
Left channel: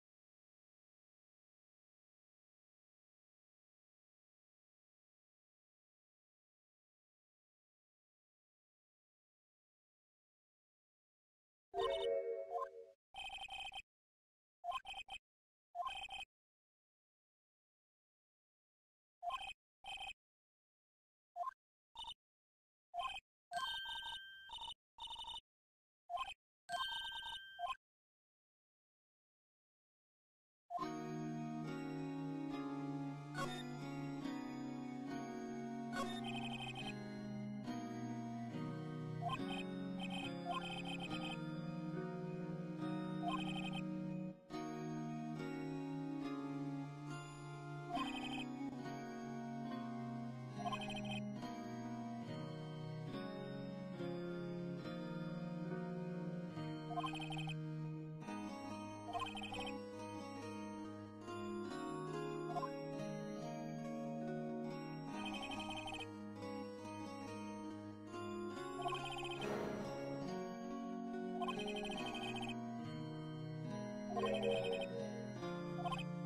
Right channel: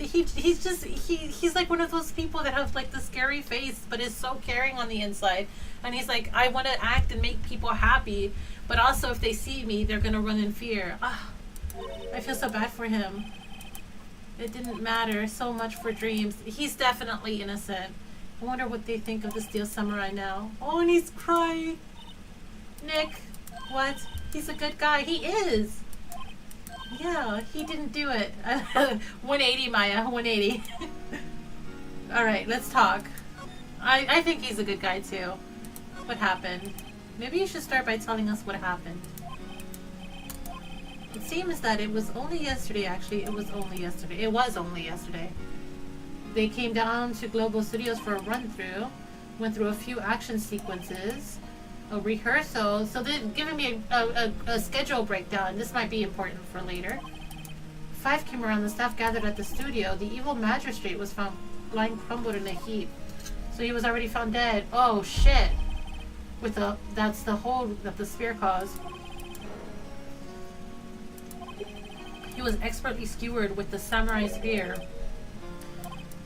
he's like one of those people that have like the scary face but is so caring on the inside. And he's like, I want to act and make people happy, but also if they see me they're gonna run in fear. I feel so bad for him. It didn't matter so much for dreams. He's definitely innocent. I wonder what they think of the Steel Samurai now. Oh, and he's crying. Nick, what? He's a good guy. He is. Yeah, he didn't do it. 180, Maya. 180. Alright, let's talk. I think he's a good guy too. What happened? Maybe you should start by telling us what happened. It seems that it was only yesterday, actually. It was only yesterday. They came down to Global Studios for a run-through. Went through a few action sequences. A rehearsal. So they're giving me a schedule breakdown. This might be important for later. 5 came around. The staff gathered at the studio. The evil magistrate was found lying crumbled in a heap. So he was already found dead. Oh shit. That's the hole that the spear caused. He was expertly skewered with the samurai spear.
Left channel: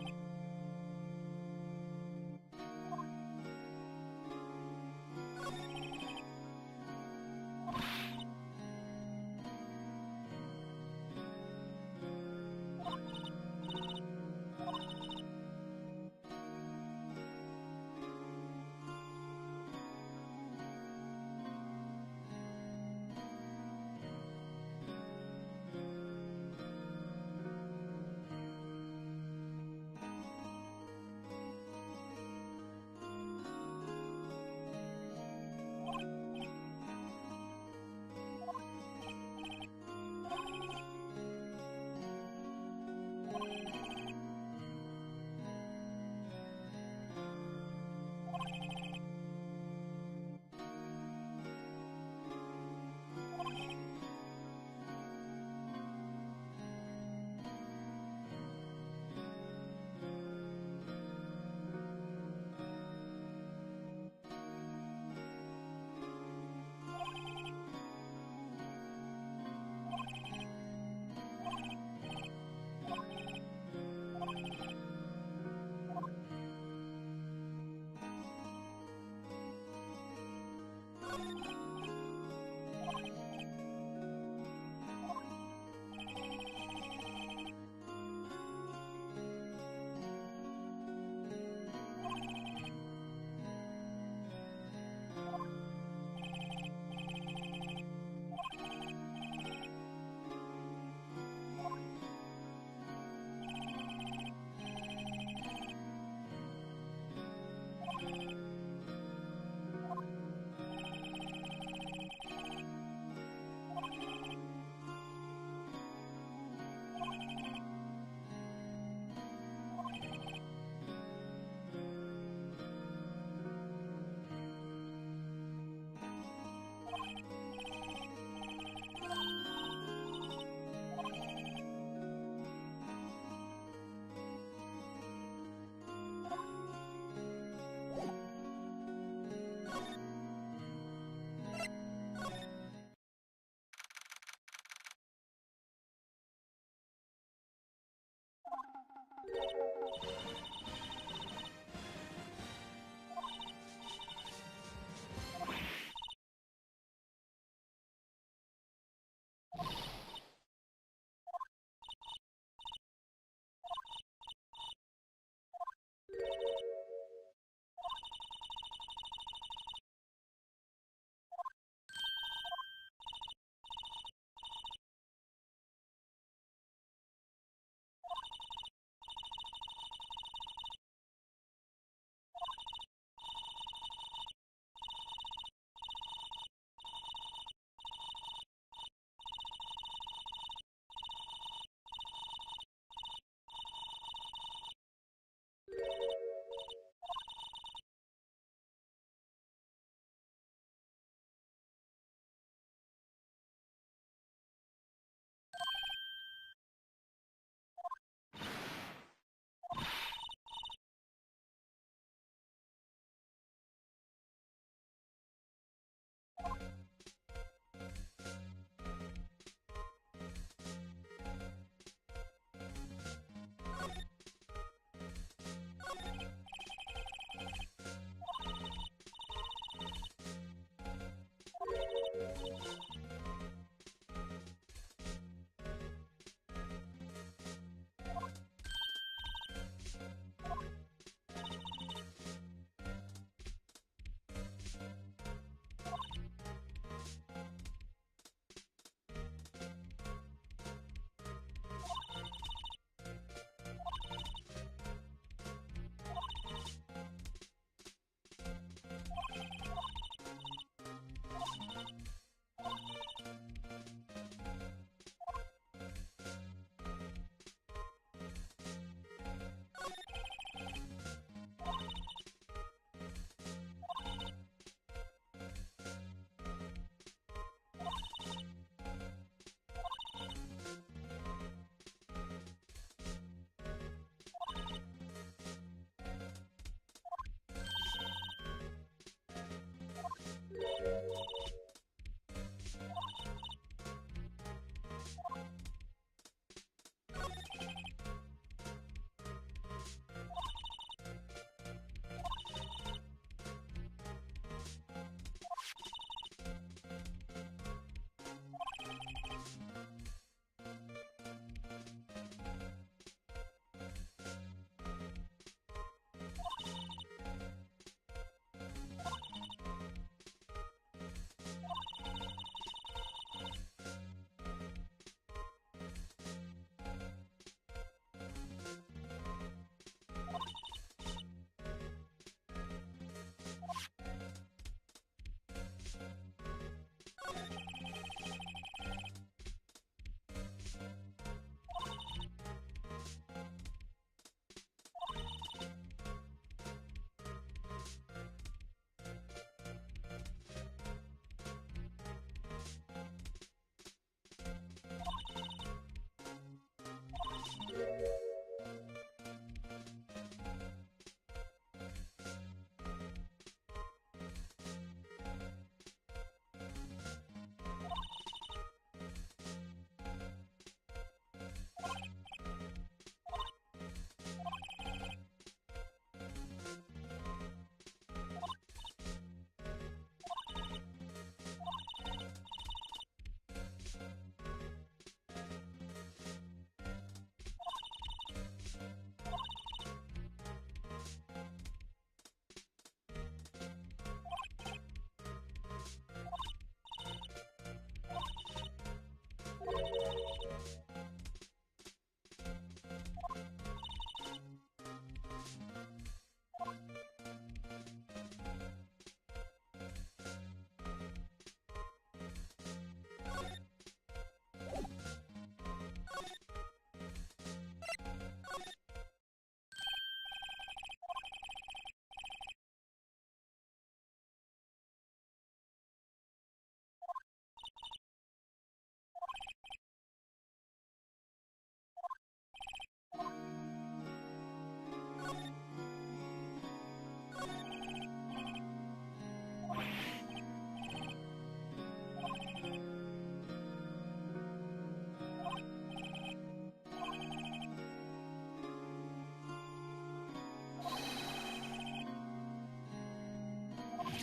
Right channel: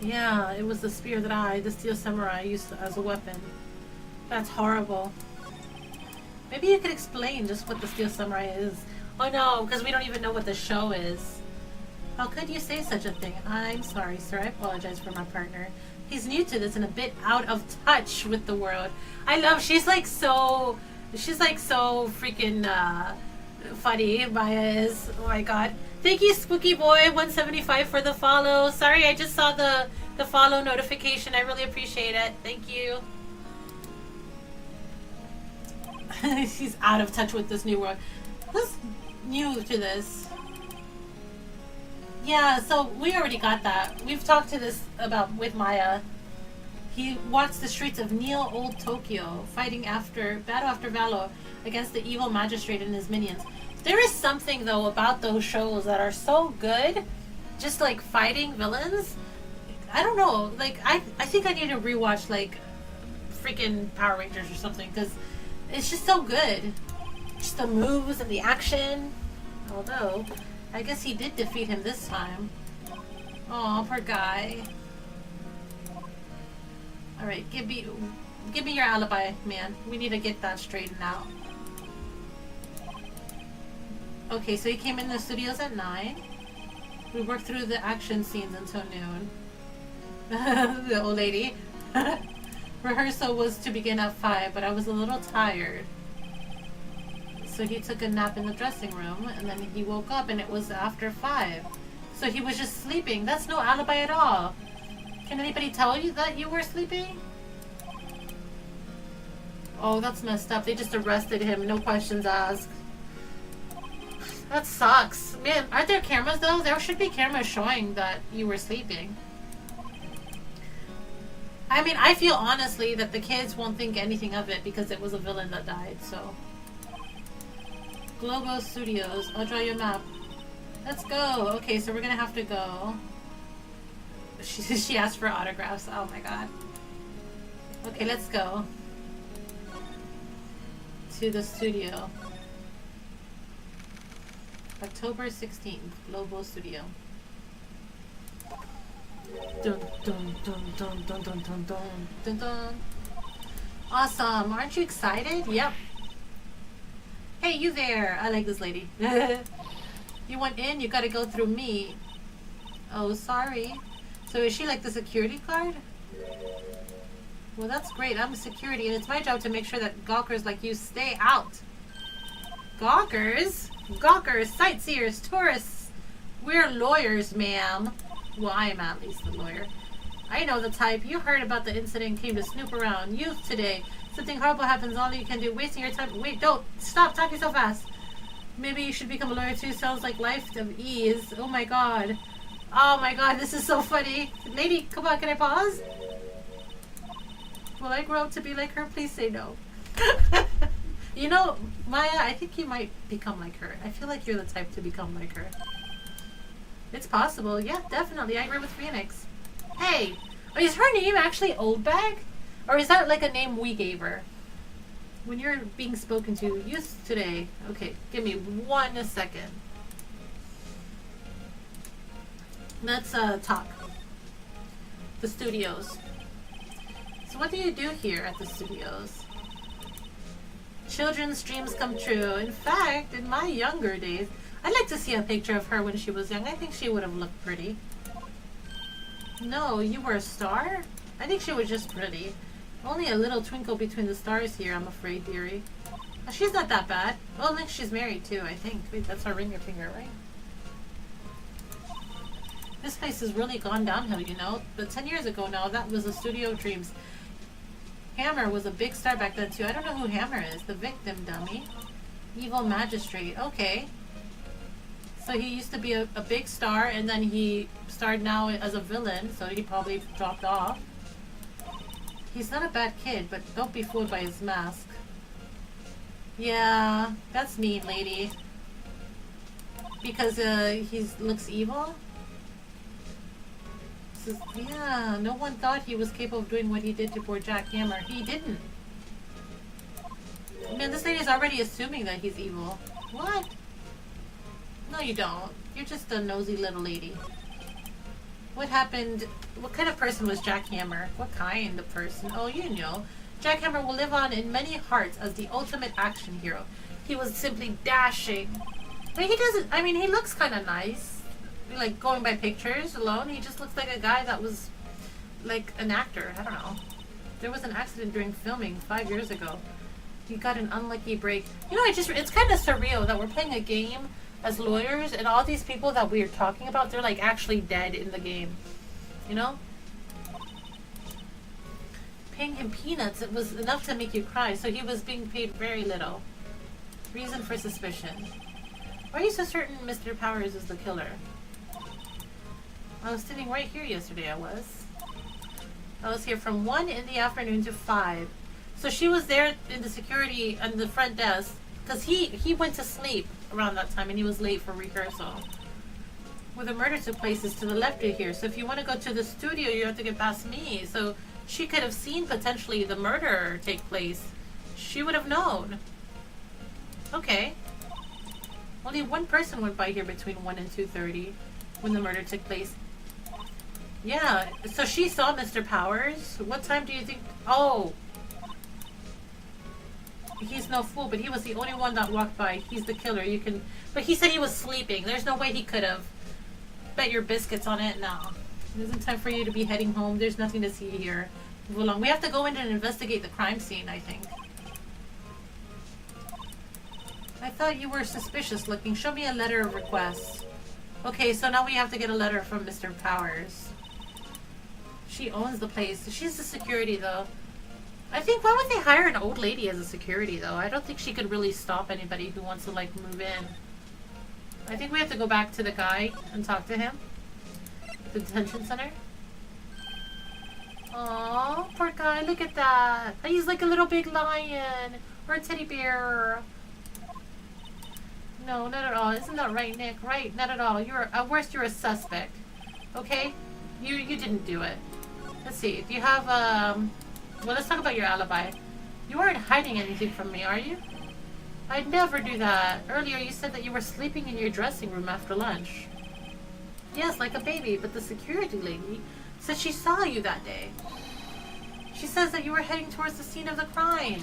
Yeah, it was the spear that the Steel Samurai, used as a weapon. That's horrible. Maybe you could explain just what the Steel Samurai is. Oh no, because we don't even know what the show is. How could you say such a thing? I'm sorry, sir. I apologize for my partner. He's new to this and a bit out of touch with the world. I love, she's like so freaking funny. Maya is, oh my god. Thank you, Spooky Boy 175 for the follow. Sorry, I just saw the follow notification. I really appreciate it. Thank you. She's out of touch with this new world. Who's new to this? Yeah, so we already got that. We've talked to this about with Maya. He walks the streets of Neo Old Tokyo, fighting battle after battle against the evil magistrate and his minions. There is something though about those shows that are so good, just like fighting villains. I don't know, like I think I need to rewatch like freaking Power Rangers or something, because it's just so good. Just the moves and the action. Although, I guess he did defeat him this time. Aw, poor guy. Alright, give me your alibi, man. We need to get that straightened out. Okay, so he came in the studios at 9. We worked through the action scenes until noon. The old lady. Rehearsal was to begin at 5, but I was a little tired. So he took a nap in the dressing room, and then he woke up and it was after 5. So he was just sleeping. That's no alibi at all. Can anybody tell you that you were sleeping? Oh, that's messed up. They just arrested him, no questions asked. That sucks. Man, aren't there cameras though? There should be cameras showing that you were sleeping. I mean, I feel honestly that the kids won't think anything of it because it was a villain that died, so. Globo Studios. I'll draw you a map. Let's go. Okay, so we're gonna have to go. She asked for autographs. Oh my god. Okay, let's go. To the studio. October 16th, Global Studio. Dun, dun, dun, dun, dun, dun, dun, dun, dun, dun. Awesome. Aren't you excited? Yep. Hey, you there. I like this lady. You want in? You gotta go through me. Oh, sorry. So is she like the security guard? Well, that's great. I'm security, and it's my job to make sure that gawkers like you stay out. Gawkers? Gawkers, sightseers, tourists. We're lawyers, ma'am. Well, I am at least a lawyer. I know the type. You heard about the incident, came to snoop around. Youth today. Something horrible happens, all you can do. Wasting your time. Wait, don't. Stop talking so fast. Maybe you should become a lawyer too. Sounds like life of ease. Oh my god. Oh my god, this is so funny. Lady, come on, can I pause? Will I grow up to be like her? Please say no. You know, Maya, I think you might become like her. I feel like you're the type to become like her. It's possible. Yeah, definitely. I agree with Phoenix. Hey, is her name actually Old Bag? Or is that like a name we gave her? When you're being spoken to, use today. Okay, give me 1 second. Let's talk. The studios. So what do you do here at the studios? Children's dreams come true. In fact, in my younger days, I'd like to see a picture of her when she was young. I think she would have looked pretty. No, you were a star? I think she was just pretty. Only a little twinkle between the stars here, I'm afraid, dearie. She's not that bad. Well, Link, she's married too, I think. Wait, that's our ringer finger, right? This place has really gone downhill, you know? But 10 years ago now, that was a studio of dreams. Hammer was a big star back then too. I don't know who Hammer is. The victim, dummy. Evil magistrate. Okay. So he used to be a big star, and then he starred now as a villain, so he probably dropped off. He's not a bad kid, but don't be fooled by his mask. Yeah, that's mean, lady. Because he looks evil? Says, yeah, no one thought he was capable of doing what he did to poor Jack Hammer. He didn't. Man, this lady's already assuming that he's evil. What? No, you don't. You're just a nosy little lady. What happened? What kind of person was Jack Hammer? What kind of person? Oh, you know. Jack Hammer will live on in many hearts as the ultimate action hero. He was simply dashing. But he doesn't, I mean, he looks kind of nice. Like, going by pictures alone, he just looks like a guy that was, like, an actor. I don't know. There was an accident during filming 5 years ago. He got an unlucky break. You know, it's kind of surreal that we're playing a game as lawyers, and all these people that we're talking about, they're, like, actually dead in the game. You know? Paying him peanuts, it was enough to make you cry, so he was being paid very little. Reason for suspicion. Why are you so certain Mr. Powers is the killer? I was sitting right here yesterday, I was here from 1 in the afternoon to 5. So she was there in the security and the front desk, because he went to sleep around that time and he was late for rehearsal. Where the murder took place is to the left of here, so if you want to go to the studio, you have to get past me. So she could have seen potentially the murder take place. She would have known. Okay. Only one person went by here between 1 and 2:30 when the murder took place. Yeah, so she saw Mr. Powers. What time do you think? Oh. He's no fool, but he was the only one that walked by. He's the killer. You can... But he said he was sleeping. There's no way he could have. Bet your biscuits on it. No. It isn't time for you to be heading home. There's nothing to see here. Move along. We have to go in and investigate the crime scene, I think. I thought you were suspicious looking. Show me a letter of request. Okay, so now we have to get a letter from Mr. Powers. She owns the place. She's the security, though. I think, why would they hire an old lady as a security, though? I don't think she could really stop anybody who wants to, like, move in. I think we have to go back to the guy and talk to him. The detention center. Aww, poor guy, look at that. He's like a little big lion. Or a teddy bear. No, not at all. Isn't that right, Nick? Right, not at all. You're, at worst, you're a suspect. Okay? You didn't do it. Let's see. Do you have, well, let's talk about your alibi. You aren't hiding anything from me, are you? I'd never do that. Earlier you said that you were sleeping in your dressing room after lunch. Yes, like a baby, but the security lady said she saw you that day. She says that you were heading towards the scene of the crime.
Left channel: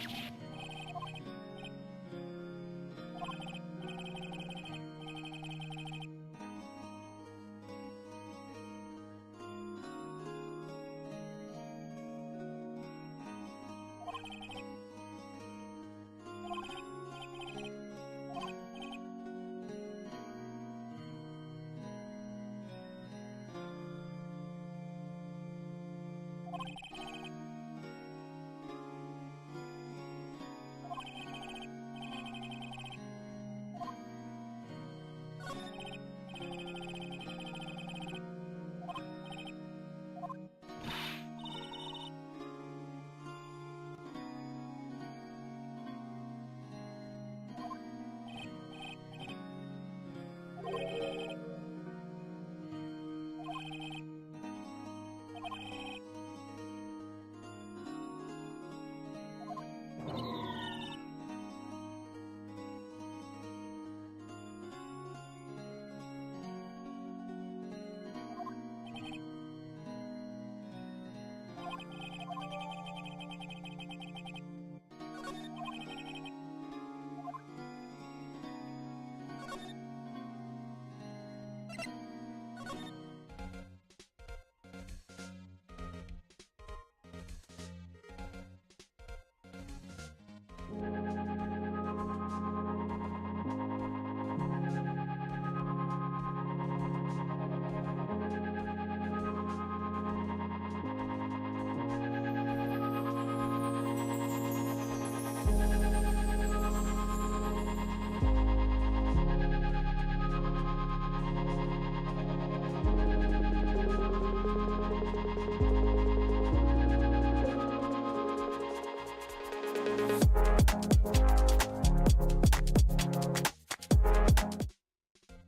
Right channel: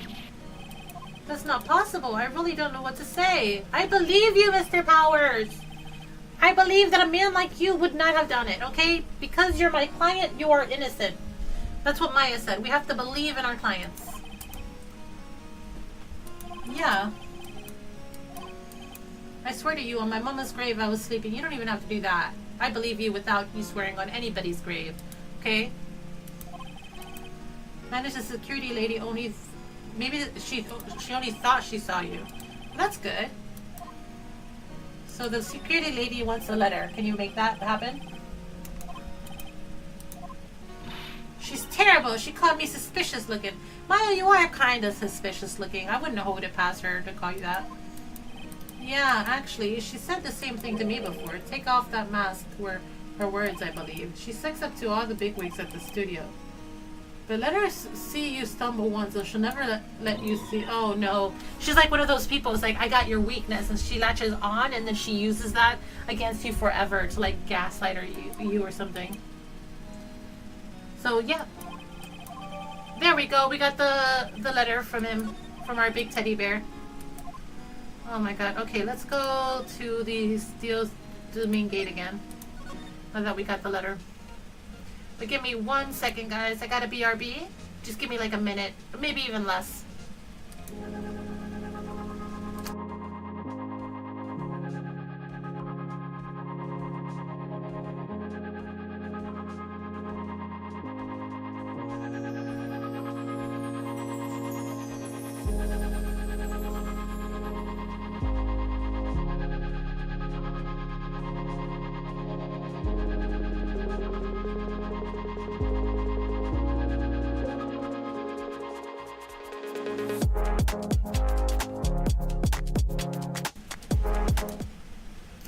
That's not possible. I really don't know what to say. I believe you, Mr. Powers. I believe that a man like you would not have done it, okay? Because you're my client, you are innocent. That's what Maya said. We have to believe in our clients. Yeah. I swear to you, on my mama's grave I was sleeping. You don't even have to do that. I believe you without you swearing on anybody's grave. Okay? Managed the security lady only... Maybe she only thought she saw you. That's good. So the security lady wants a letter. Can you make that happen? She's terrible. She called me suspicious looking. Maya, you are kind of suspicious looking. I wouldn't hold it past her to call you that. Yeah, actually, she said the same thing to me before. Take off that mask were her words, I believe. She sucks up to all the bigwigs at the studio. But let her see you stumble once, and she'll never let you see. Oh no, she's like one of those people. It's like, I got your weakness, and she latches on, and then she uses that against you forever to like gaslight you or something. So yeah, there we go. We got the letter from him, from our big teddy bear. Oh my god. Okay, let's go to the main gate again. Now that we got the letter. But give me 1 second, guys. I gotta BRB. Just give me like a minute, or maybe even less.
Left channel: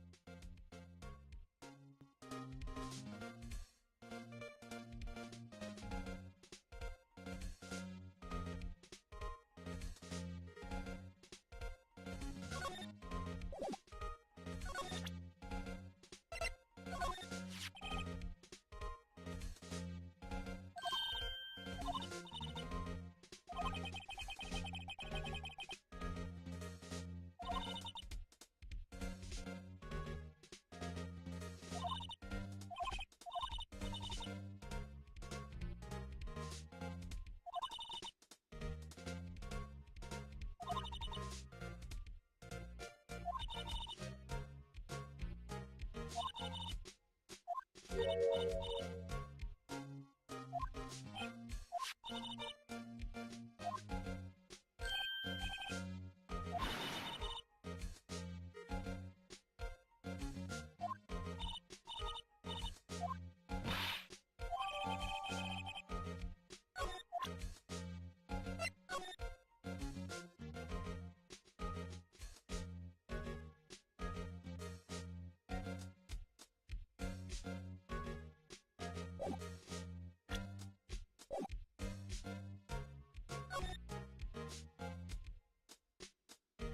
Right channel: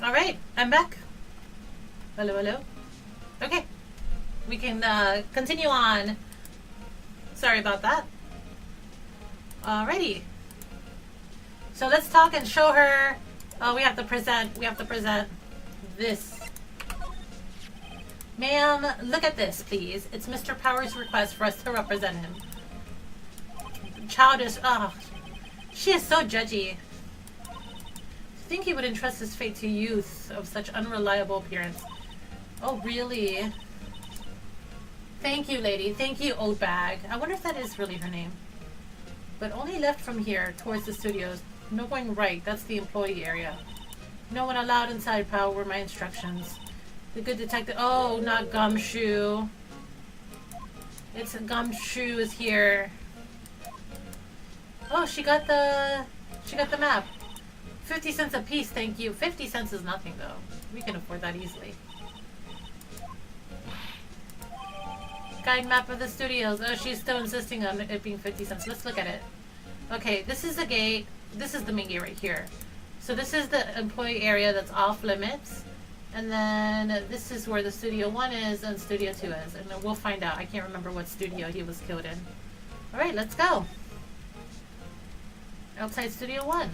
Alright, I'm back. Hello, hello. Okay, we can continue on. Sorry about that. Alrighty. So let's talk and show her. Oh, we have to present this. Ma'am, look at this, please. It's Mr. Power's request for us to represent him. Childish. Oh, she is so judgy. I think he would entrust his fate to youth of such unreliable appearance. Oh, really? Thank you, lady. Thank you, old bag. I wonder if that is really her name. But only left from here, towards the studios. No going right. That's the employee area. No one allowed inside, pal, were my instructions. The good detective... Oh, not Gumshoe. It's Gumshoe is here. Oh, she got the map. 50 cents a piece, thank you. 50 cents is nothing, though. We can afford that easily. Guide map of the studios. Oh, she's still insisting on it being 50 cents. Let's look at it. Okay, this is the gate. This is the main gate right here. So this is the employee area that's off limits. And then this is where the Studio 1 is and Studio 2 is. And then we'll find out. I can't remember what studio he was killed in. Alright, let's go. Outside Studio 1.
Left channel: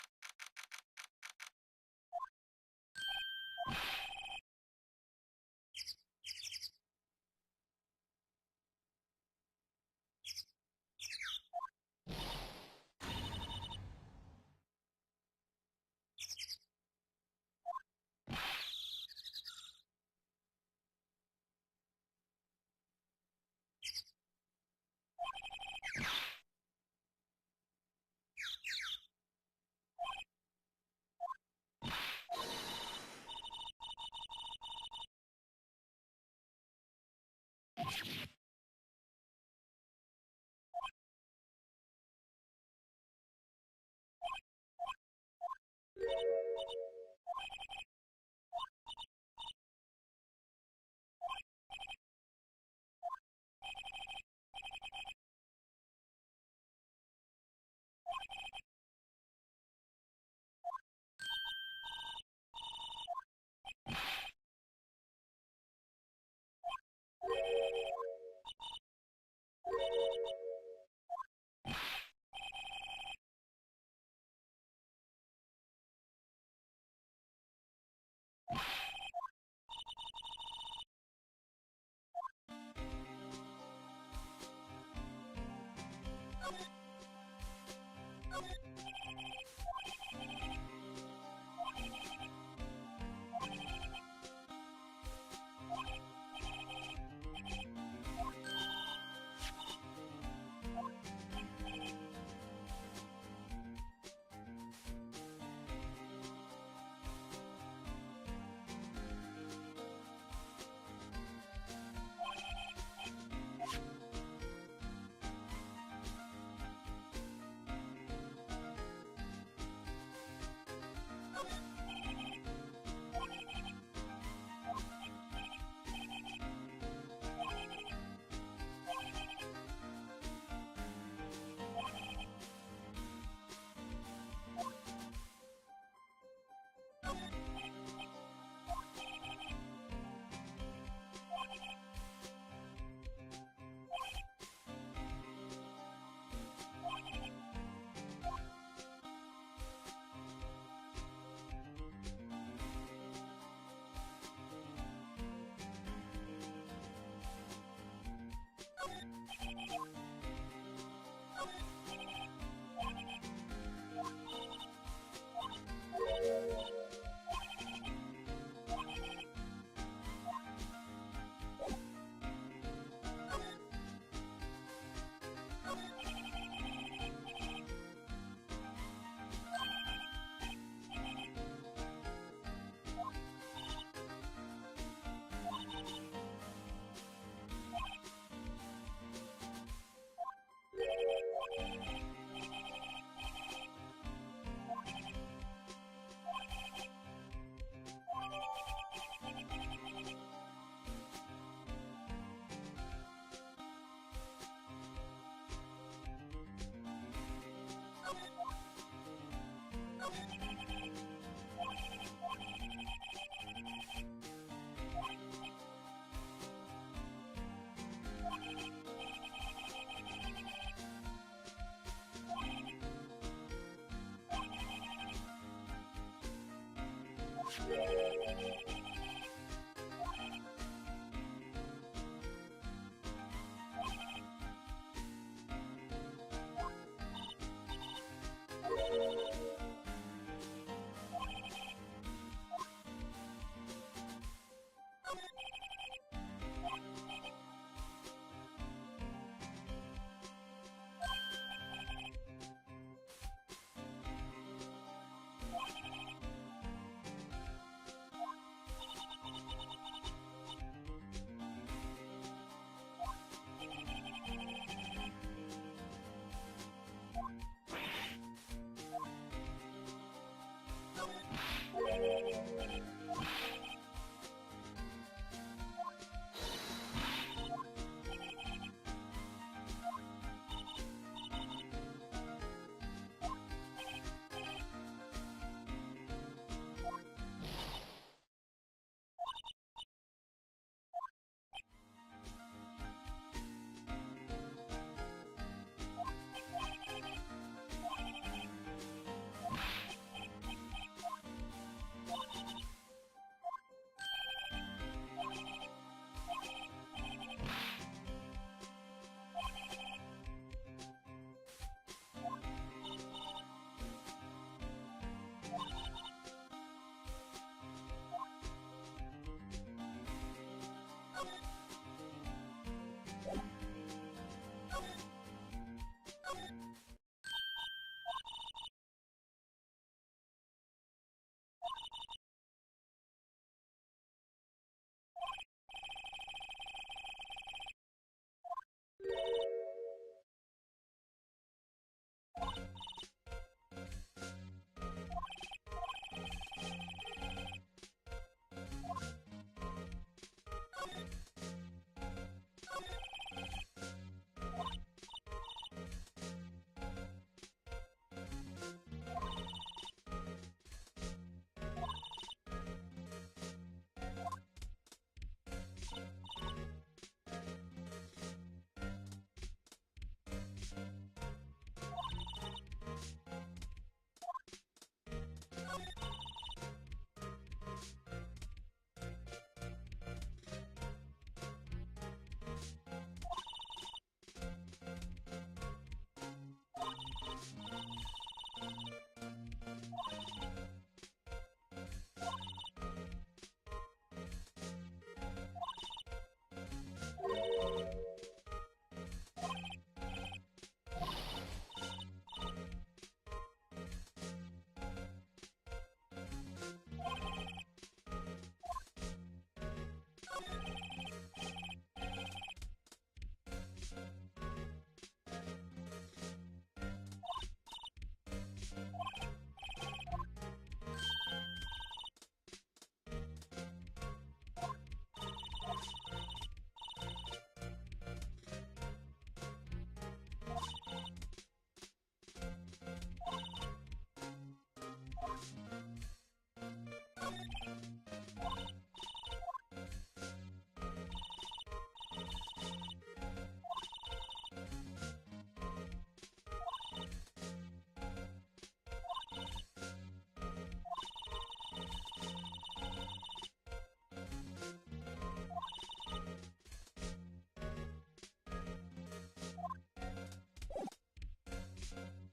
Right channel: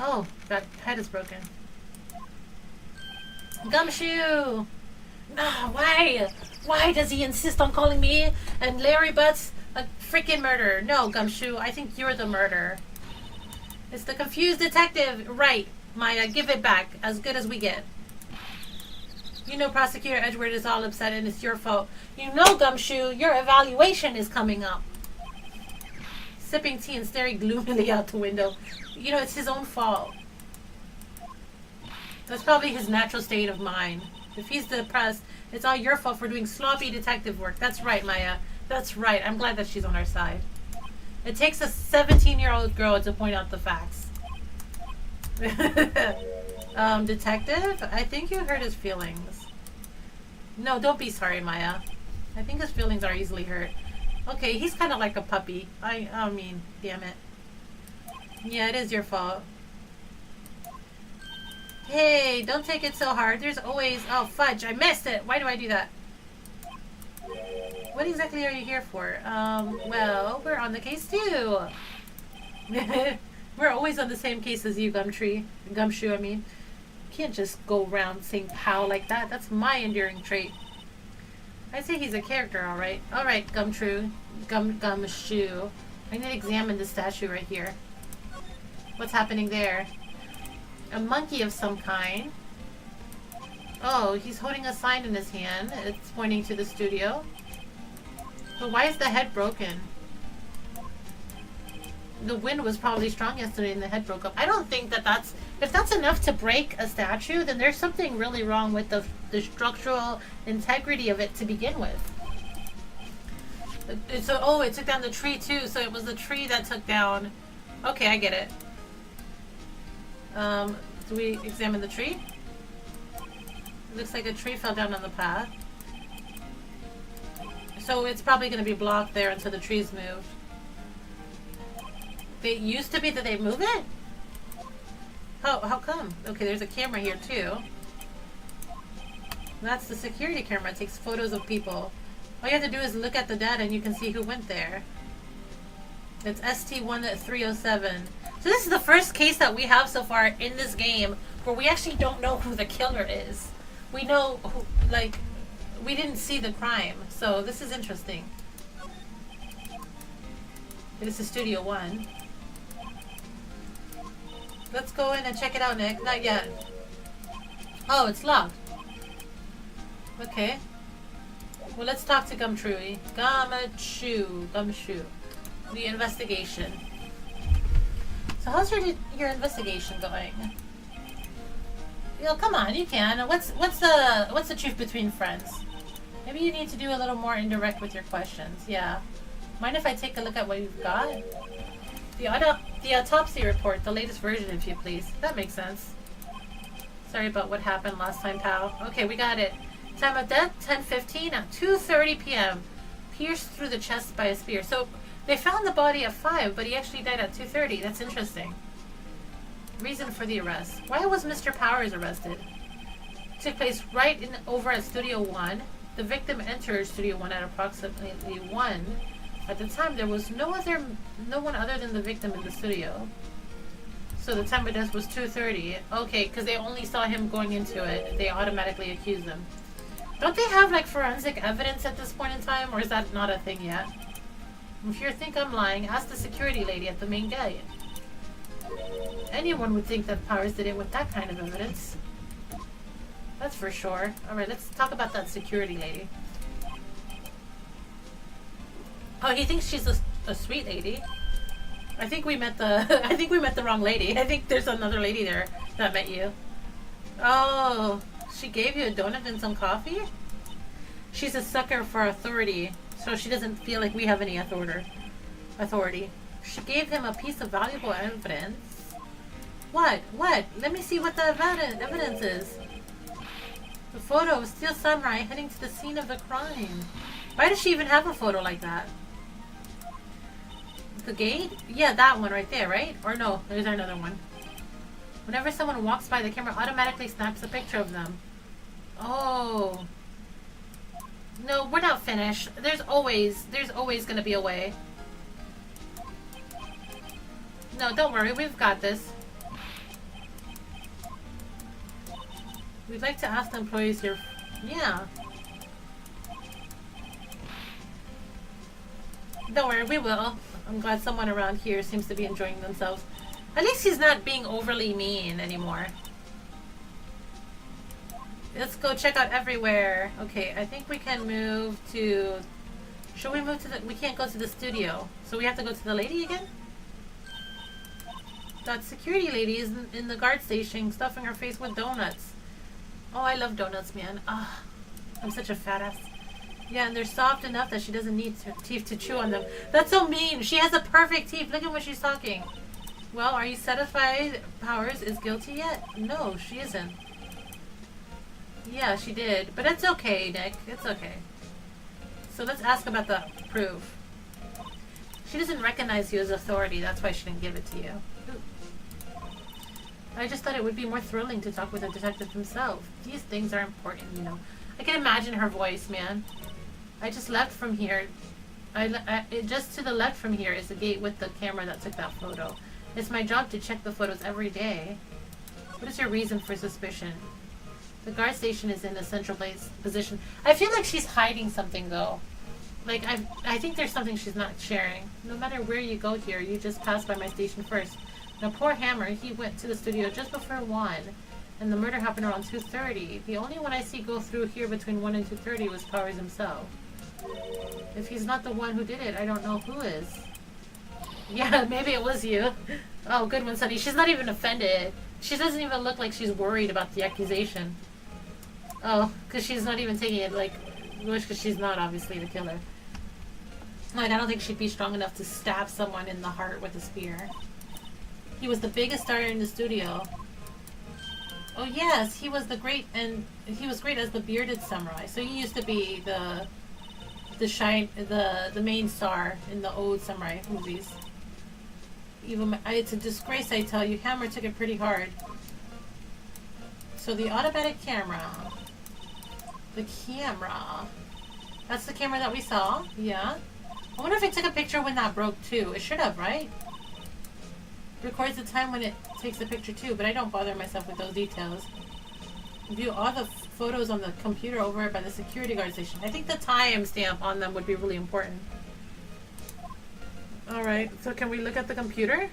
Oh, that head is broken. Gumshoe! Ah, why? Why does he insist on calling me and Larry Butts a freaking murderer? No, Gumshoe, I think you're the murderer. It's the confused detective. Right, Maya, give it back. As good as we get. You know Prosecutor Edgeworth is all upset and it's your fault. You know, Gumshoe, your evaluation is coming up. Sipping tea and staring gloomily out the window. You know, it's his own fault. That's probably his natural state of mind. If he's depressed, it's all your fault for doing sloppy detective work. That's right, Maya. That's right. I'm glad that she's on our side. It takes a 17-year-old girl to point out the facts. Detective? I think you hurt his feelings. No, don't be sorry, Maya. I think his feelings are easily hurt. Okay, he's kind of like a puppy. I mean, damn it. Yeah, it is your fault. Hey, don't take it so hard. There's always... Oh, fudge. I missed it. Why do I do that? What exactly are you here for? Well, we're on the case too. We're always on the same case as you, Gumshoe, I mean. You can't just go around saying pal like that. That's my enduring trait. I'd say he's a character, alright. Alright, Gumshoe. I need to examine the statue right here. What's happening there? A monkey of some kind. Oh, he's holding a sign in his hand. It's pointing to the studio. But why is the head broken? The wind was probably strong yesterday and the head broke up. I don't think that that's... If that's enough to break a statue, then there's something really wrong with the structural integrity of it to begin with. So, oh, it took down the tree too, so it was the tree that took down... Okay, I get it. Do we examine the tree? It looks like a tree fell down on the path. So it's probably going to be blocked there until the trees move. It used to be that they move it? How come? Okay, there's a camera here too. That's the security camera. It takes photos of people. All you have to do is look at the data and you can see who went there. It's ST1307. So this is the first case that we have so far in this game where we actually don't know who the killer is. We know who, like, we didn't see the crime. So this is interesting. This is Studio 1. Let's go in and check it out, Nick. Not yet. Oh, it's locked. Okay. Well, let's talk to Gumshoe. Gumshoe. The investigation. So how's your investigation going? Yo, come on, you can. What's the truth between friends? Maybe you need to do a little more indirect with your questions. Yeah. Mind if I take a look at what you've got? The autopsy report, the latest version, if you please. That makes sense. Sorry about what happened last time, pal. Okay, we got it. Time of death, 10:15 at 2:30 p.m. Pierced through the chest by a spear. So they found the body at 5, but he actually died at 2:30. That's interesting. Reason for the arrest. Why was Mr. Powers arrested? Took place right over at Studio 1. The victim entered Studio 1 at approximately 1. At the time, there was no one other than the victim in the studio. So the time of death was 2:30. Okay, because they only saw him going into it. They automatically accused him. Don't they have, like, forensic evidence at this point in time? Or is that not a thing yet? If you think I'm lying, ask the security lady at the main gate. Anyone would think that Powers did it with that kind of evidence. That's for sure. Alright, let's talk about that security lady. Oh, he thinks she's a sweet lady. I think we met the wrong lady. I think there's another lady there that met you. Oh, she gave you a donut and some coffee? She's a sucker for authority, so she doesn't feel like we have any authority. She gave him a piece of valuable evidence. What? What? Let me see what the evidence is. The photo of Steel Samurai heading to the scene of the crime. Why does she even have a photo like that? The gate? Yeah, that one right there, right? Or no, there's another one. Whenever someone walks by, the camera automatically snaps a picture of them. Oh. No, we're not finished. There's always gonna be a way. No, don't worry, we've got this. We'd like to ask the employees here. Yeah. Don't worry, we will. I'm glad someone around here seems to be enjoying themselves. At least he's not being overly mean anymore. Let's go check out everywhere. Okay, I think we can move to... Should we move to the... We can't go to the studio. So we have to go to the lady again? That security lady is in the guard station stuffing her face with donuts. Oh, I love donuts, man. Ah, I'm such a fat ass. Yeah, and they're soft enough that she doesn't need her teeth to chew on them. That's so mean. She has a perfect teeth. Look at what she's talking. Well, are you satisfied Powers is guilty yet? No, she isn't. Yeah, she did. But it's okay, Nick. It's okay. So let's ask about the proof. She doesn't recognize you as authority. That's why she didn't give it to you. I just thought it would be more thrilling to talk with the detective himself. These things are important, you know. I can imagine her voice, man. I just left from here. Just to the left from here is the gate with the camera that took that photo. It's my job to check the photos every day. What is your reason for suspicion? The guard station is in a central position. I feel like she's hiding something, though. Like, I think there's something she's not sharing. No matter where you go here, you just pass by my station first. Now, poor Hammer, he went to the studio just before 1, and the murder happened around 2:30. The only one I see go through here between 1 and 2:30 was Powers himself. If he's not the one who did it, I don't know who is. Yeah, maybe it was you. Oh, good one, Sunny. She's not even offended. She doesn't even look like she's worried about the accusation. Oh, because she's not even taking it like, because she's not obviously the killer. Like, I don't think she'd be strong enough to stab someone in the heart with a spear. He was the biggest star in the studio. Oh yes, he was great as the bearded samurai. So he used to be the main star in the old samurai movies. Even it's a disgrace, I tell you. Hammer took it pretty hard. So the automatic camera. The camera. That's the camera that we saw. Yeah. I wonder if it took a picture when that broke too. It should have, right? Records the time when it takes the picture too, but I don't bother myself with those details. View all the photos on the computer over by the security guard station. I think the timestamp on them would be really important. Alright, so can we look at the computer?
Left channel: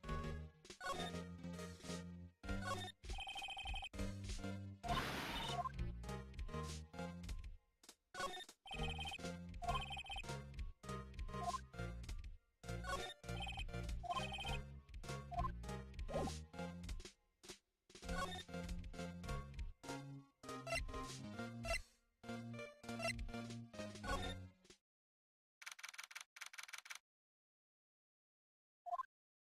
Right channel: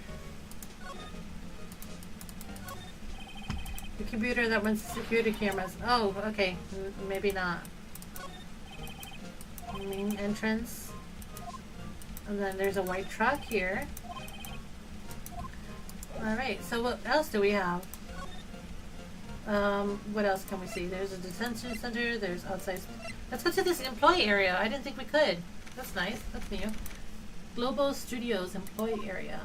The computer that runs security cameras. Oh, okay. Maybe not. Main entrance. And then there's a white truck here. Alright, so what else do we have? What else can we see? There's a detention center, there's outside... Let's go to this employee area. I didn't think we could. That's nice. That's new. Global Studios employee area.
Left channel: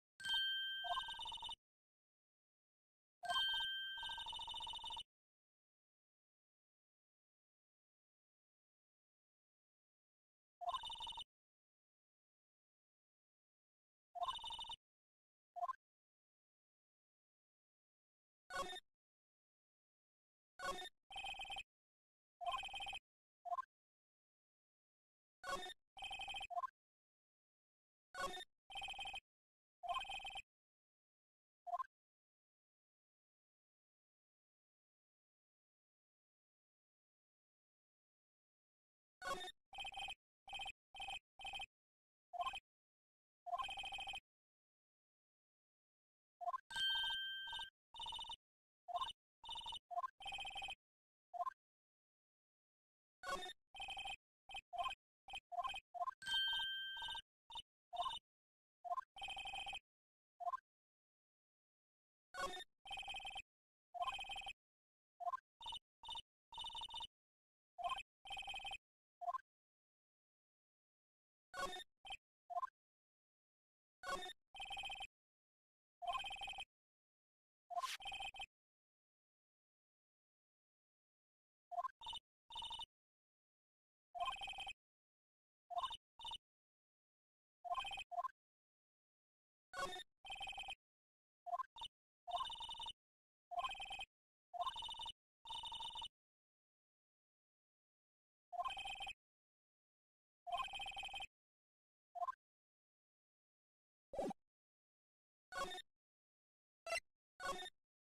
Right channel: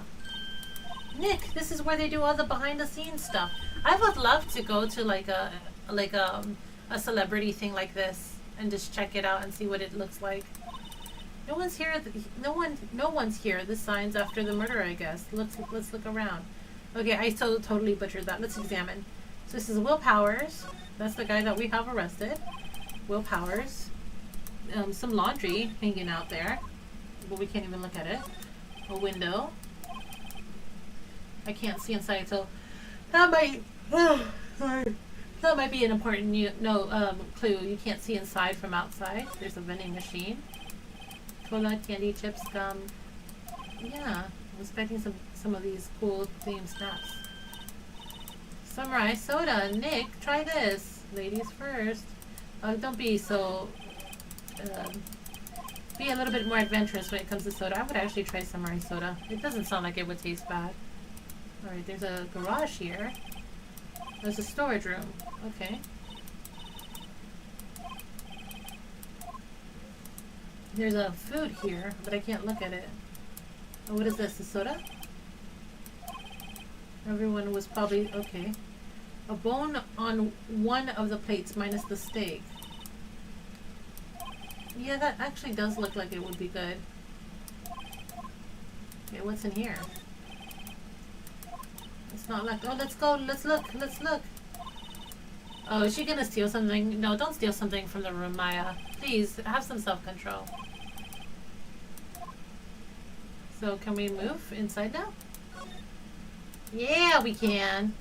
Nick, this is where they do all the behind the scenes stuff. I would love to go to like a celebrity thing like this and just check it out and see what it looks like. No one's here. No one's here. The sign's after the murder, I guess. Let's look around. Okay, I totally butchered that. Let's examine. So this is Will Powers. That's the guy that we have arrested. Will Powers. Some laundry hanging out there, but we can't even look at it. A window. I can't see inside, so that might. That might be an important clue. You can't see inside from outside. There's a vending machine. Cola, candy, chips, gum. Yeah, I'm expecting some of these cool themed snacks. Samurai soda. Nick, try this. Ladies first. Don't be so. Be a little bit more adventurous when it comes to soda. I would actually try samurai soda. It doesn't sound like it would taste bad. Alright, there's a garage here. There's a storage room. Okay. There's a food here, but I can't look at it. Oh, what is this? A soda? Everyone was probably... Okay. A bone on one of the plates minus the steak. Yeah, that actually does look like it would be good. Okay, what's in here? It's not like... Oh, let's go. Let's look. Let's look. Oh, is she gonna steal something? No, don't steal something from the room, Maya. Please, have some self-control. So, can we move inside now? Yeah, we can.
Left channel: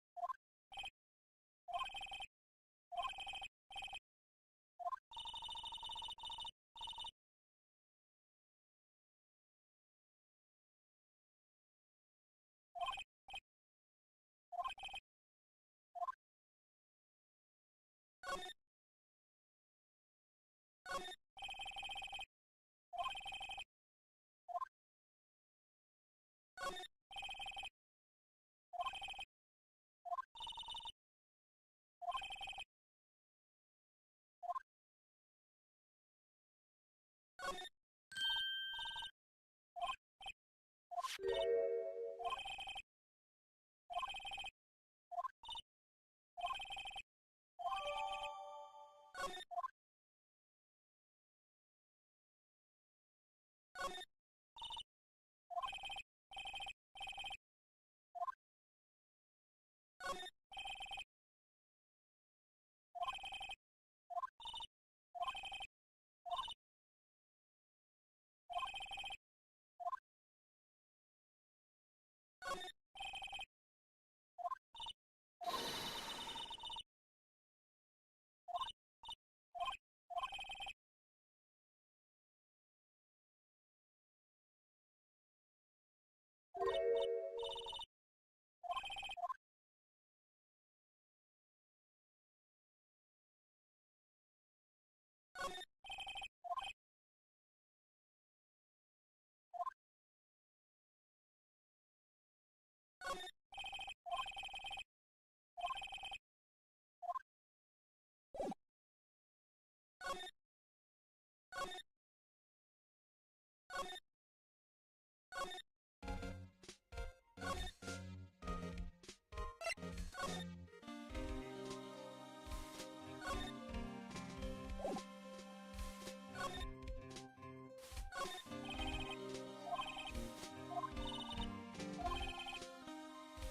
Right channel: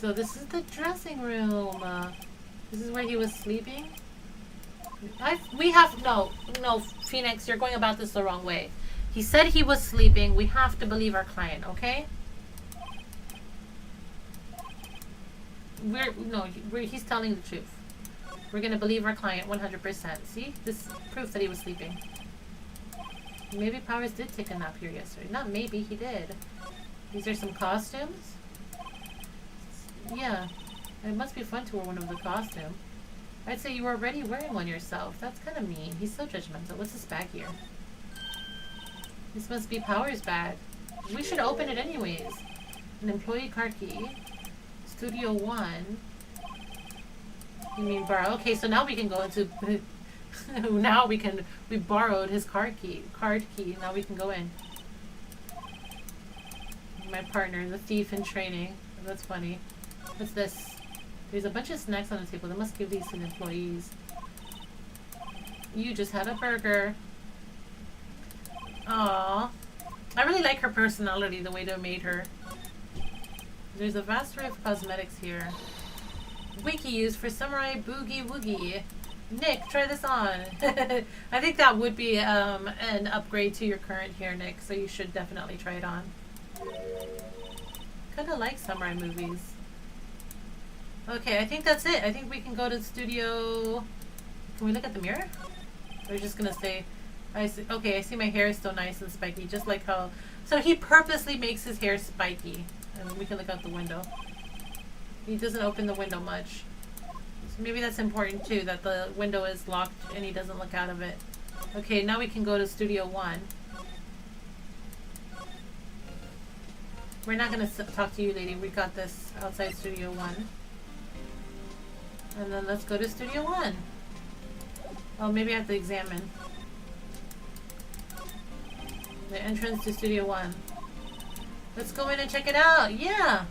So, this is the dressing room. This is where he was sleeping. No, Phoenix, you're going about this the wrong way. He said he was sleeping. We have to believe our client, okay? He's telling the truth. We're gonna believe our client 100%. See? This is proof that he was sleeping. Maybe Powers did take a nap here yesterday. Not maybe, he did. These are some costumes. Yeah. It must be fun to wear one of the costumes. I'd say you were already wearing one yourself. That's kind of mean. He's so judgmental. What's this bag here? This must be Powers' bag. We should open it anyways. An employee card key. Studio 1. You mean borrow? Okay, so now we can go into... now we borrowed his card key. Now we can go in. My partner, the thief in training. That's funny. What's this? There's a bunch of snacks on the table. They must give these to the employees. You just had a burger. Aww. I really like her personality, the way they made her. There's a vast array of cosmetics here. Wiki used for Samurai Boogie Woogie. Nick, try this on. I think that would be an upgrade to your current hair, Nick, so you should definitely try it on. Kinda like samurai movies. Okay, I think that's it. I think we can go to the studio. Can we look at the mirror? We're just gonna say, I see. Okay, I see my hair is still nice and spiky, just like how. So he purposely makes his hair spiky. And we can look out the window. He doesn't open the window much. So maybe that's important too, that the window is locked and he doesn't look out of it. Okay, now we can go to Studio 1. We're not gonna talk to you, lady. We got this outside Studio 1. And then let's go to Studio 1. Oh, maybe I have to examine. The entrance to Studio 1. Let's go in and check it out. Yeah!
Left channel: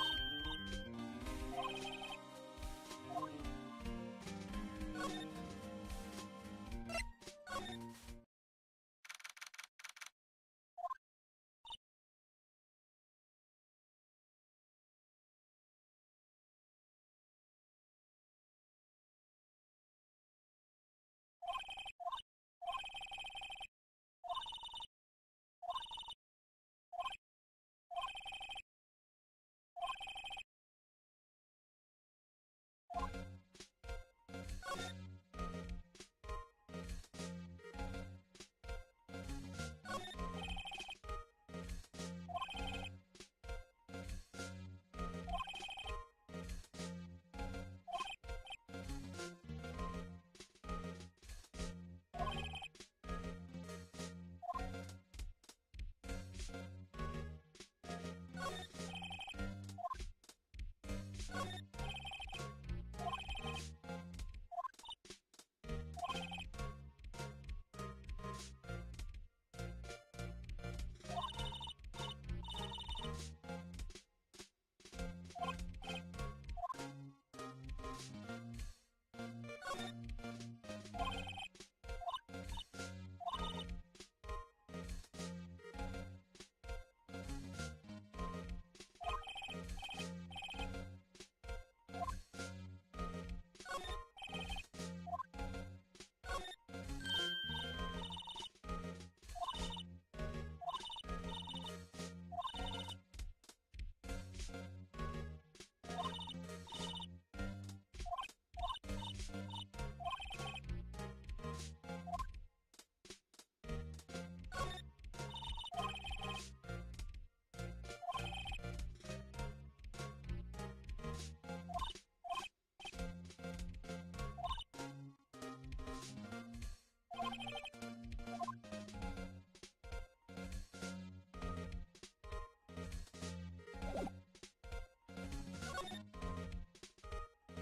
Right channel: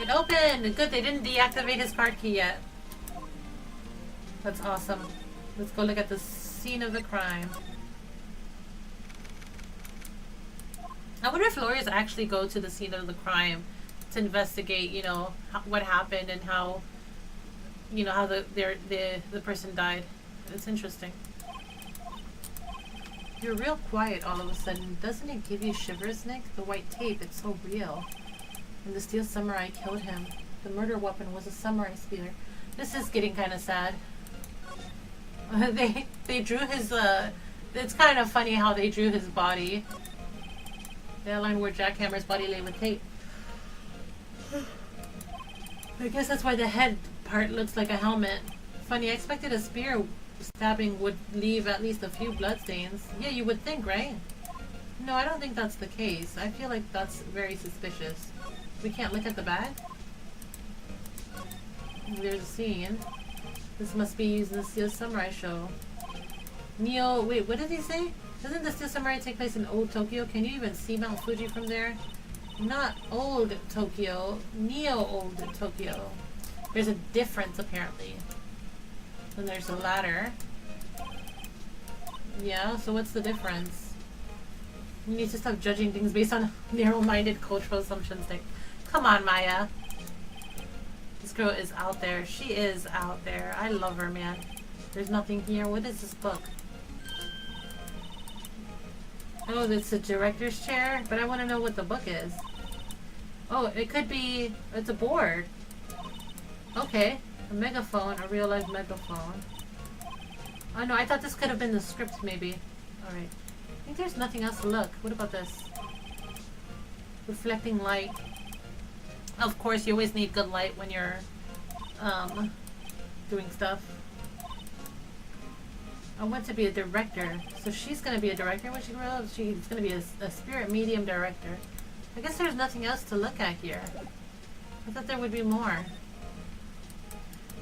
It opened! Good, they didn't deactivate his card key yet. That's awesome. Let's go look at the scene of the crime. I wonder if lawyers actually go to the scene of the crime to investigate, you know, what happened and how, you know, how the person died. It's interesting. You're real quiet all of a sudden. Doesn't it give you shivers, Nick? The white tape, it's so real. And the steel samurai killed him. The murder weapon was a samurai spear. This is getting kind of sad. They drew his, it's kind of funny how they drew his body. They outlined where Jackhammer's body lay with tape. I guess that's why the head part looks like a helmet. Funny, I expected a spear stabbing would leave at least a few bloodstains. Yeah, you would think, right? No, I don't think that's the case. I feel like that's very suspicious. We can't look at the bag? There's a scene. This must be used in the Steel Samurai show. Neo, wait, what did he say? Doesn't the Steel Samurai take place in old Tokyo? Can you even see Mount Fuji from there? Not old Tokyo, neo-old Tokyo. There's a difference, apparently. Then there's a ladder. Yeah, so what's the difference? You need to stop judging things based on narrow-minded cultural assumptions. Like, come on, Maya. This girl is out there. She is out there. I love her, man. There's nothing here. What is this book? Oh, it's a director's chair, but I want to know what the book is. Oh, it could be... It's a board. Okay. A megaphone, a real-life megaphone. Oh no, I thought this could have been the script, maybe. Alright. I think there's nothing else to look. What about this? Reflecting light. Of course, you always need good light when you're, doing stuff. I want to be a director. So she's gonna be a director when she grows up. She's gonna be a spirit medium director. I guess there's nothing else to look at here. I thought there would be more.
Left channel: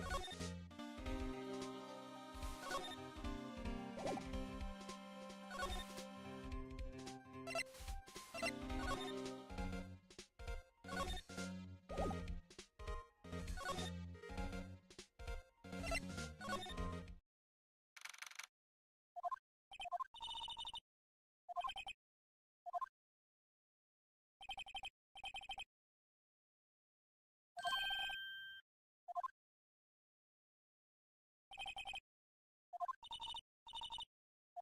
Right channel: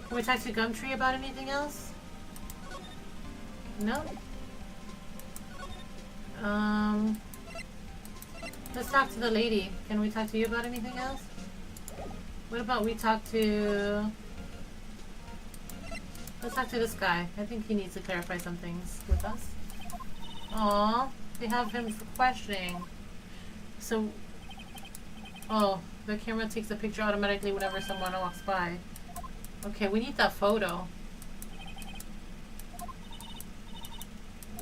Can we talk to Gumtree about anything else? No? Let's talk to the lady. Can we talk to you about anything else? What about we talk to... Let's talk to this guy. I think he needs to clarify some things with us. Aww. They have him for questioning. So... Oh, the camera takes a picture automatically whenever someone walks by. Okay, we need that photo.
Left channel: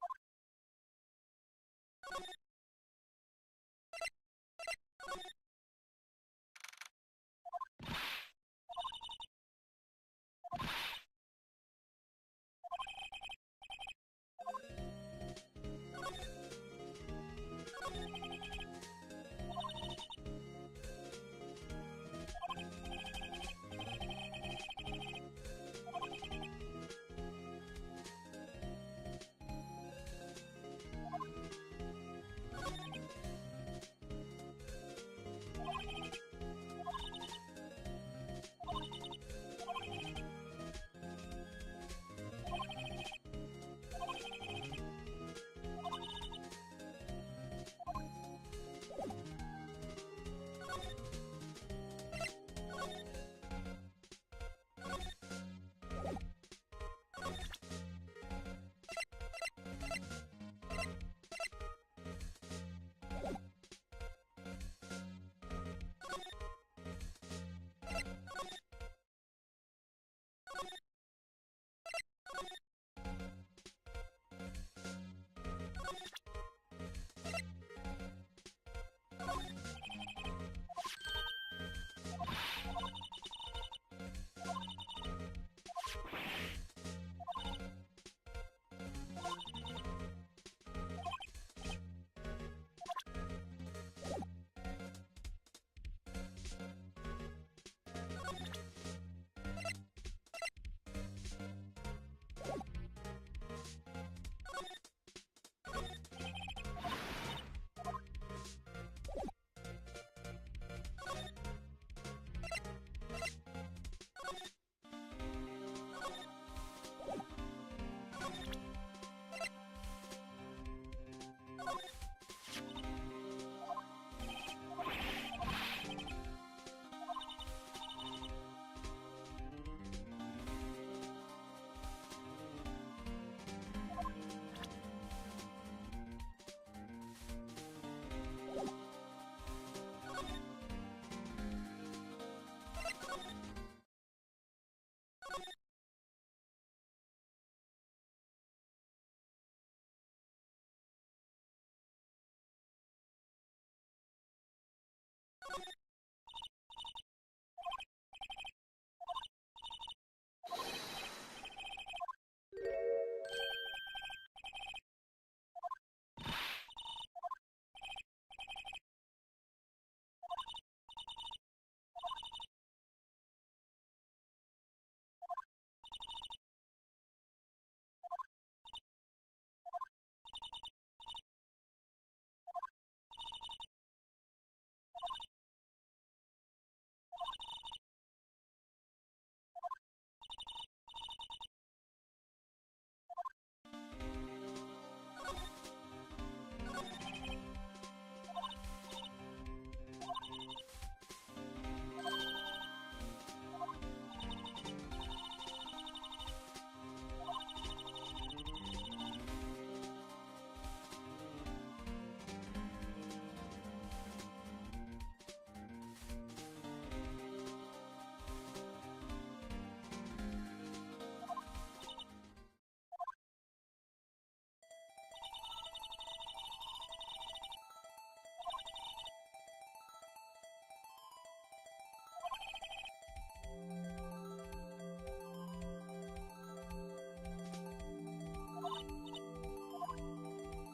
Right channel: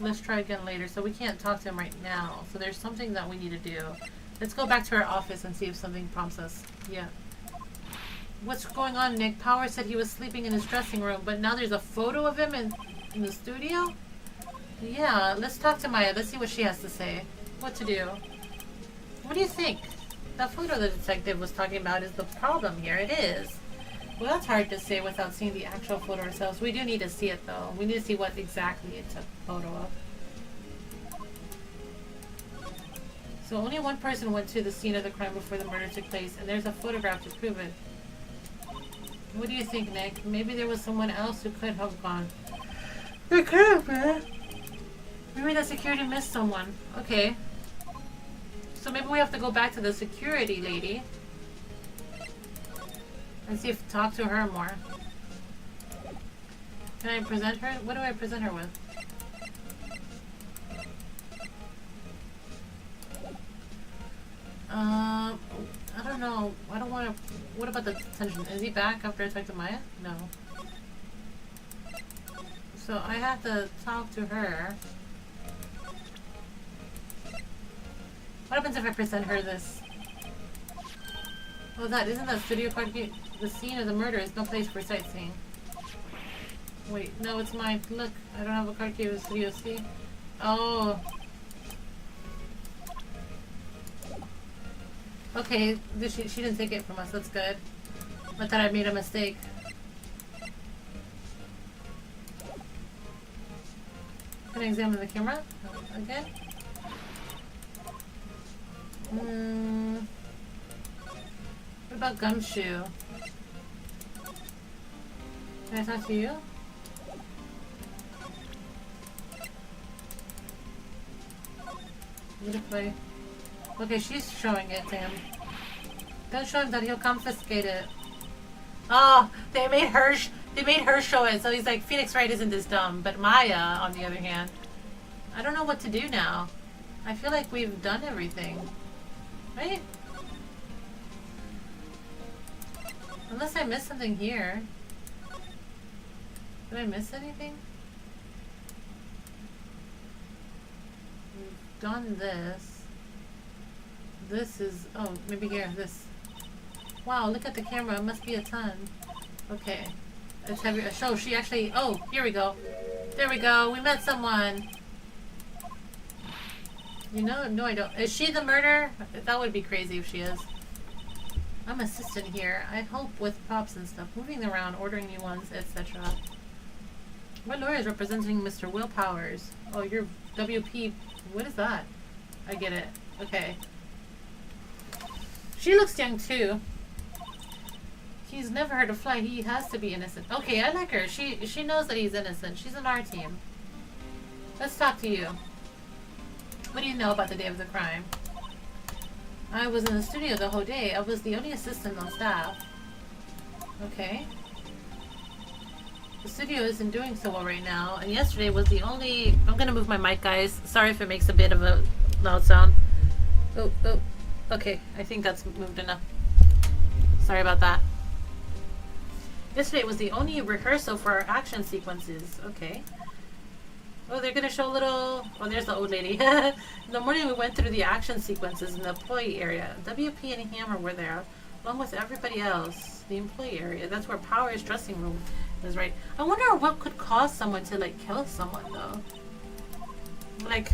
Let's try again later. So we can't talk to him right now. So there's something that we need to do. Let's go back to our office and see if something prompts us. Yeah. What's going on, Nick? Power said he was sleeping in his dressing room, but now there's a photo of him in the studio? Yeah, let's talk to Maya. Let's see what she has to say. What to do? What do you think? That photo the detective was talking about is the problem here. It is. Well, that's hard to say without seeing the actual photo ourselves. We do need to see it, though. We need to see what exactly it took a photo of. So only one person went to the scene of the crime before the murder took place, and there's a photograph to prove it. What do you think, Nick? Maybe there was someone else who could have gone. It could have been. Maybe the security missed someone. Okay. So maybe we have to go back to the security lady. And see if talk to her more. Can I present her? What do I present her with? I don't know. I don't want to... What about the detention? Is he back after I talk to Maya? No. So I have to talk to her. What happens if I present her this? Oh, that isn't that studio card game? The scene of the murder is no place for sightseeing. Wait, no, it's mine. Look, I don't have a card key with Studio C. Oh. Okay, she didn't take it from us. That's good. I thought I made a mistake. Can I examine the camera again? What about Gumshoe? Can I talk to you? What if I... Okay, she's showing it to him. Don't show him that he'll confiscate it. Oh, they made her They made her show it, so he's like, Phoenix Wright isn't this dumb. But Maya, on the other hand, I don't know what to do now. I feel like we've done everything. Right? Unless I missed something here. Did I miss anything? We've done this. This is... Oh, maybe here. This. Wow, look at the camera. It must be a ton. Okay. Let's have your... So she actually... Oh, here we go. There we go. We met someone. You know? No, I don't. Is she the murderer? That would be crazy if she is. I'm assistant here. I help with props and stuff. Moving around, ordering new ones, etc. My lawyer is representing Mr. Will Powers. Oh, you're WP. What is that? I get it. Okay. She looks young too. He's never heard of fly. He has to be innocent. Okay, I like her. She knows that he's innocent. She's on our team. Let's talk to you. What do you know about the day of the crime? I was in the studio the whole day. I was the only assistant on staff. Okay. The studio isn't doing so well right now, and yesterday was the only... I'm gonna move my mic, guys. Sorry if it makes a bit of a loud sound. Oh, oh. Okay, I think that's moved enough. Sorry about that. Yesterday was the only rehearsal for our action sequences. Okay. Oh, they're gonna show a little... Oh, there's the old lady. In the morning we went through the action sequences in the employee area. WP and Hammer were there, along with everybody else. The employee area. That's where Power's dressing room is, right? I wonder what could cause someone to, like, kill someone, though. Like,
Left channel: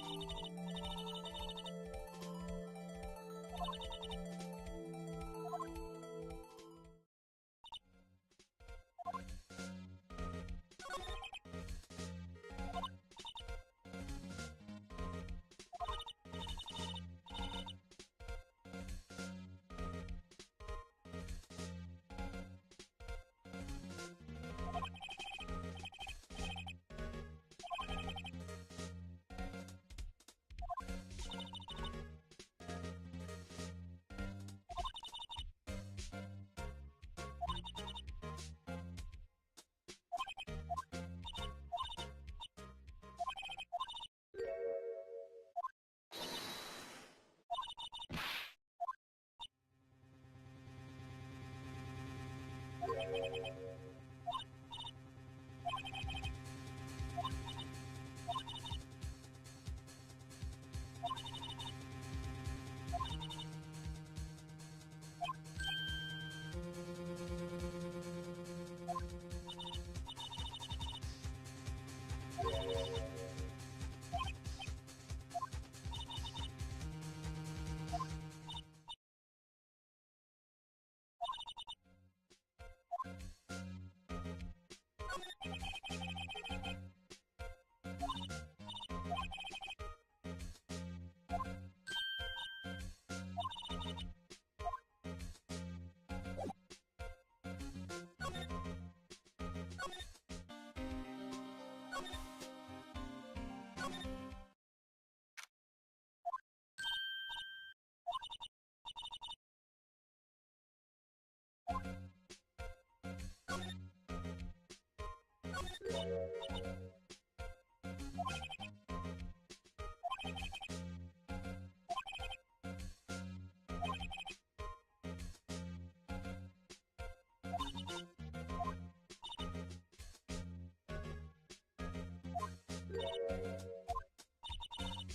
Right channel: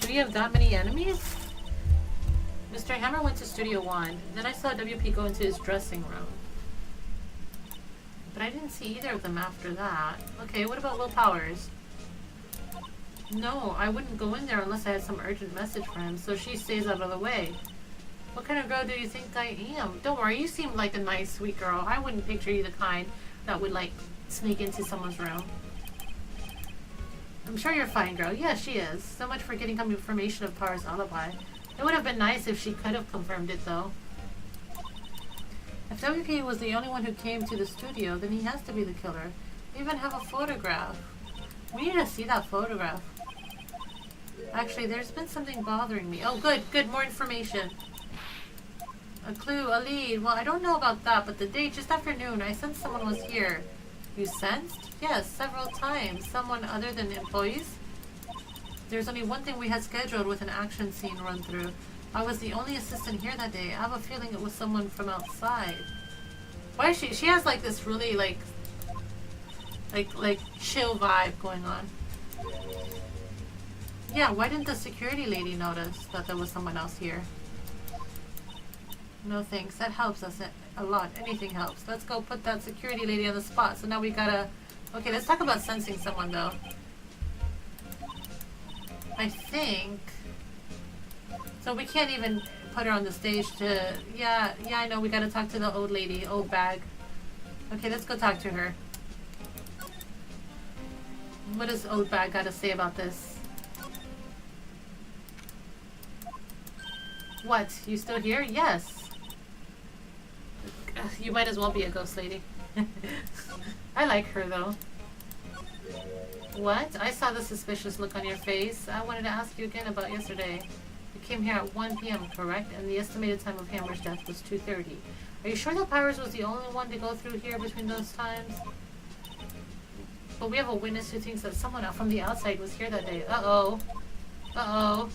do you have that many enemies? Mr. Hammer went to Studio 1. Then I saw WP go into his dressing room. But I didn't see either of them after that. Okay, what about Will Powers? No, I wouldn't go in there unless I had some urgent message for him, so she stays out of the way. What kind of girl do you think I am? Don't worry, you seem like a nice, sweet girl. I wouldn't picture you the kind that would, like, sneak into someone's room. I'm sure you're fine, girl. Yeah, she is. So much for getting confirmation of Power's alibi. It would have been nice if she could have confirmed it, though. If WP was the only one who came to the studio, then he has to be the killer. We even have a photograph. We need to see that photograph. Actually, there's been something bothering me. Oh, good, good, more information. A clue, a lead. Well, I don't know about that, but the date, just after noon, I sensed someone was here. You sensed? Yes, several times. Someone other than employees? There's only one thing we had scheduled with an action scene run through. I was the only assistant here that day. I have a feeling it was someone from outside. Why is she has like this really like chill vibe going on. Yeah, why didn't the security lady notice that there was someone else here? No thanks. That helps us a lot. Anything helps. Let's go put that security lady on the spot. So now we gotta... Okay, let's talk about sensing someone though. I think... So we can't even put her on the stage to... Yeah, I know. We gotta talk to the old lady. Old bag. Okay, let's go talk to her. What does old bag gotta say about this? What? You still here? Yes. You might as well be a ghost lady. I like her though. What? I saw the suspicious look on your face. I wanted to ask you again about yesterday. You came here at 1 p.m., correct? And the estimated time of Hammer's death was 2:30. Are you sure that Powers was the only one to go through here between those times? But we have a witness who thinks that someone out from the outside was here that day. Uh-oh. Uh-oh.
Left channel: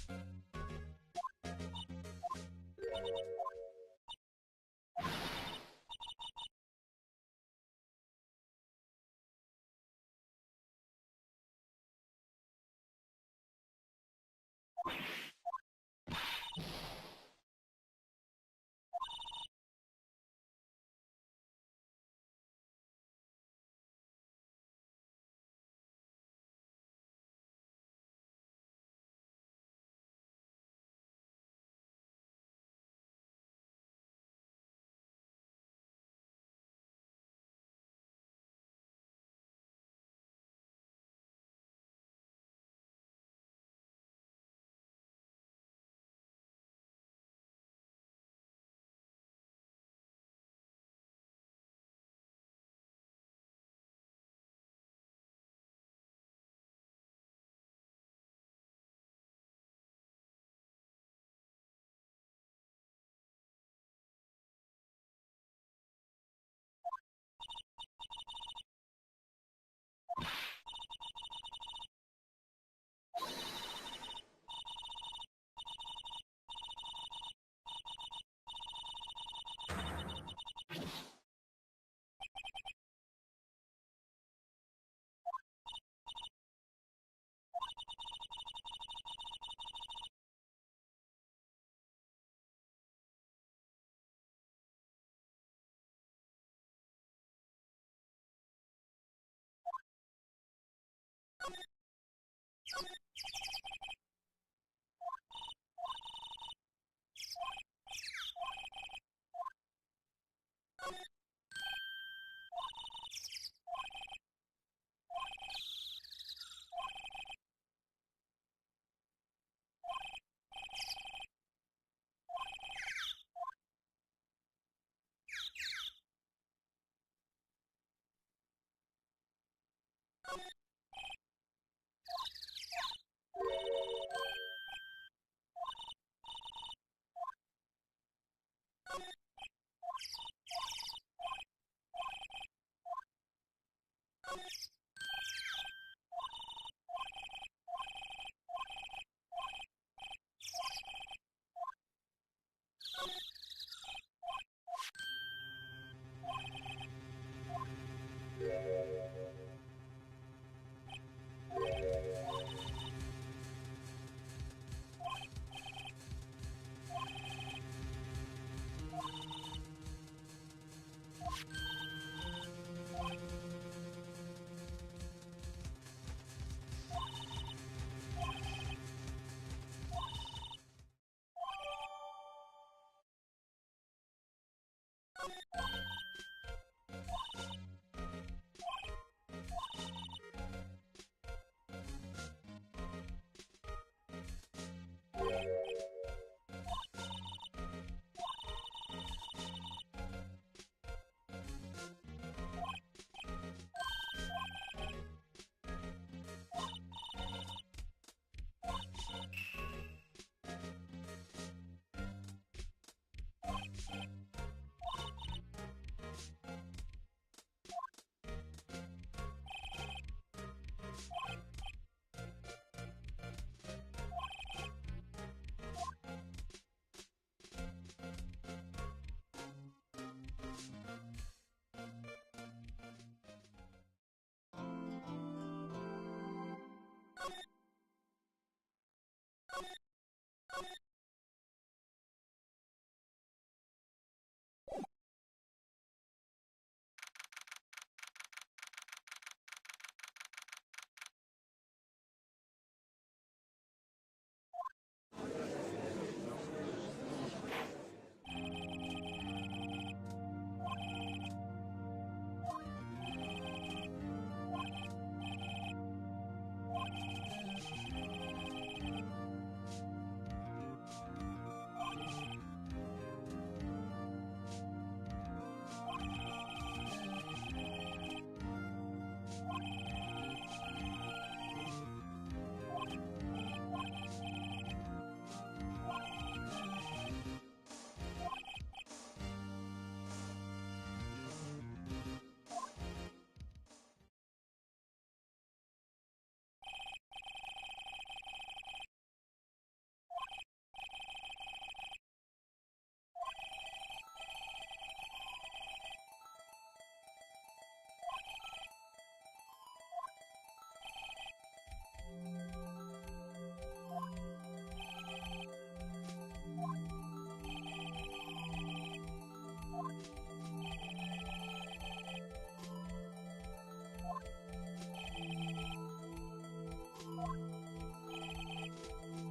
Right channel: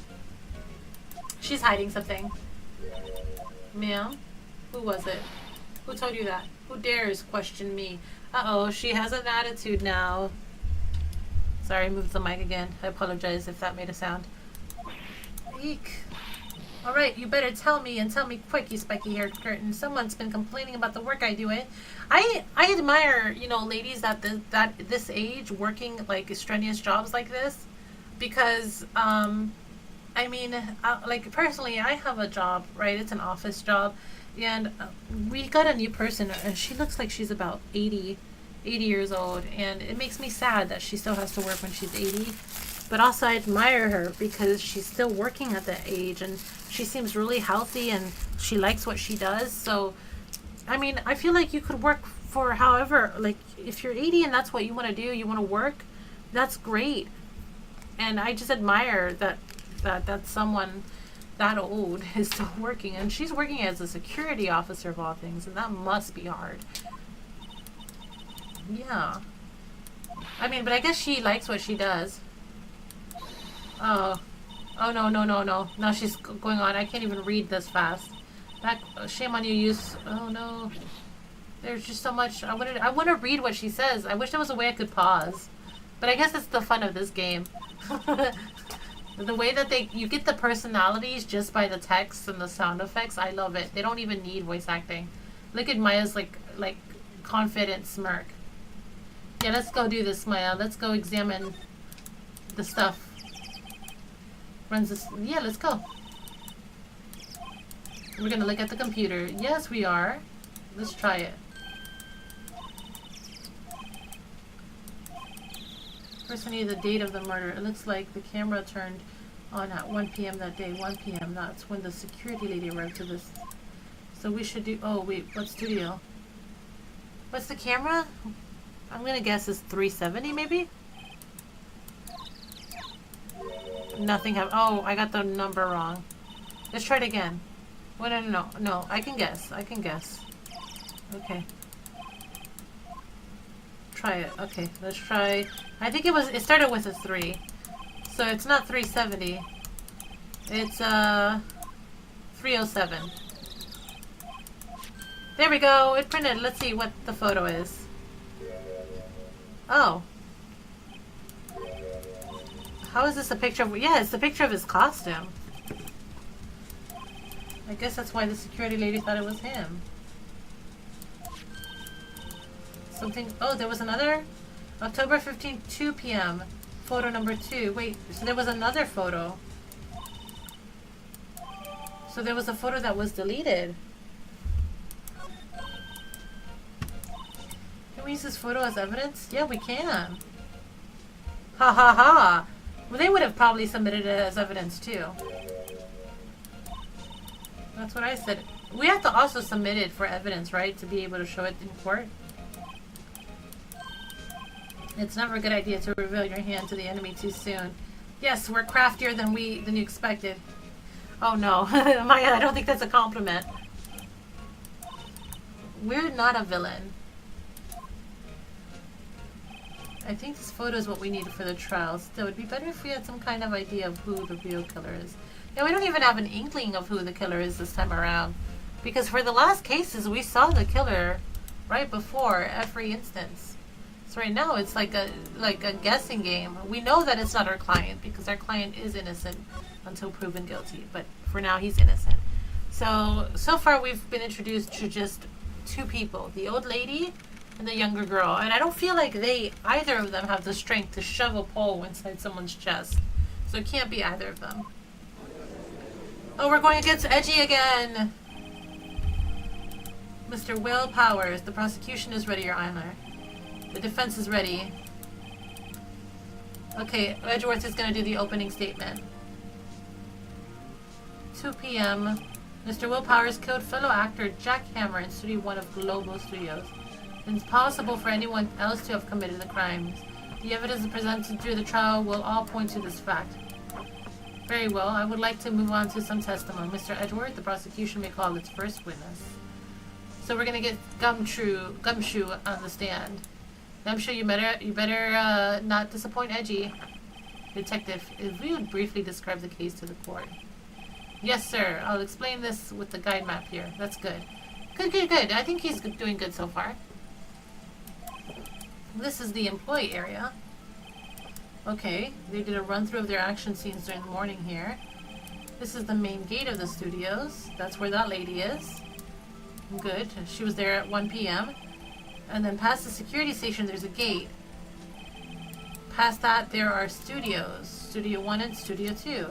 She's hiding something. Ma'am? Who was it? Who told you that? Who dares question me? Uh-oh, she has an attitude now. Sorry, I moved the mic again. I apologize if that made a sound. Eek. Alright, you better tell me, and tell me quick, you spiky-haired curtain. Someone's been complaining about the work I do. I admire, you know, ladies that this age working, like, strenuous jobs like this. Because, I mean, like, personally, I have a job, right? It's an office job. And we got a new person, and she looks like she's about 80 years old. And it makes me sad that she still has to work when she's 80. But also I admire her because she's still working at that age. And she seems really healthy, and she likes what she does. So, I mean, I feel like you could work for however, like, if you're 80 and that's what you want to do, you want to work, that's great. And I just admire that someone that old is still working, and she's working as a security officer of all things, and that must be hard. Yeah. I mean, but I guess she likes what she does. Oh. Oh, no, no, no, no. Now she's going on. I can't even read this fast. That, shame on you, use. Oh, no. There's just so much. I want to read what she says. I wish there was a way I could pause. But I guess that's the fun of this game. The way that you get the personalities just by the text and the sound effects. I love it. They don't even need voice acting. Look at Maya's like confident smirk. Yeah, let's go do this, Maya. Let's go examine the stuff. Runs this. Yeah, let's go. We're gonna look at the computer. Yes, we are. Let's try it. First, we need the date of the murder. It looks like the camera turned on at 1 p.m. that day. 1 p.m. That's when the security lady arrived to this. So we should do. Oh wait, what studio? What's the camera? I'm gonna guess it's 370 maybe. Nothing happened. Oh, I got the number wrong. Let's try it again. Well, no. I can guess. Okay. Try it. Okay, let's try. I think it started with a 3. So it's not 370. It's 307. There we go. It printed. Let's see what the photo is. Oh. How is this a picture of... Yeah, it's a picture of his costume. I guess that's why the security lady thought it was him. Something... Oh, there was another... October 15th, 2 p.m. Photo number 2. Wait, so there was another photo. So there was a photo that was deleted. Can we use this photo as evidence? Yeah, we can. Ha ha ha! Well, they would have probably submitted it as evidence too. That's what I said. We have to also submit it for evidence, right? To be able to show it in court. It's never a good idea to reveal your hand to the enemy too soon. Yes, we're craftier than you expected. Oh no, Maya, I don't think that's a compliment. We're not a villain. I think this photo is what we need for the trial. Still, it would be better if we had some kind of idea of who the real killer is. Yeah, we don't even have an inkling of who the killer is this time around. Because for the last cases, we saw the killer right before every instance. So right now, it's like a guessing game. We know that it's not our client because our client is innocent until proven guilty. But for now, he's innocent. So far, we've been introduced to just 2 people. The old lady and the younger girl. And I don't feel like either of them have the strength to shove a pole inside someone's chest. So it can't be either of them. Oh, we're going against Edgy again! Mr. Will Powers, the prosecution is ready, Your Honor. The defense is ready. Okay, Edgeworth is going to do the opening statement. 2 p.m. Mr. Will Powers killed fellow actor Jack Hammer in Studio 1 of Global Studios. It's possible for anyone else to have committed the crimes. The evidence presented through the trial will all point to this fact. Very well, I would like to move on to some testimony. Mr. Edgeworth, the prosecution may call its first witness. So we're gonna get Gumshoe on the stand. Gumshoe, you better not disappoint Edgy. Detective, if you would briefly describe the case to the court. Yes, sir. I'll explain this with the guide map here. That's good. Good. I think he's doing good so far. This is the employee area. Okay, they did a run-through of their action scenes during the morning here. This is the main gate of the studios. That's where that lady is. Good. She was there at 1 p.m. And then past the security station, there's a gate. Past that, there are studios. Studio 1 and Studio 2.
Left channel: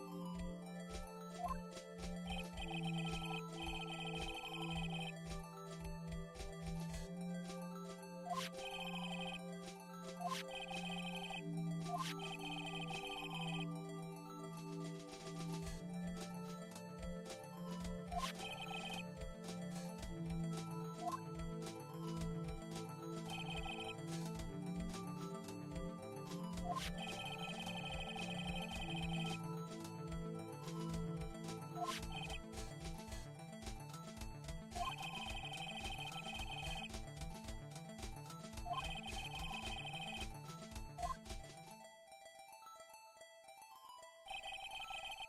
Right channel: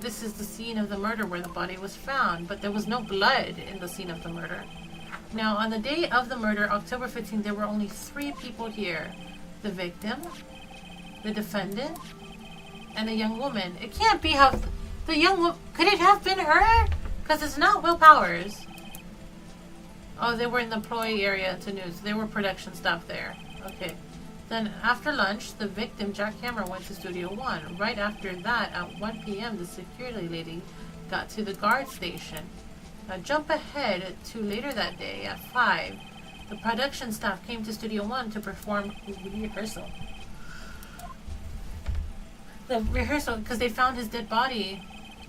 This is the scene of the murder where the body was found, but there was no blood in the scene of the murder. Now, on the day of the murder, October 15th, there were only 3 people here. The victim, the defendant, and a young woman. It can't be how... The young woman... Could it have been her? Because it's not Will Powers. Oh, they were in the employee area to news. They were production staff there. Okay. Then after lunch, the victim, Jack Hammer, went to Studio 1. Right after that, at 1 p.m., the security lady got to the guard station. Now jump ahead to later that day at 5. The production staff came to Studio 1 to perform the rehearsal. The rehearsal, because they found his dead body.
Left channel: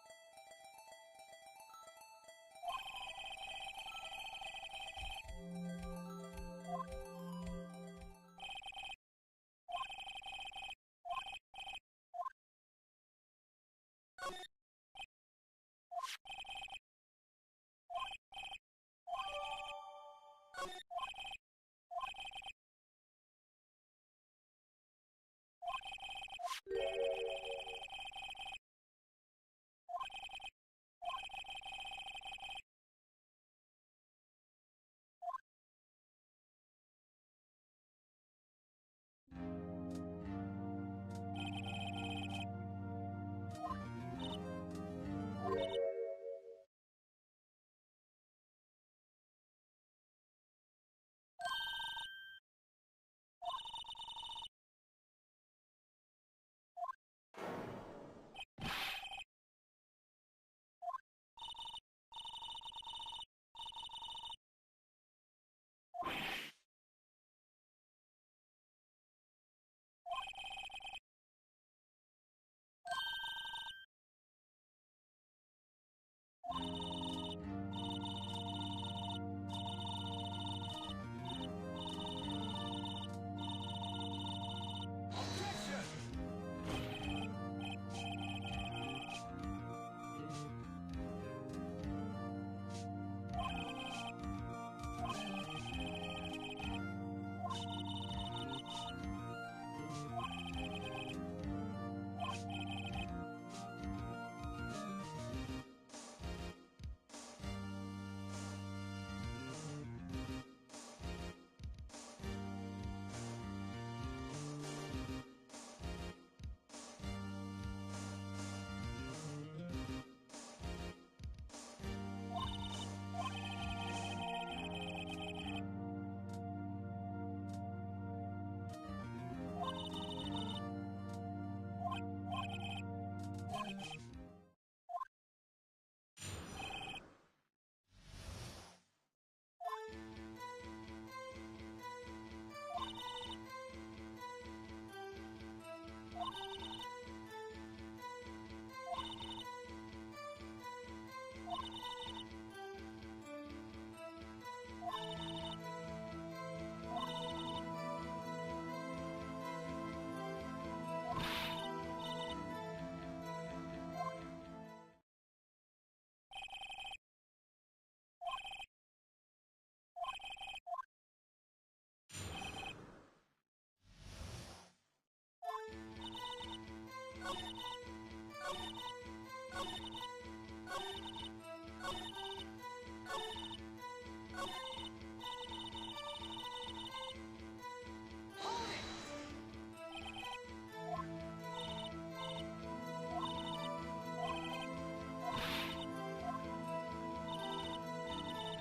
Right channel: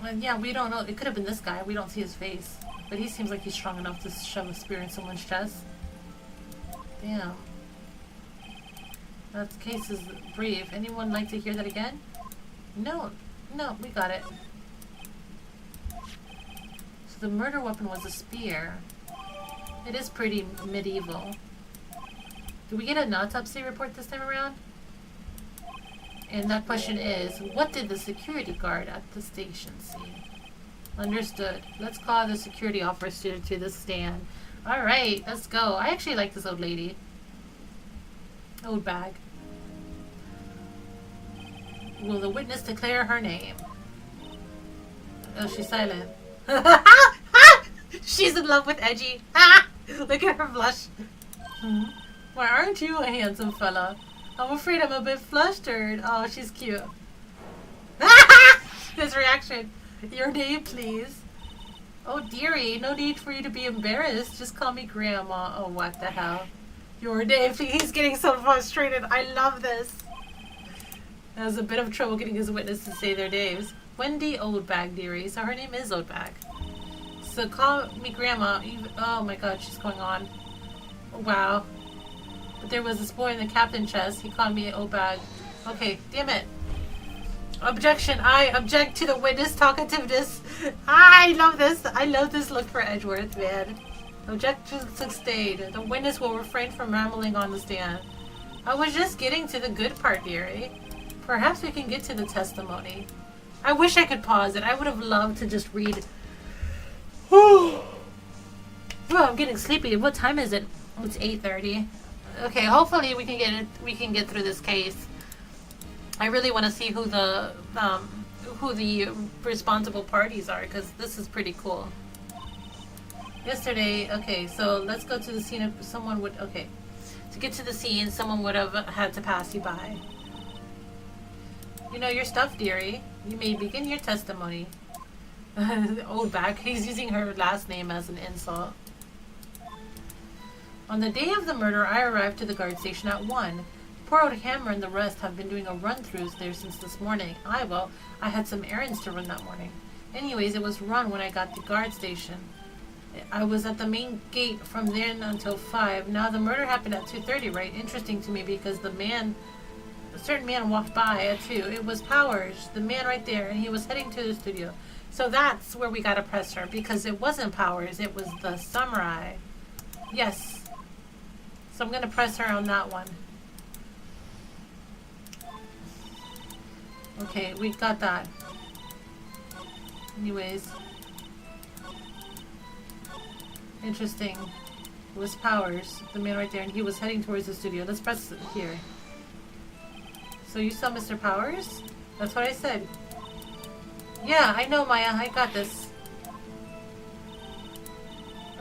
Well, yeah, we don't know. It could have been this guy. We don't see his face. But he seems like he's strong enough to shove a spear in someone's chest. Damn. That case is brief. Anyone like to hear that again? No. No, we got it. So the murder weapon was a spear. It is pretty medieval. Did we get an autopsy report this time around? And that question is, what did the security guard at the station see? Understood. Let's call the security officer to the stand. Alright, let's go. I actually like this old lady. Old bag. Will the witness declare her name? Oh, she's silent. She's in love with Edgy. Look at her blush. Why aren't you a handsome fella? I'm afraid I'm a bit flustered. Oh, she's cute. His reaction. Your name, please. Oh, dearie, no need for you to be embarrassed. Just call me Grandma. Oh, what the hell. Your name, please. He's getting so frustrated. I love this. Has a bit of trouble getting his witness to say their names. Wendy Oldbag, dearie. So her name is Oldbag. So call me Grandma. Oh my god, she's going on. Wow. But there was this boy in the captain chest. He called me Oldbag. Okay, damn it. Objection. I object to the witness talkativeness. I love this. I love this look for Edgeworth, man. Objection sustained. The witness will refrain from rambling on the stand. I was just getting to the good part, dearie. Perhaps we can get to the testimony. I wish I could pause it. I would have loved to just read. Oh, I'm getting sleepy. What time is it? Oh, it's 8:30. Okay, hopefully we can get through this case. I really want to see who the responsible parties are, because this is pretty cool. Yesterday, okay, so let's go to the scene. If someone would, okay, to get to the scene, someone would have had to pass you by. You know your stuff, dearie. You may begin your testimony. Old back. He's using her last name as an insult. On the day of the murder, I arrived to the guard station at 1. Poor old Hammer and the rest have been doing a run-throughs there since this morning. I had some errands to run that morning. Anyways, it was run when I got to the guard station. I was at the main gate from then until 5. Now the murder happened at 2:30, right? Interesting to me because a certain man walked by at 2. It was Powers, the man right there, and he was heading to the studio. So that's where we gotta press her, because it wasn't Powers, it was the samurai. Yes. So I'm gonna press her on that one. Okay, we got that. Anyways. Interesting. It was Powers, the man right there, and he was heading towards the studio. Let's press it here. So you saw Mr. Powers? That's what I said. Yeah, I know, Maya. I got this.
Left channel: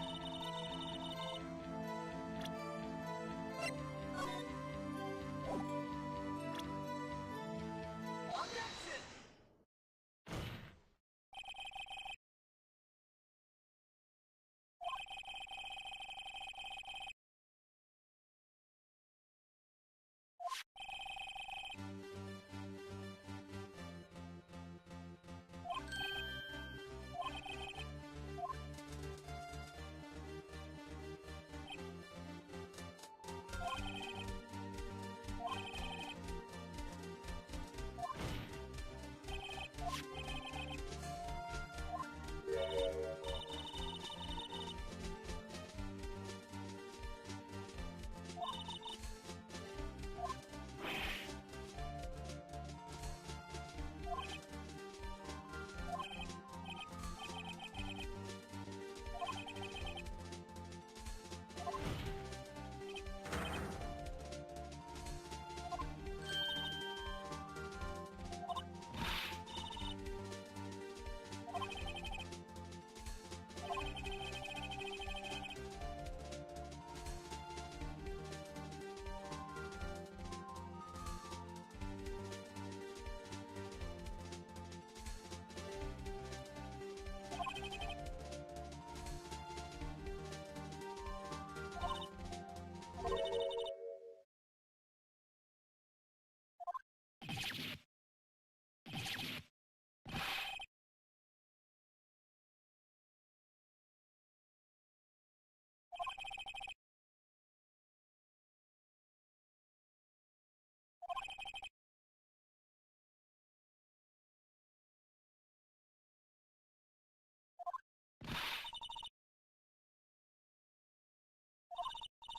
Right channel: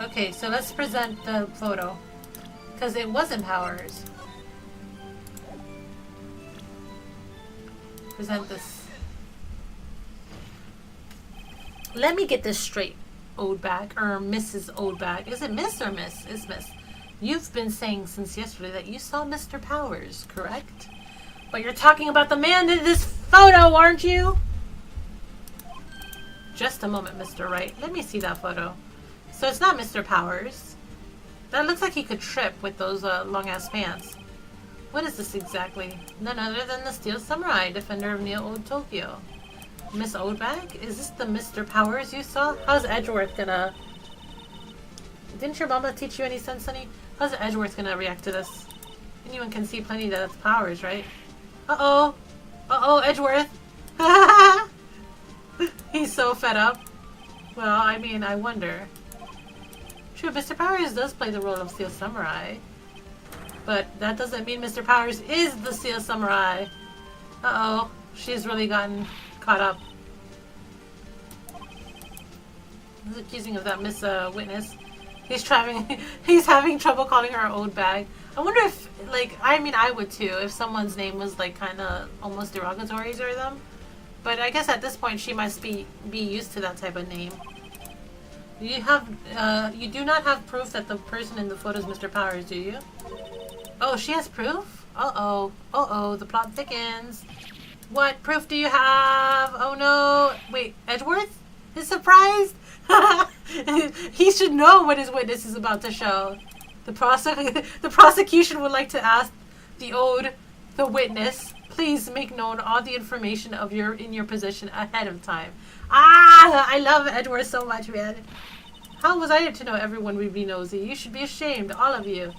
Okay, so let's present the photo. Because it wasn't Powers. Present this. Let me get this straight, Oldbag. Or Mrs. Oldbag. Is it Miss or Miss? It's Miss. You've been saying since yesterday that you saw Mr. Powers, correct? But you're talking about the man in this photo, aren't you? Just a moment, Mr. Wright. Let me see that photo. So it's not Mr. Powers. That looks like he could trip with those long-ass pants. What is this exactly? None other than the Steel Samurai, defender of Neo-Old Tokyo. Miss Oldbag? Is this the Mr. Powers you saw? How's Edgeworth gonna... Didn't your mama teach you any sense, honey? How's Edgeworth gonna react to this? Anyone can see plenty that it's Powers, right? Uh-oh! Uh-oh, Edgeworth! He's so fed up. Well, I mean, I wonder. True, Mr. Powers does play the role of Steel Samurai. But that doesn't mean Mr. Powers is the Steel Samurai. Uh-oh. She's really gotten caught up. He's accusing of that Miss Witness. He's having trouble calling her old bag. I wonder if, like, I mean, I would too if someone's name was like kind of almost derogatory to them. But I guess at this point she must be used to that type of name. You do not have proof that the person in the photo is Mr. Powers, do you? Oh, she has proof? Uh-oh. Uh-oh, the plot thickens. What proof do you have? Oh no. Wait, Edgeworth is surprised? He should know what his witness is about to show. The prosecution would like to ask the witness, please make known all the information in your possession ahead of time. Ah, I love Edward so much, man. How was I to know everyone would be nosy? You should be ashamed, all of you.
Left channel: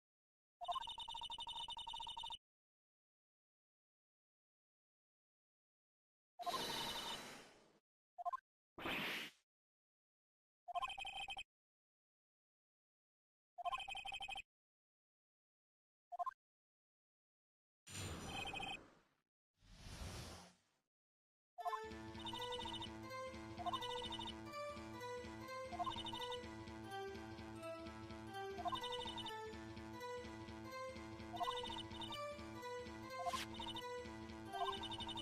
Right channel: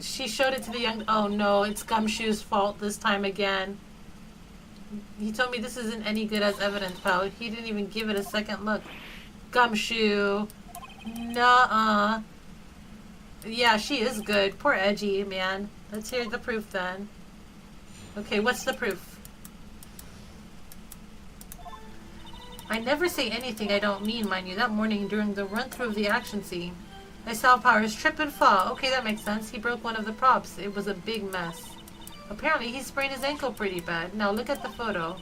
She showed it to the young... Oh no, it's Gumshoe's fault this time again. He told me this isn't any good as evidence, pal. He didn't even give it a second look. Gumshoe. Nuh-uh. Yeah, she is good. Poor Edgy, man. Let's hear the proof then. Okay, what's the proof? I never say anything I don't mean, mind you. That morning during the run-through of the action scene, I saw Powers trip and fall. Okay, that makes sense. He broke one of the props. It was a big mess. Apparently, he sprained his ankle pretty bad. Now, look at the photo.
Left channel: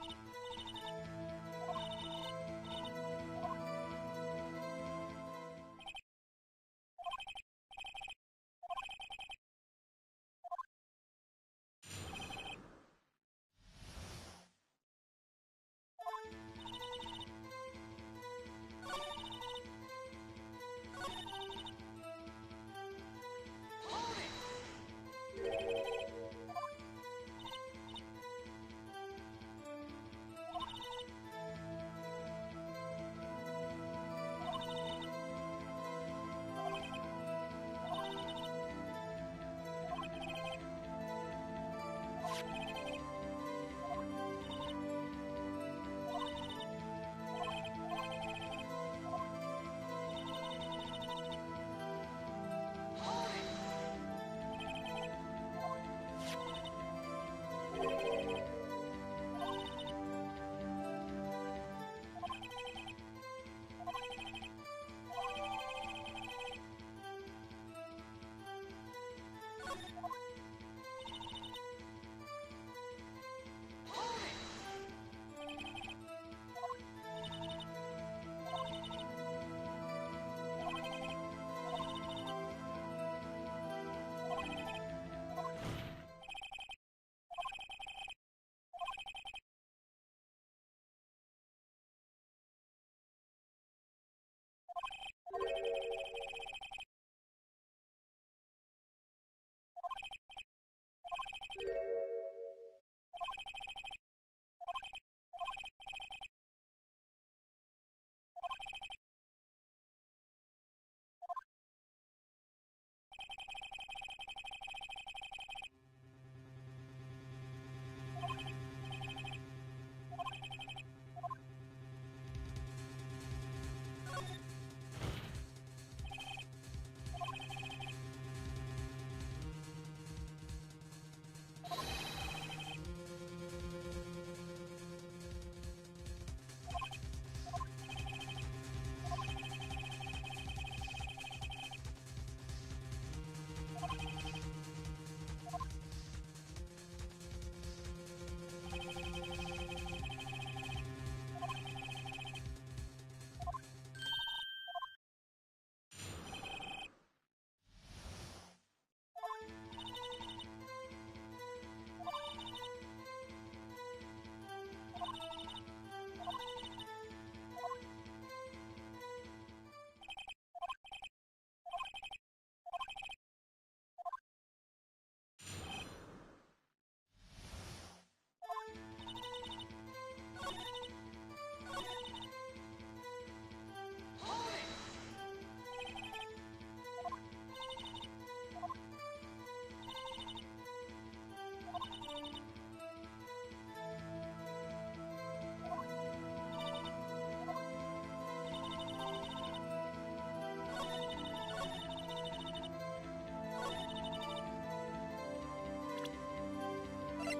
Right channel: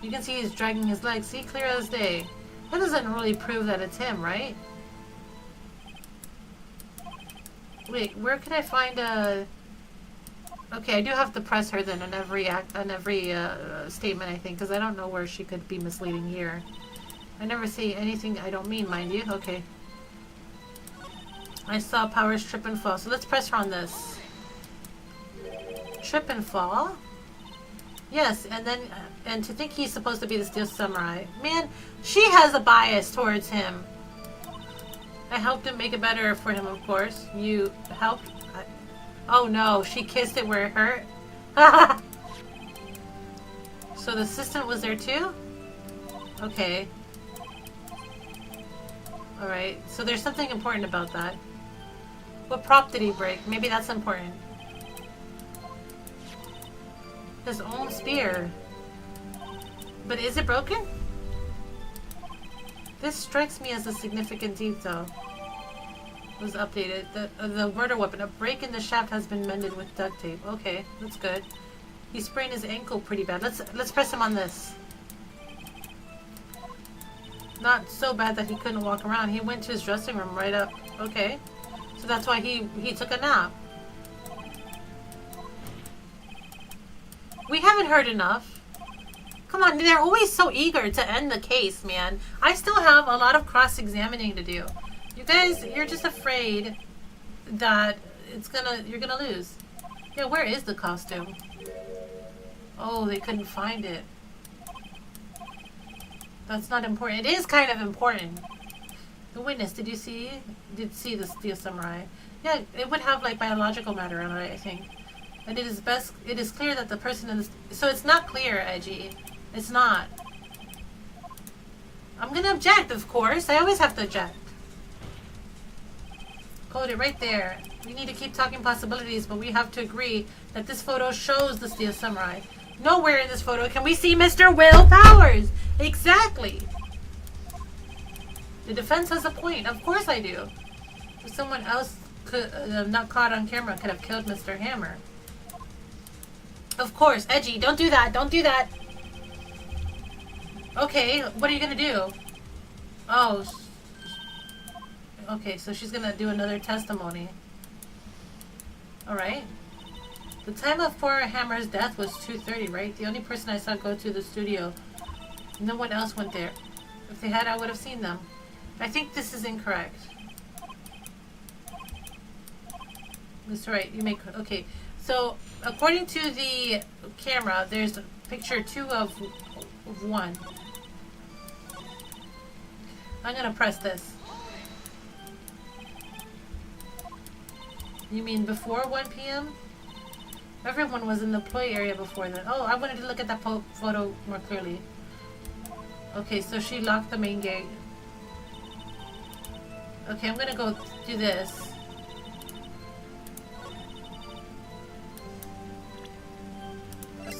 You can see he's dragging his legs. See, clear as day. That doesn't really prove that it's him, right? Wait, where can I find a... Okay, I do have to press her then on every statement, I think, because I don't know where she could be misleading here. I never say anything I don't mean, mind you. Okay. I saw Powers trip and fall, so let's press her on this. Trip and fall? Yes, and then, and to think he's supposed to be the Steel Samurai. Man, she has a bias towards him. I helped him make it better for him, of course. You helped? Oh no, she kissed it where it hurt? So the assistant was there too? Okay. Alright, so there's something important about that. What prop did he break? Maybe that's important. His own spear. But is it broken? This strikes me as a significant detail. Was updated. The murder weapon. A break in the shaft has been mended with duct tape. Okay, that's good. He sprained his ankle pretty bad. Let's press him on this. Not so bad that he couldn't walk around. He went to his dressing room right up. Okay. So that's why he took a nap. We haven't heard enough. Come on, they're always so eager to end the case, man. I still have a lot of cross-examining to do. You guys, you're just afraid that you're gonna lose. Yeah, where is the costume? Oh, they couldn't find it. That's not important. It is kind of important. The witness, did see the Steel Samurai? Yeah, it would have like biological matter on it, I think. And it is clear that the person in this... So it's not clear, Edgy. It's not. I'm gonna object, of course. I always have to object. Hold it right there. We need to keep talking possibilities, but we have to agree that this photo shows the Steel Samurai. Nowhere in this photo can we see Mr. Will Powers. Exactly. The defense has a point. Of course I do. If someone else could, not caught on camera, could have killed Mr. Hammer. Of course. Edgy, don't do that. Don't do that. Okay, what are you gonna do? Oh. Okay, so she's gonna do another testimony. Alright. The time of poor Hammer's death was 2:30, right? The only person I saw go to the studio. No one else went there. If they had, I would have seen them. I think this is incorrect. That's right, you make... Okay, so according to the camera, there's picture 2 of 1. I'm gonna press this. You mean before 1 p.m.? Everyone was in the play area before then. Oh, I wanted to look at that photo more clearly. Okay, so she locked the main gate. Okay, I'm gonna go do this.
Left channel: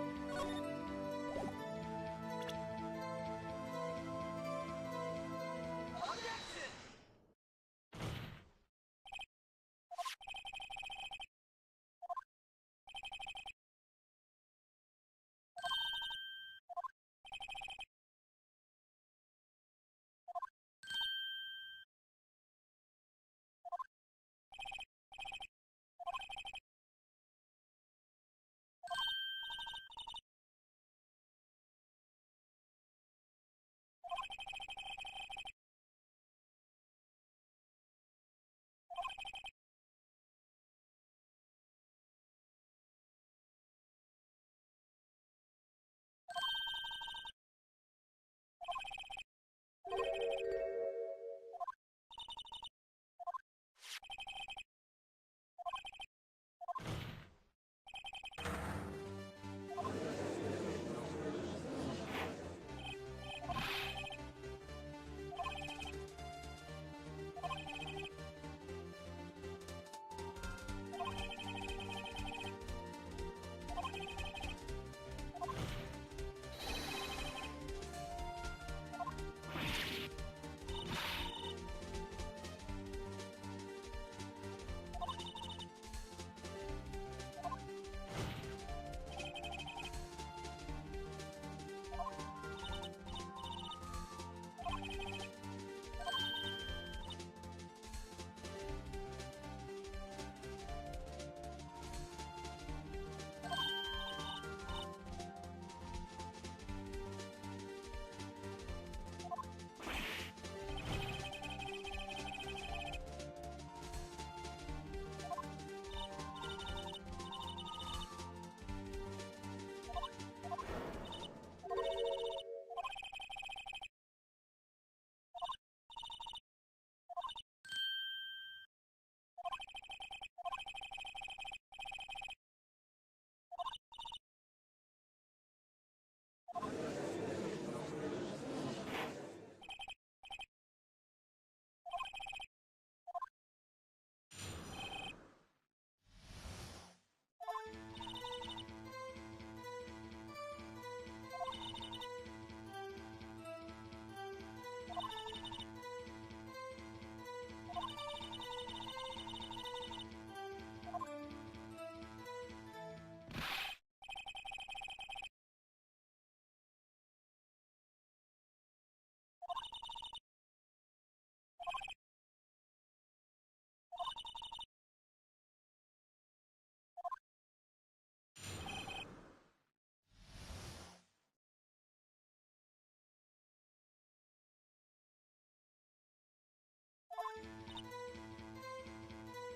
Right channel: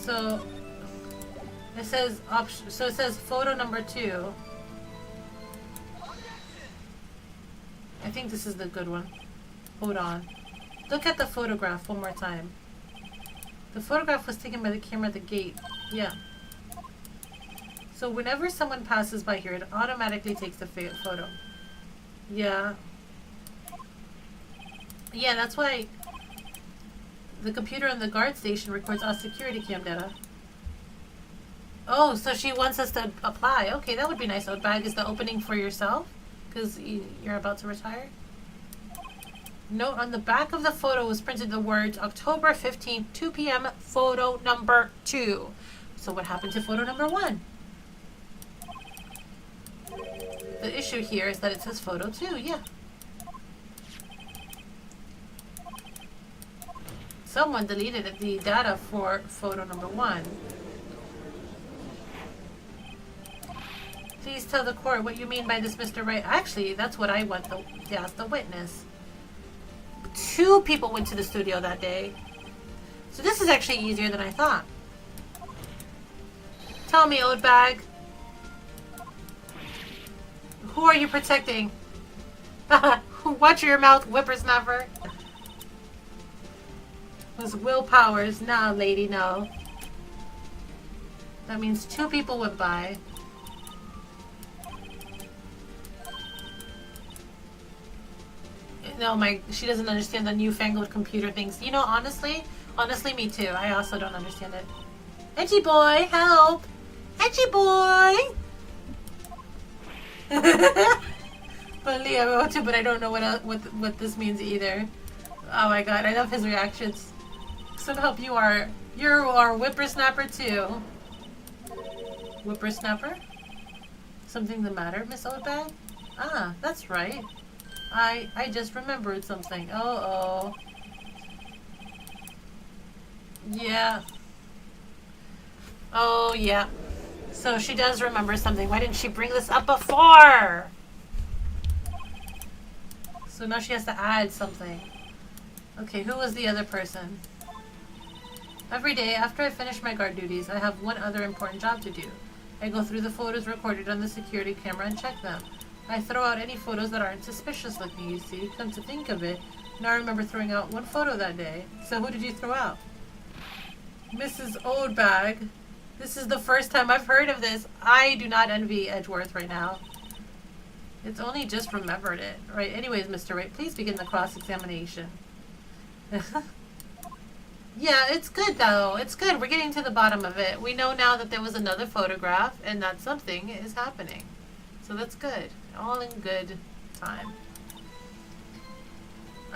So it says option. So it says photo number 2. I think this is the good one. Hold on. Look at the photograph one more time. The photograph was taken by the camera at the gate. Yeah. So whenever someone passes by here, it automatically takes the photo. Yeah. Yeah, that's why the computer in the guard station records all security cam data. Oh, so she wants us to apply. Okay, that would be nice. Outbag is the opening for yourself? Because you're about to retire? Note on the back of the photo was printed the words October 15th, 2 p.m. photo number 2. So what happened to photo number 1? The issue here is that it says photo 2, yeah. Someone deleted the data for photo number 1. Please tell the court what you mean by this, Mr. Wright. Actually, that's what I want to ask the witness. 2 people went to the studio that day. So this is actually easier than I thought. Tell me, old bag. Who are you protecting? Watch your mouth, whippersnapper. Was Will Powers. No, lady, no. That means 2 people went by. No, she doesn't understand the newfangled computer things. You know, honestly, me too. I also don't understand it. Edgy boy, help! Edgy boy! But Leah wrote too, but I don't know what this means either. Oh my god, I love his reactions. Some help, you are whippersnapper too. Whippersnapper? Something the matter, Miss Oldbag? Ah, that's right. I just remembered something. Oh. Yeah. Oh, yeah. So she does remember something. Why didn't she bring this up before? So now she has to add something. Okay, who was the other person? Every day after I finish my guard duties, I have one other important job to do. I go through the photos recorded on the security camera and check them. I throw out any photos that aren't suspicious looking, you see. Come to think of it, now I remember throwing out 1 photo that day. So who did you throw out? Mrs. Oldbag. This is the first time I've heard of this. I do not envy Edgeworth right now. It's only just remembered it. Right, anyways, Mr. Wright, please begin the cross-examination. Yeah, it's good though. It's good. We're getting to the bottom of it. We know now that there was another photograph and that something is happening. So that's good. All in good time.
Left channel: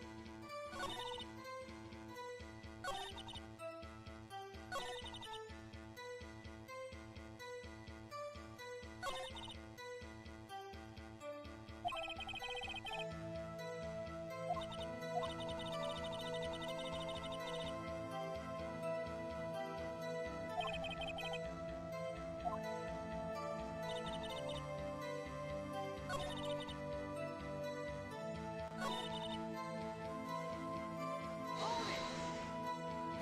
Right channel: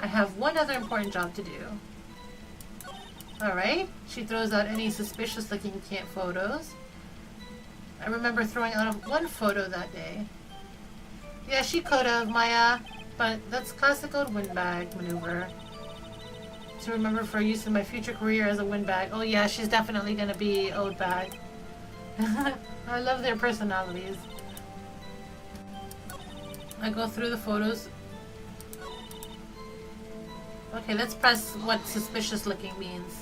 I have one other important job to do. Alright. She throws out any suspicious looking photos. I remember throwing out 1 photo that day. Yeah, she could have, Maya. But that's classical windbag maneuver. To remember for use in my future career as a windbag. Oh yeah, she's definitely gonna be old bag. I love their personalities. I go through the photos. Okay, let's press what suspicious looking means.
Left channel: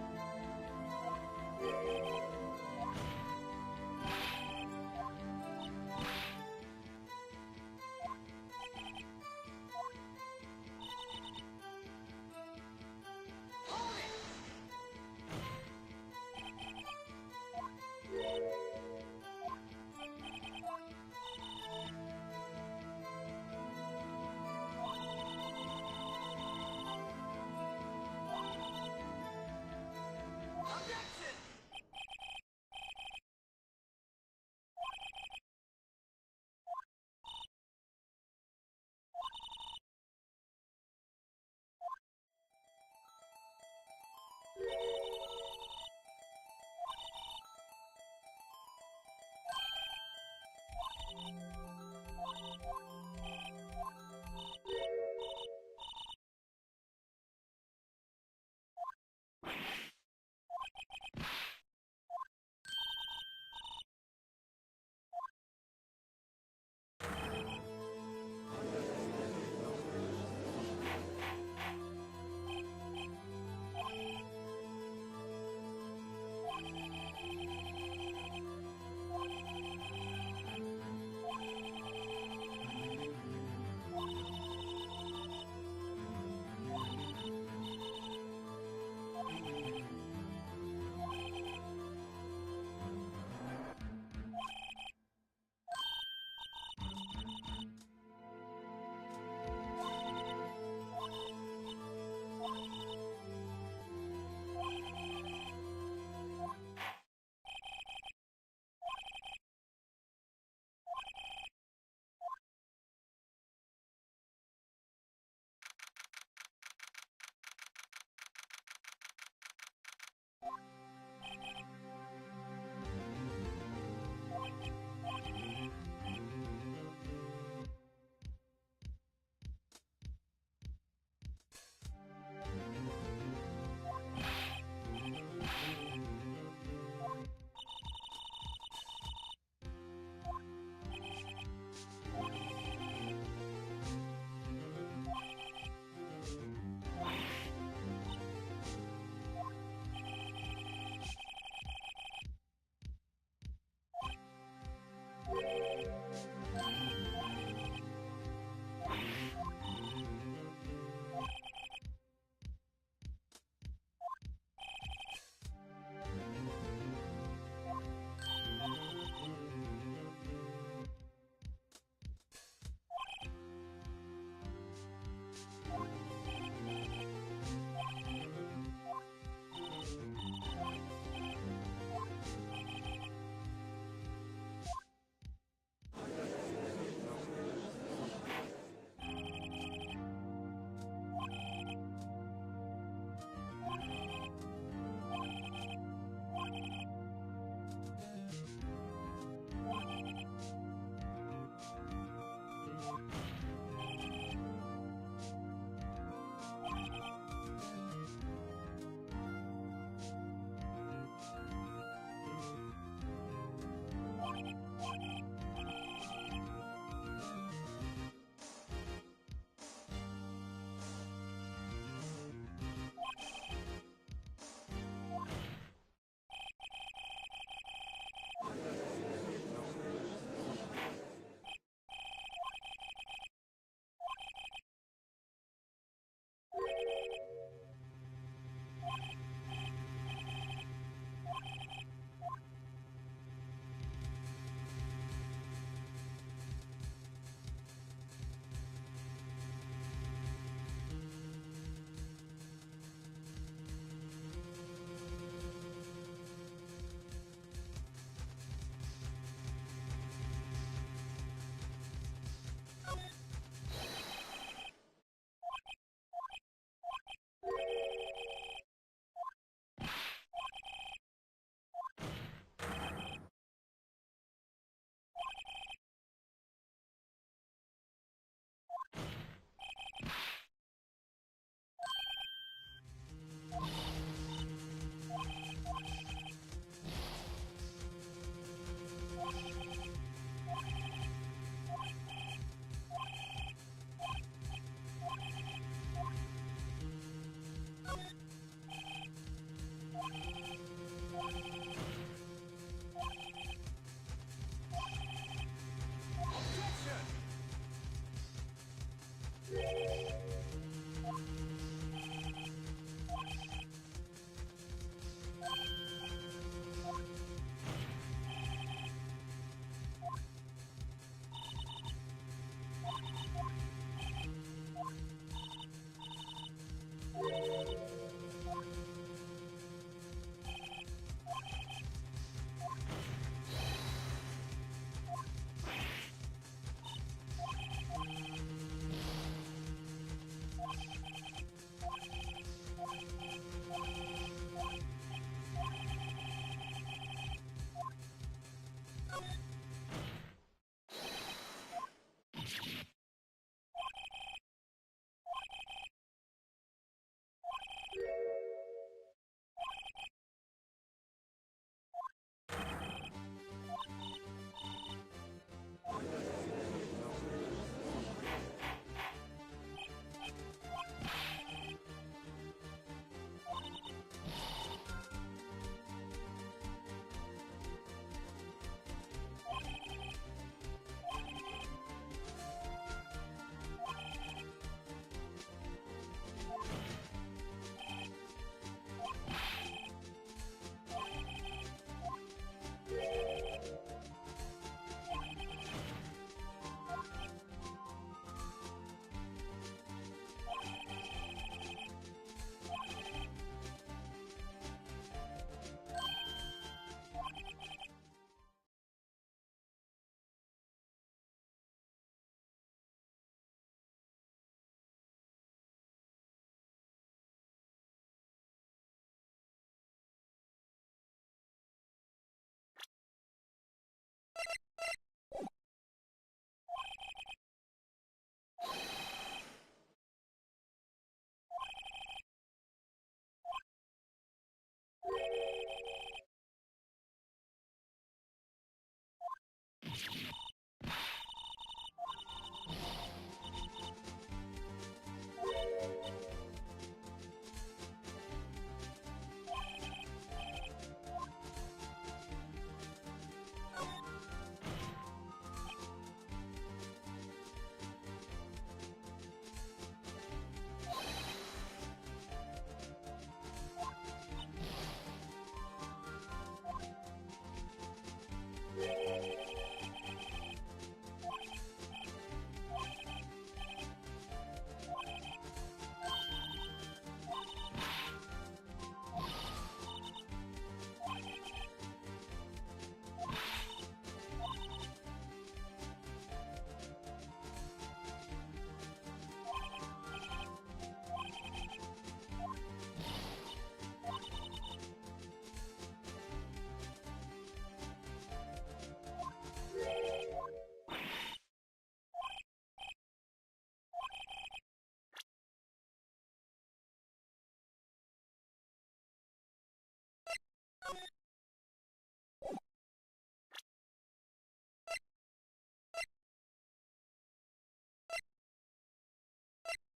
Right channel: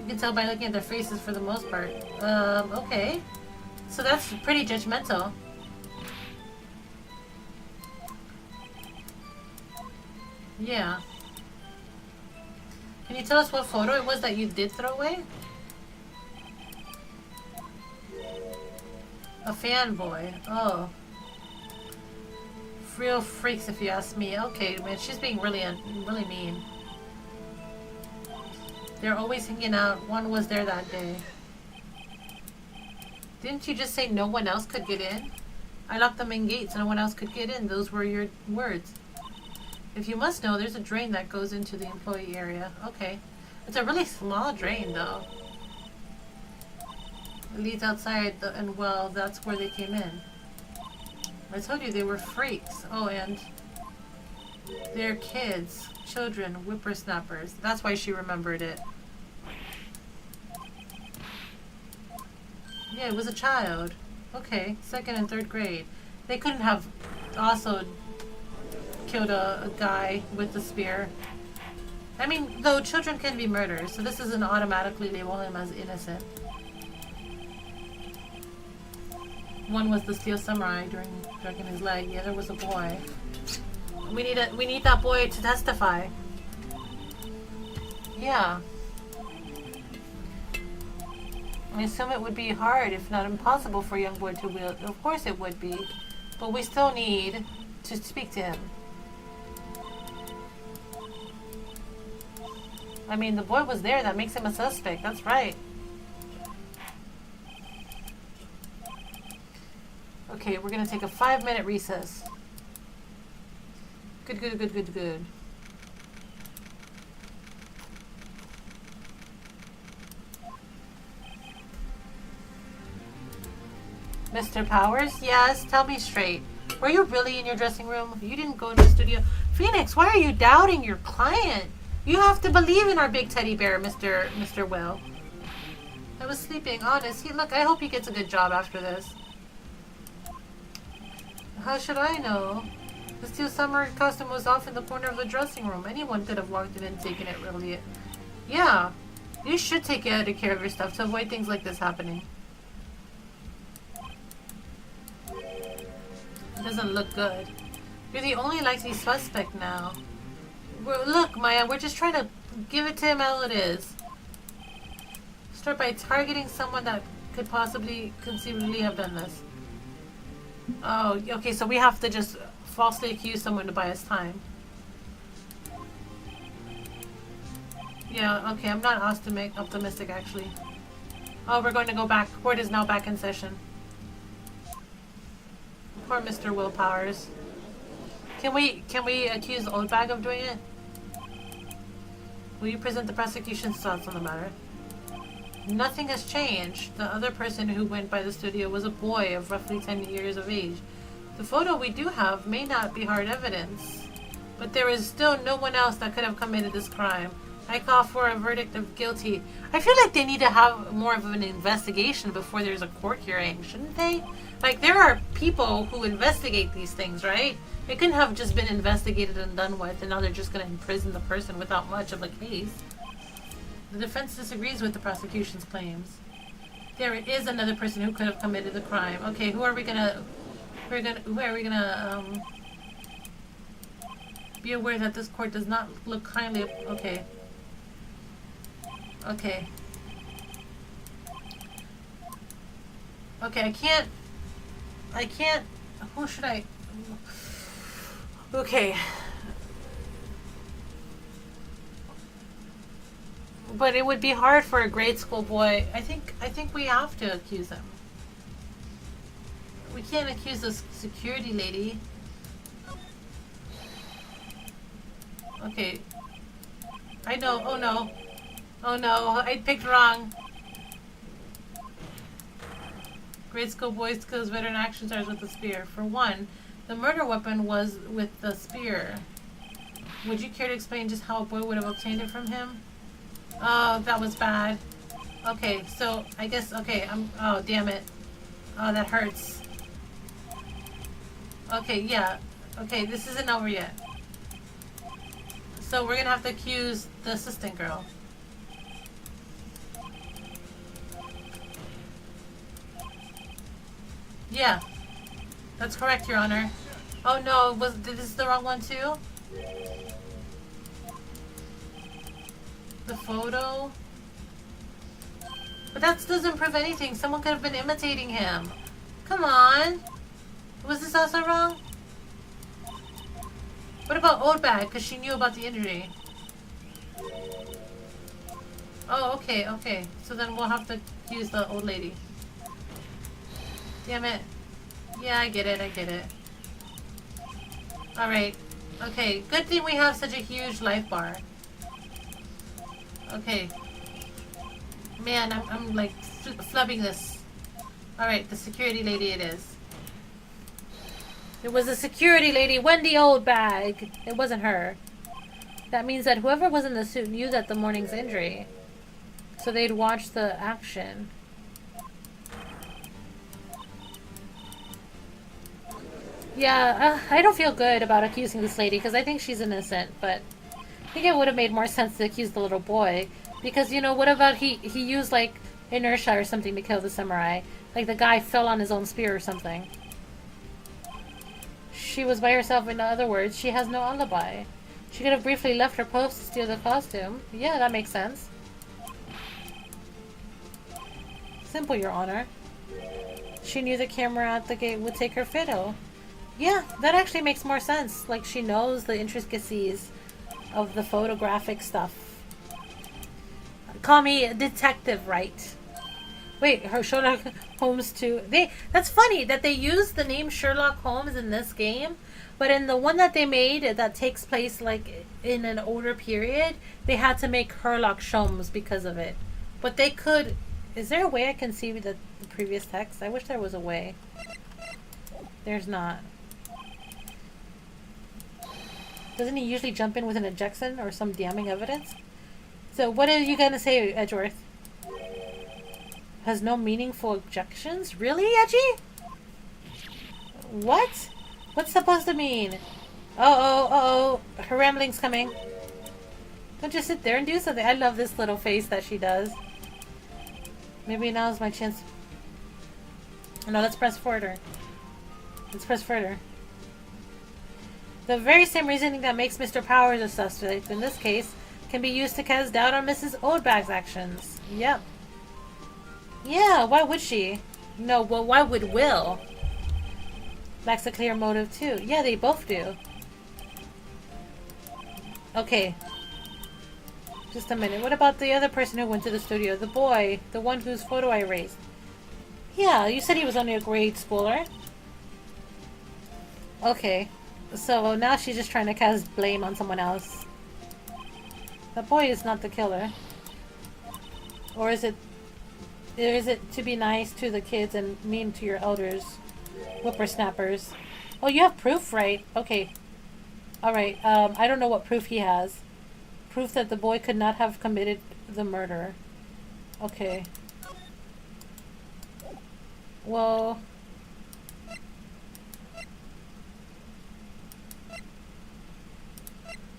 You can tell by looking at their faces for the most part. Okay. So that's pretty judgmental. Yeah. Can you tell us what photo it was that you did throw away? A fanboy. Oh. Real freaks if you ask me. Okay, man, she's being really mean. They're always hanging out. One was there that day. Didn't you just say no one else could get in? I locked them in gates. No one else could get in. Those were your words. If you must know, there's a drain that goes into the employee area. Okay. It's a really small drain, though. It leads outside, and well, that's where they came in. I told you they were freaks. Oh, and they're kids, children, whippersnappers. That's why she remembered it. Yeah, it was a child. Okay, 2nd and 3rd grade. They couldn't have also killed a guy with a spear. I mean, though children can be murdered, so this isn't automatically label him as innocent. One was the steel samurai during his leg. The other was a boy. We need that boy to testify. Yeah. I assume it would be hard, if not impossible, for a young boy to wield. Of course it would be. But we still need to speak to him. I mean, the boy was there. That makes him a suspect. That's right. Okay, we're going to take a 5-minute recess. Good. Mr. Powers? Yes, tell me straight. Were you really in your dressing room? You didn't go to the studio? Phoenix, why are you doubting your client? You have to believe in our big teddy bear, Mr. Will. I was sleeping, honest. Look, I hope he gets a good job after this. How should I know? The steel summer costume was off in the corner of the dressing room. Anyone could have walked in and taken it, really. Yeah, you should take care of your stuff to avoid things like this happening. Doesn't look good. You're the only likely suspect now. Look, Maya, we're just trying to give it to him how it is. Start by targeting someone that could possibly, conceivably have done this. Oh, okay, so we have to just falsely accuse someone to buy us time. Yeah, okay, I'm not optimistic, actually. Oh, we're going to go back. Court is now back in session. Poor Mr. Will Powers. Can we accuse Oldbag of doing it? Will you present the prosecution's thoughts on the matter? Nothing has changed. The other person who went by the studio was a boy of roughly 10 years of age. The photo we do have may not be hard evidence, but there is still no one else that could have committed this crime. I call for a verdict of guilty. I feel like they need to have more of an investigation before there's a court hearing, shouldn't they? Like, there are people who investigate these things, right? It couldn't have just been investigated and done with, and now they're just going to imprison the person without much of a case. The defense disagrees with the prosecution's claims. There is another person who could have committed the crime. Okay, who are we gonna be aware that this court does not look kindly. Okay. Okay. Okay, I can't, who should I, okay. But it would be hard for a grade school boy. I think we have to accuse him. We can't accuse the security lady. Okay. I know. Oh no. Oh no. I picked wrong. Grade school boys kills veteran action stars with a spear. For one, the murder weapon was with the spear. Would you care to explain just how a boy would have obtained it from him? Oh, that was bad. Okay, so I guess, okay, oh, damn it. Oh, that hurts. Okay, yeah. Okay, this isn't over yet. So we're gonna have to accuse the assistant girl. Yeah. That's correct, Your Honor. Oh no, was this the wrong one too? The photo? But that doesn't prove anything. Someone could have been imitating him. Come on. Was this also wrong? What about Oldbag? Because she knew about the injury. Oh, okay, okay. So then we'll have to use the old lady. Damn it. Yeah, I get it, I get it. Alright. Okay, good thing we have such a huge life bar. Okay. Man, I'm like flubbing this. Alright, the security lady it is. It was the security lady, Wendy Oldbag. It wasn't her. That means that whoever was in the suit knew that the morning's injury. So they'd watch the action. Yeah, I don't feel good about accusing this lady because I think she's innocent, but I think it would have made more sense to accuse the little boy. Because, you know, what about he used, like, inertia or something to kill the samurai. Like the guy fell on his own spear or something. She was by herself, in other words, she has no alibi. She could have briefly left her post to steal the costume. Yeah, that makes sense. Simple, Your Honor. She knew the camera at the gate would take her fiddle. Yeah, that actually makes more sense. Like, she knows the intricacies of the photographic stuff. Call me detective, right? Wait, her Sherlock Holmes too. That's funny that they used the name Sherlock Holmes in this game, but in the one that they made that takes place like in an older period, they had to make Sherlock Holmes because of it. But they could. Is there a way I can see the previous text? I wish there was a way. There's not. Doesn't he usually jump in with an ejection or some damning evidence? So what are you gonna say, Edgeworth? Has no meaningful objections? Really, Edgy? What? What's supposed to mean? Uh-oh. Her rambling's coming. Don't just sit there and do something. I love this little face that she does. Maybe now's my chance. No, let's press further. Let's press further. The very same reasoning that makes Mr. Powers a suspect in this case can be used to cast doubt on Mrs. Oldbag's actions. Yep. Yeah, why would she? No, well, why would Will? Lacks a clear motive too. Yeah, they both do. Okay. Just a minute. What about the other person who went to the studio? The boy. The one whose photo I erased. Yeah, you said he was only a grade schooler. Okay. So now she's just trying to cast blame on someone else. The boy is not the killer. Or is it to be nice to the kids and mean to your elders? Whippersnappers. Oh, you have proof, right? Okay. Alright, I don't know what proof he has. Proof that the boy could not have committed the murder. Okay. Well...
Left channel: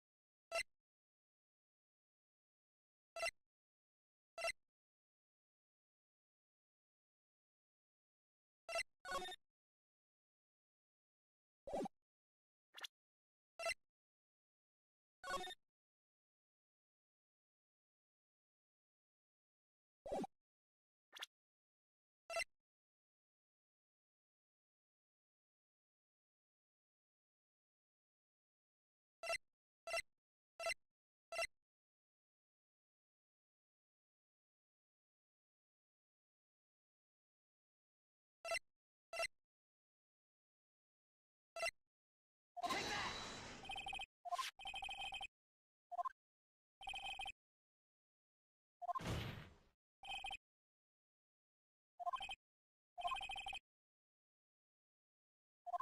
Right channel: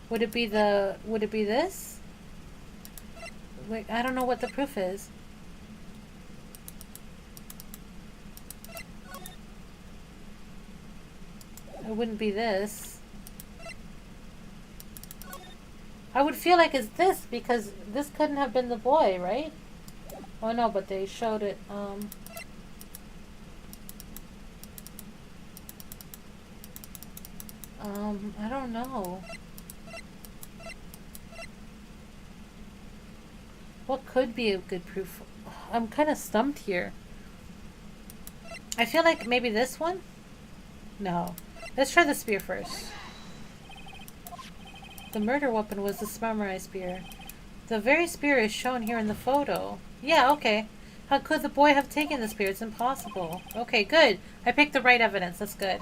Would it be this? Wait, I don't know what the proof is. It wouldn't be this. I would feel like it's this because this couldn't have been the boy, right? Oh no, but they showed it, I don't know. What could be a good proof? I'm kind of stumped here. I feel like maybe this one? No. Let's try the spear first. The murder weapon was the samurai spear. The very spear is shown here in the photo. Yeah, okay. How could the boy have taken the spear? It's impossible. Okay, good. I picked the right evidence. That's good.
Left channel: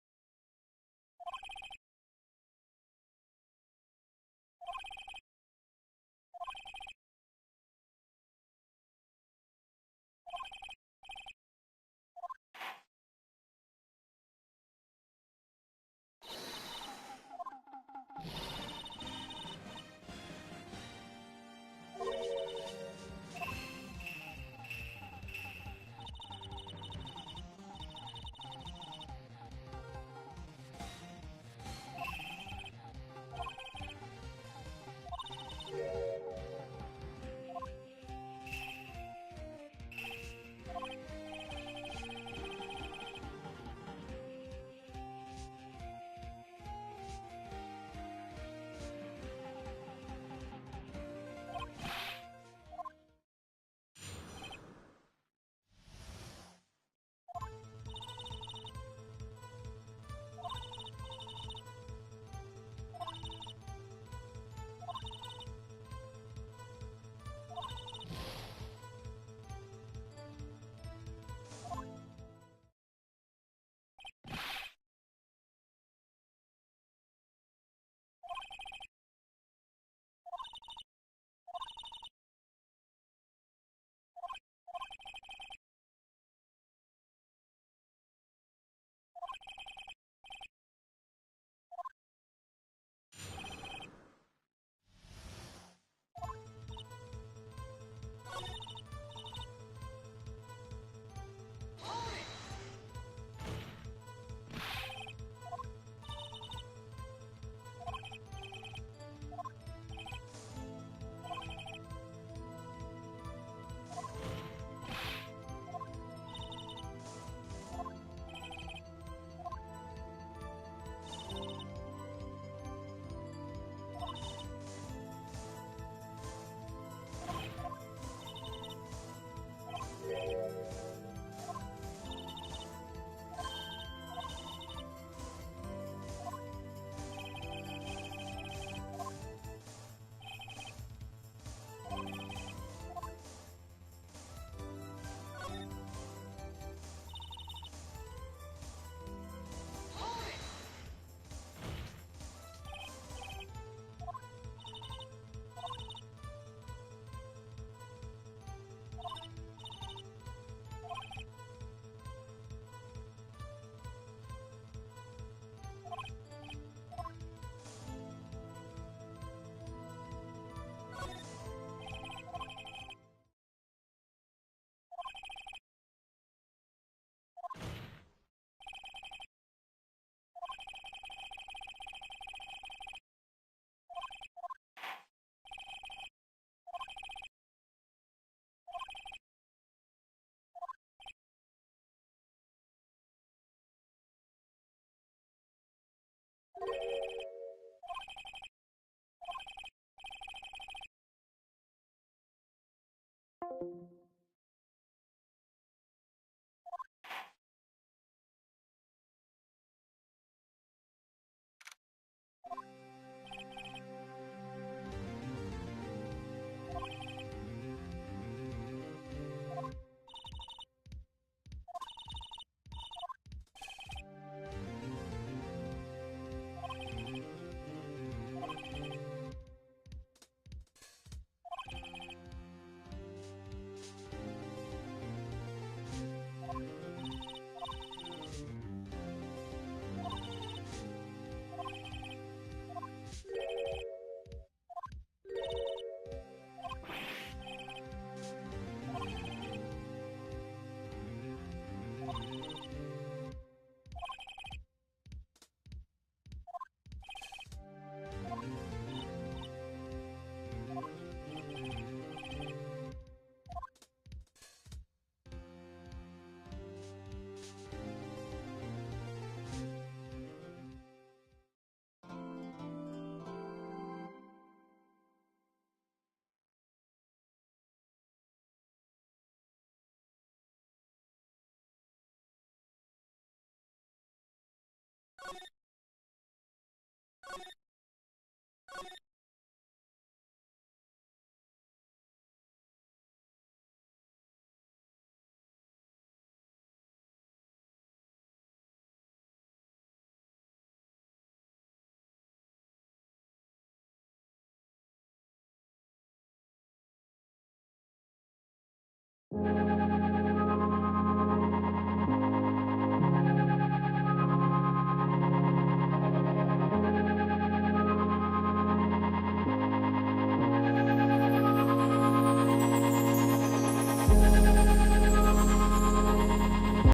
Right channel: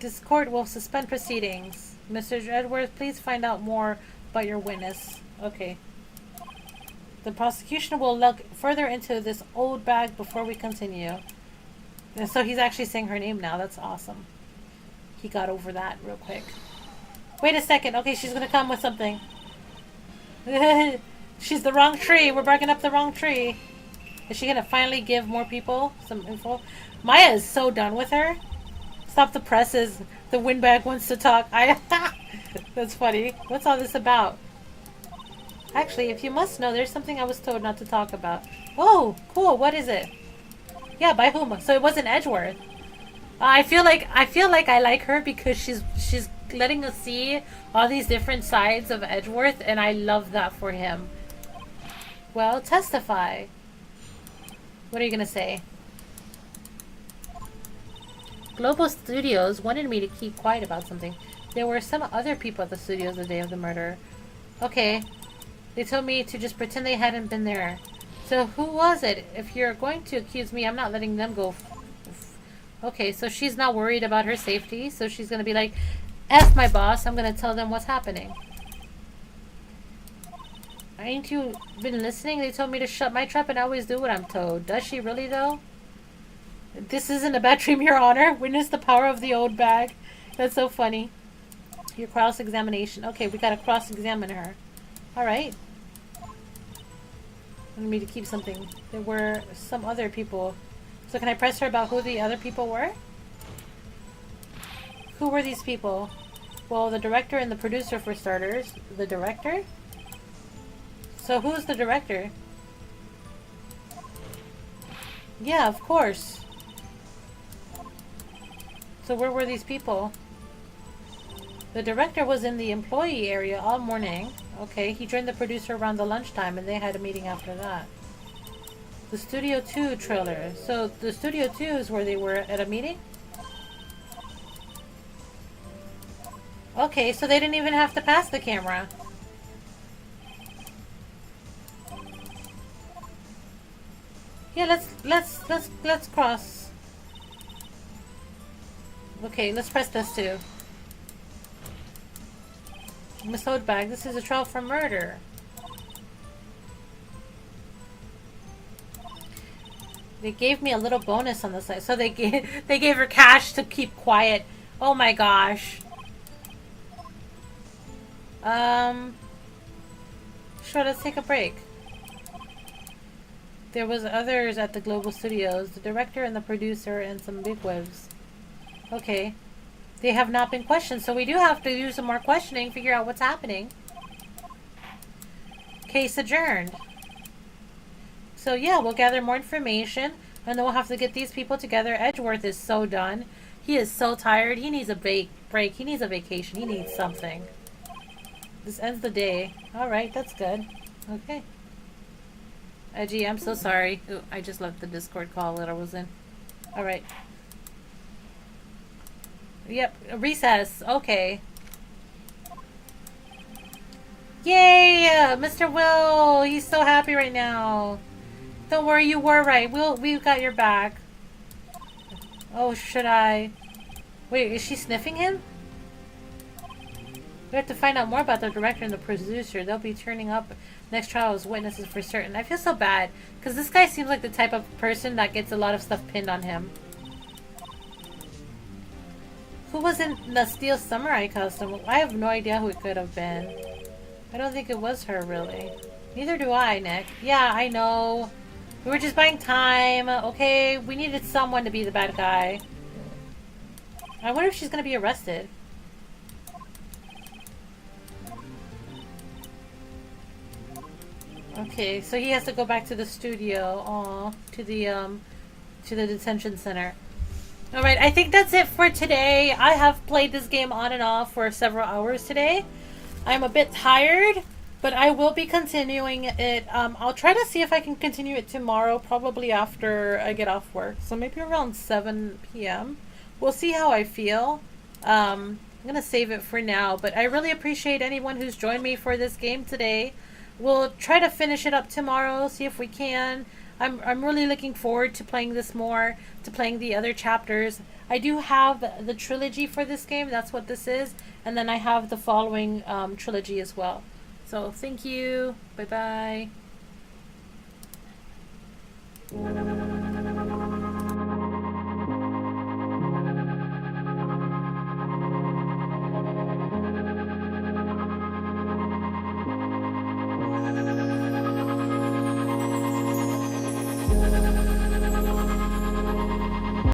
This court will suspend proceedings. Mr. Edwards, please find out more about your witness. Okay. The prosecution will look further into this old bag before we continue. And so he's actually saying her name now. That's awesome. He got over that real quick. Wait a second. Okay, she's gonna come with something. She's the wrong tree. We're barking up the wrong tree. Is she gonna finally give more people some info? Maya is so done with her. Stop the presses. The windbag wants to talk. That's funny. What's all this about? Actually, if you must know, there's something I was told not to talk about. Oh, cool. What is it? Yeah, by whom? So it wasn't Edgeworth. I feel like I like her because she's letting us see all these different sides of Edgeworth, and I love that for him. Well, testify. What are you gonna say? Global Studios wanted me to keep quiet about something. There were some other people at the studios the day of the murder. Okay. They told me to just pretend they hadn't been there. So who was it? If you're going to accuse me, I'm not letting them go. Okay, so she's not worried about her safety. So she's going to be like, F my boss, I'm going to tell them what's happening. Ain't you been listening? They told me to shut my trap and I always do what I'm told. Does she really though? This isn't a bad dream, Your Honor. Witness the power of the old bag. That's so funny. Your cross-examination. Okay, we gotta cross-examine her. Alright. Wanted me to keep something. There were some other people. So can I press her about who the other people were? Who were these people? Well, the director and the producer for starters. The director? So who's the director? Yeah, of course. So where were these people? The director was in the employee area all morning. Okay, he joined the producer around the lunchtime and they had a meeting after that. The Studio 2 trailer. So the Studio 2 is where they were at a meeting? Okay, so they didn't even have to pass the camera. Yeah, let's cross. Okay, let's press this too. Miss Holdbag, this is a trial for murder. They gave me a little bonus on the side, so they gave her cash to keep quiet. Oh my gosh. Sure, let's take a break. There was others at the Global Studios, the director and the producer and some bigwigs. Okay. They have not been questioned, so we do have to do some more questioning, figure out what's happening. Case adjourned. So yeah, we'll gather more information, and then we'll have to get these people together. Edgeworth is so done. He is so tired. He needs a break. He needs a vacation. He needs something. This ends the day. Alright, that's good. Okay. Edgy, I'm so sorry. Ooh, I just left the Discord call that I was in. Alright. Yep, recess. Okay. Yay! Mr. Will! He's so happy right now. Don't worry, you were right. We've got your back. Oh, should I? Wait, is she sniffing him? We have to find out more about the director and the producer. They'll be turning up next trial as witnesses for certain. I feel so bad, because this guy seems like the type of person that gets a lot of stuff pinned on him. Who was in the Steel Samurai costume? I have no idea who it could have been. I don't think it was her, really. Neither do I, Nick. Yeah, I know. We were just buying time, okay? We needed someone to be the bad guy. I wonder if she's gonna be arrested. Okay, so he has to go back to the studio. Aw, to the detention center. Alright, I think that's it for today. I have played this game on and off for several hours today. I'm a bit tired, but I will be continuing it. I'll try to see if I can continue it tomorrow, probably after I get off work. So maybe around 7 p.m. We'll see how I feel. I'm gonna save it for now, but I really appreciate anyone who's joined me for this game today. We'll try to finish it up tomorrow, see if we can. I'm really looking forward to playing this more, to playing the other chapters. I do have the trilogy for this game, that's what this is, and then I have the following trilogy as well. So thank you, bye bye.